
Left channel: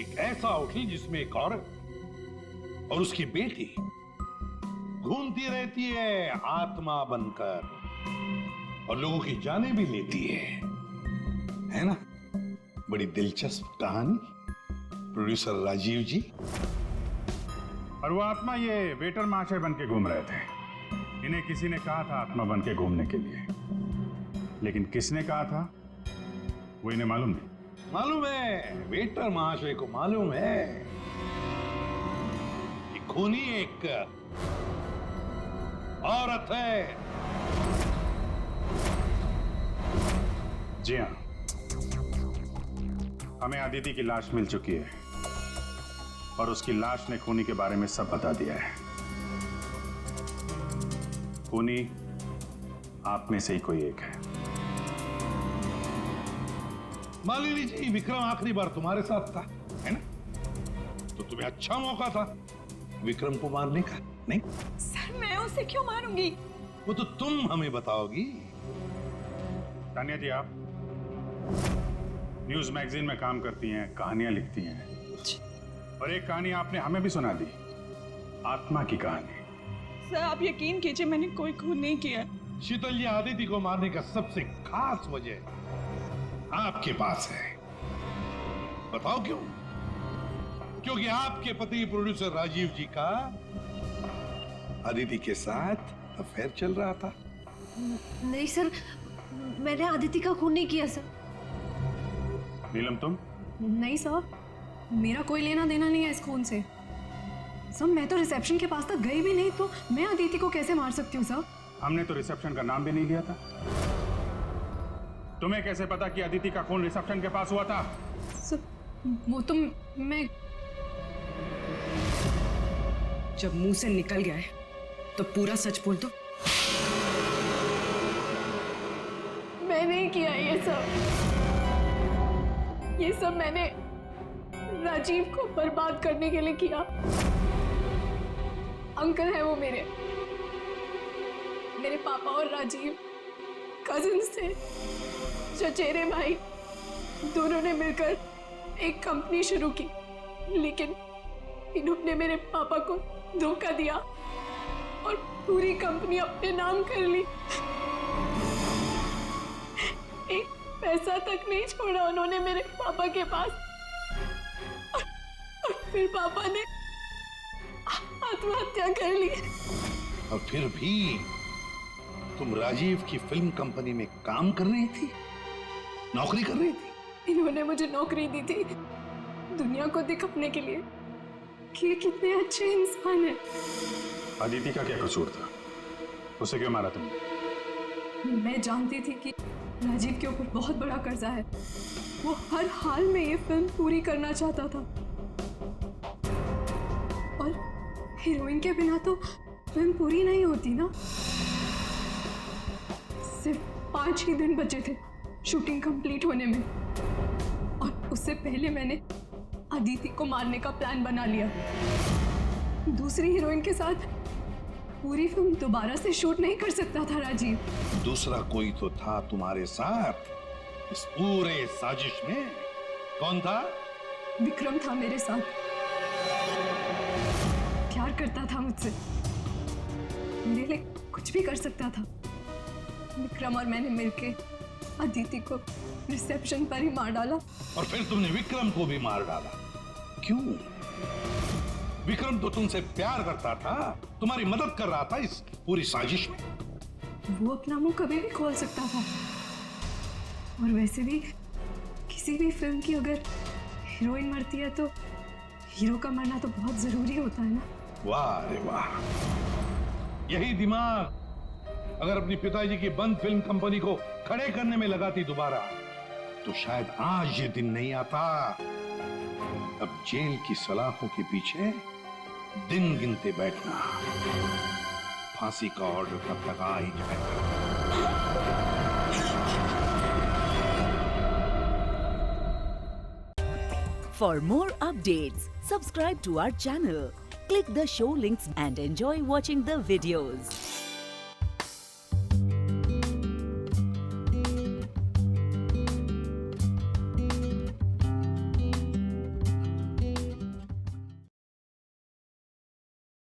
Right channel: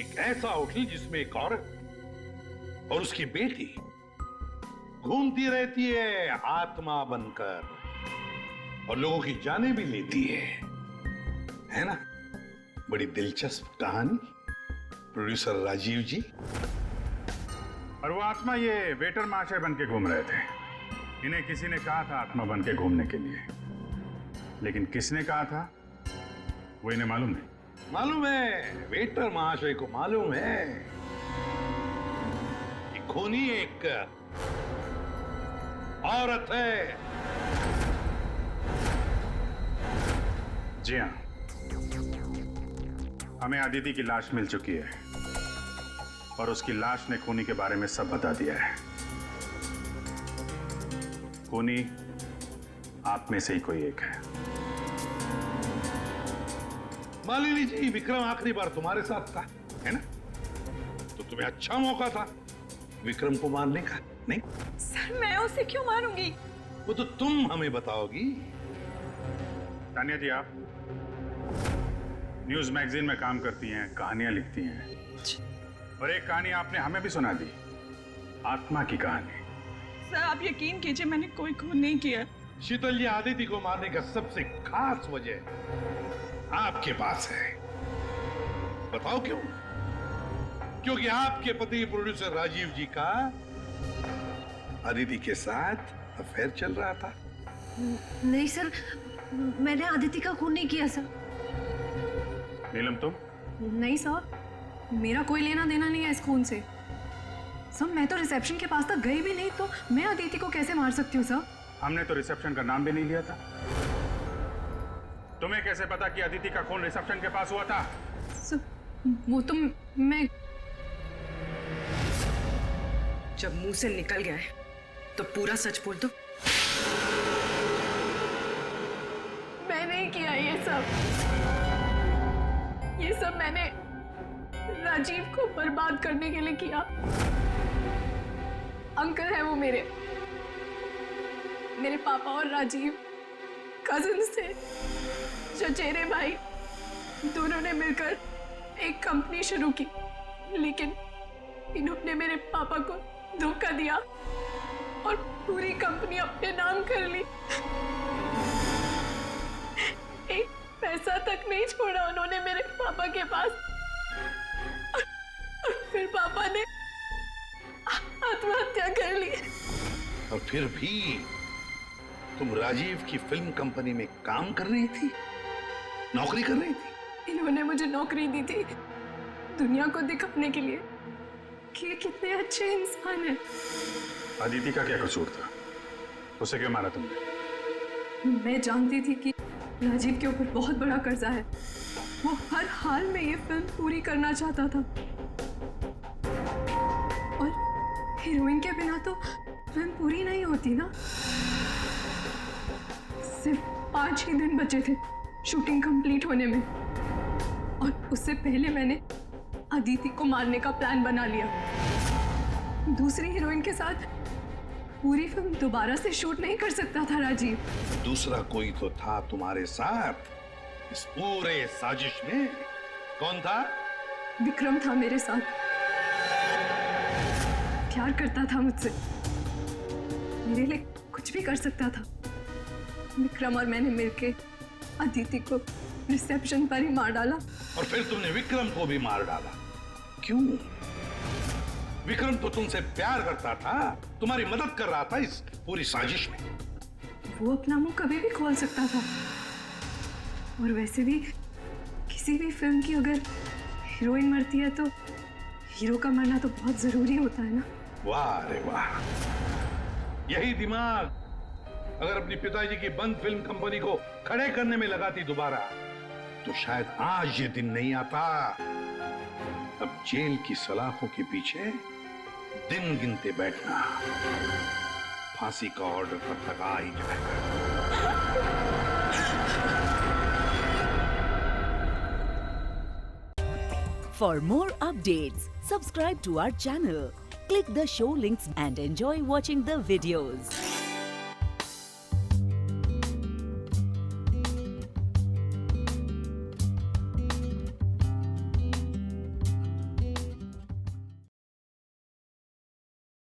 एक ऐसा होटल जिसमें एक औरत और उसकी बेटी घूमती रहती है आत्मा बनकर और लोगों की जानें भी लेती है ना? बड़ी दिलचस्प कहानी, प्रोड्यूसर राजीव जी। और वो आत्मा ये वेटर महाशय बन के घूम रहे थे। इन्हें किसी ने कहा था आत्मा बन के घूमने के लिए, लेकिन किसने कहा था वो इन्हें मालूम नहीं। मालूम है, वेटर महाशय को मालूम है कि खूनी एक औरत है। जी हाँ, हमें अदिति की लाश मिल चुकी है और उसकी लाश ने खूनी के बारे में सब बता दिया है। खूनी आप में से ही कोई एक है। मालिनी जी, विक्रम आखिरी बार तुम्हारे साथ था, है ना? तो तुम्हें अच्छा मौका था विक्रम को मारने का, नहीं? सर मैं उसे क्यों मारूंगी? वो तो तुम हमें बताओगी। तानिया जी, आप न्यूज मैगजीन में काम करती हैं, कहानियां लिखती हैं, और एक कहानी आपने हमें भी सुना दी, आत्मा की कहानी। सर आप यकीन कीजिए, मैंने कोई खून नहीं किया। शीतल जी, आदिति को मारने का सबसे खास वजह आपके पास है। बताओ क्यों? क्योंकि आपके पति प्रोड्यूसर राजीव जी का आदिति के साथ अफेयर चल रहा था। नहीं सर, मैंने आदिति का खून नहीं किया सर। नीलम, तुम? नहीं सर, मेरा कोई लेना देना नहीं है इस खून से। सर मैं तो रिसेप्शन के पास तक गई भी नहीं, तो मैं अदिति को कैसे मार सकती हूँ सर? हमने तो रिसेप्शन का नाम भी नहीं लिया था। तुम्हें कैसे पता कि अदिति का खून रिसेप्शन के पास हुआ था? सर वो तो मैं जब मुंह से निकल गया है तो पूरा सच बोल दो। मैं नहीं किया ये सब। ये सब मैंने राजीव को बर्बाद करने के लिए किया। अंकल है वो मेरे पापा और राजीव कजिन्स थे, चचेरे भाई। दोनों ने मिलकर एक कंपनी शुरू की, लेकिन इन्होंने मेरे पापा को धोखा दिया और पूरी कंपनी अपने नाम कर ली। एक पैसा तक नहीं छोड़ा उन्होंने मेरे पापा के पास। और फिर पापा ने आत्महत्या कर ली। और फिर भी तुम राजीव की फिल्म कंपनी में काम कर रही थी, नौकरी कर रही थी। इन्होंने मुझे नौकरी दी थी दुनिया को दिखाने के लिए कि ये कितने अच्छे इंसान हैं। अदिति का क्या कसूर था? उसे क्यों मारा तुमने? मैं जानती थी कि राजीव के ऊपर बहुत बड़ा कर्जा है। वो हर हाल में ये फिल्म पूरी करना चाहता था और हीरोइन के बिना तो फिल्म पूरी नहीं होती ना। सिर्फ 5 ही दिन बचे थे शूटिंग कंप्लीट होने में और उससे पहले मैंने अदिति को मारने का प्लान बना लिया। दूसरी हीरोइन के साथ पूरी फिल्म दोबारा से शूट नहीं कर सकता था राजीव। दूसरा कोई तो था तुम्हारे साथ इस पूरे साजिश में। कौन था? विक्रम था मेरे साथ। प्यार करता था मुझसे, मेरे लिए कुछ भी कर सकता था। विक्रम और मैंने मिलके अदिति को रिसेप्शन पर ही मार डाला। और फिर तुमने विक्रम को भी मार डाला। क्यों? विक्रम तो तुमसे प्यार करता था, तुम्हारी मदद कर रहा था इस पूरी साजिश में। वो अपना मुंह कभी भी खोल सकता था। और वैसे भी किसी भी फिल्म की अगर हीरोइन मरती है तो हीरो का मरना तो बहुत जरूरी होता है ना। वाह रे वाह, यही दिमाग अगर अपनी पिताजी की बंद फिल्म कंपनी को खड़े करने में लगाती दोबारा, तो शायद आज ये दिन नहीं आता। अब जेल की सलाखों के पीछे दिन गिनते बैठना। फांसी का ऑर्डर कब तक आ ही जाएगा। For more updates, subscribe to our channel, click the show links and enjoy watching the videos.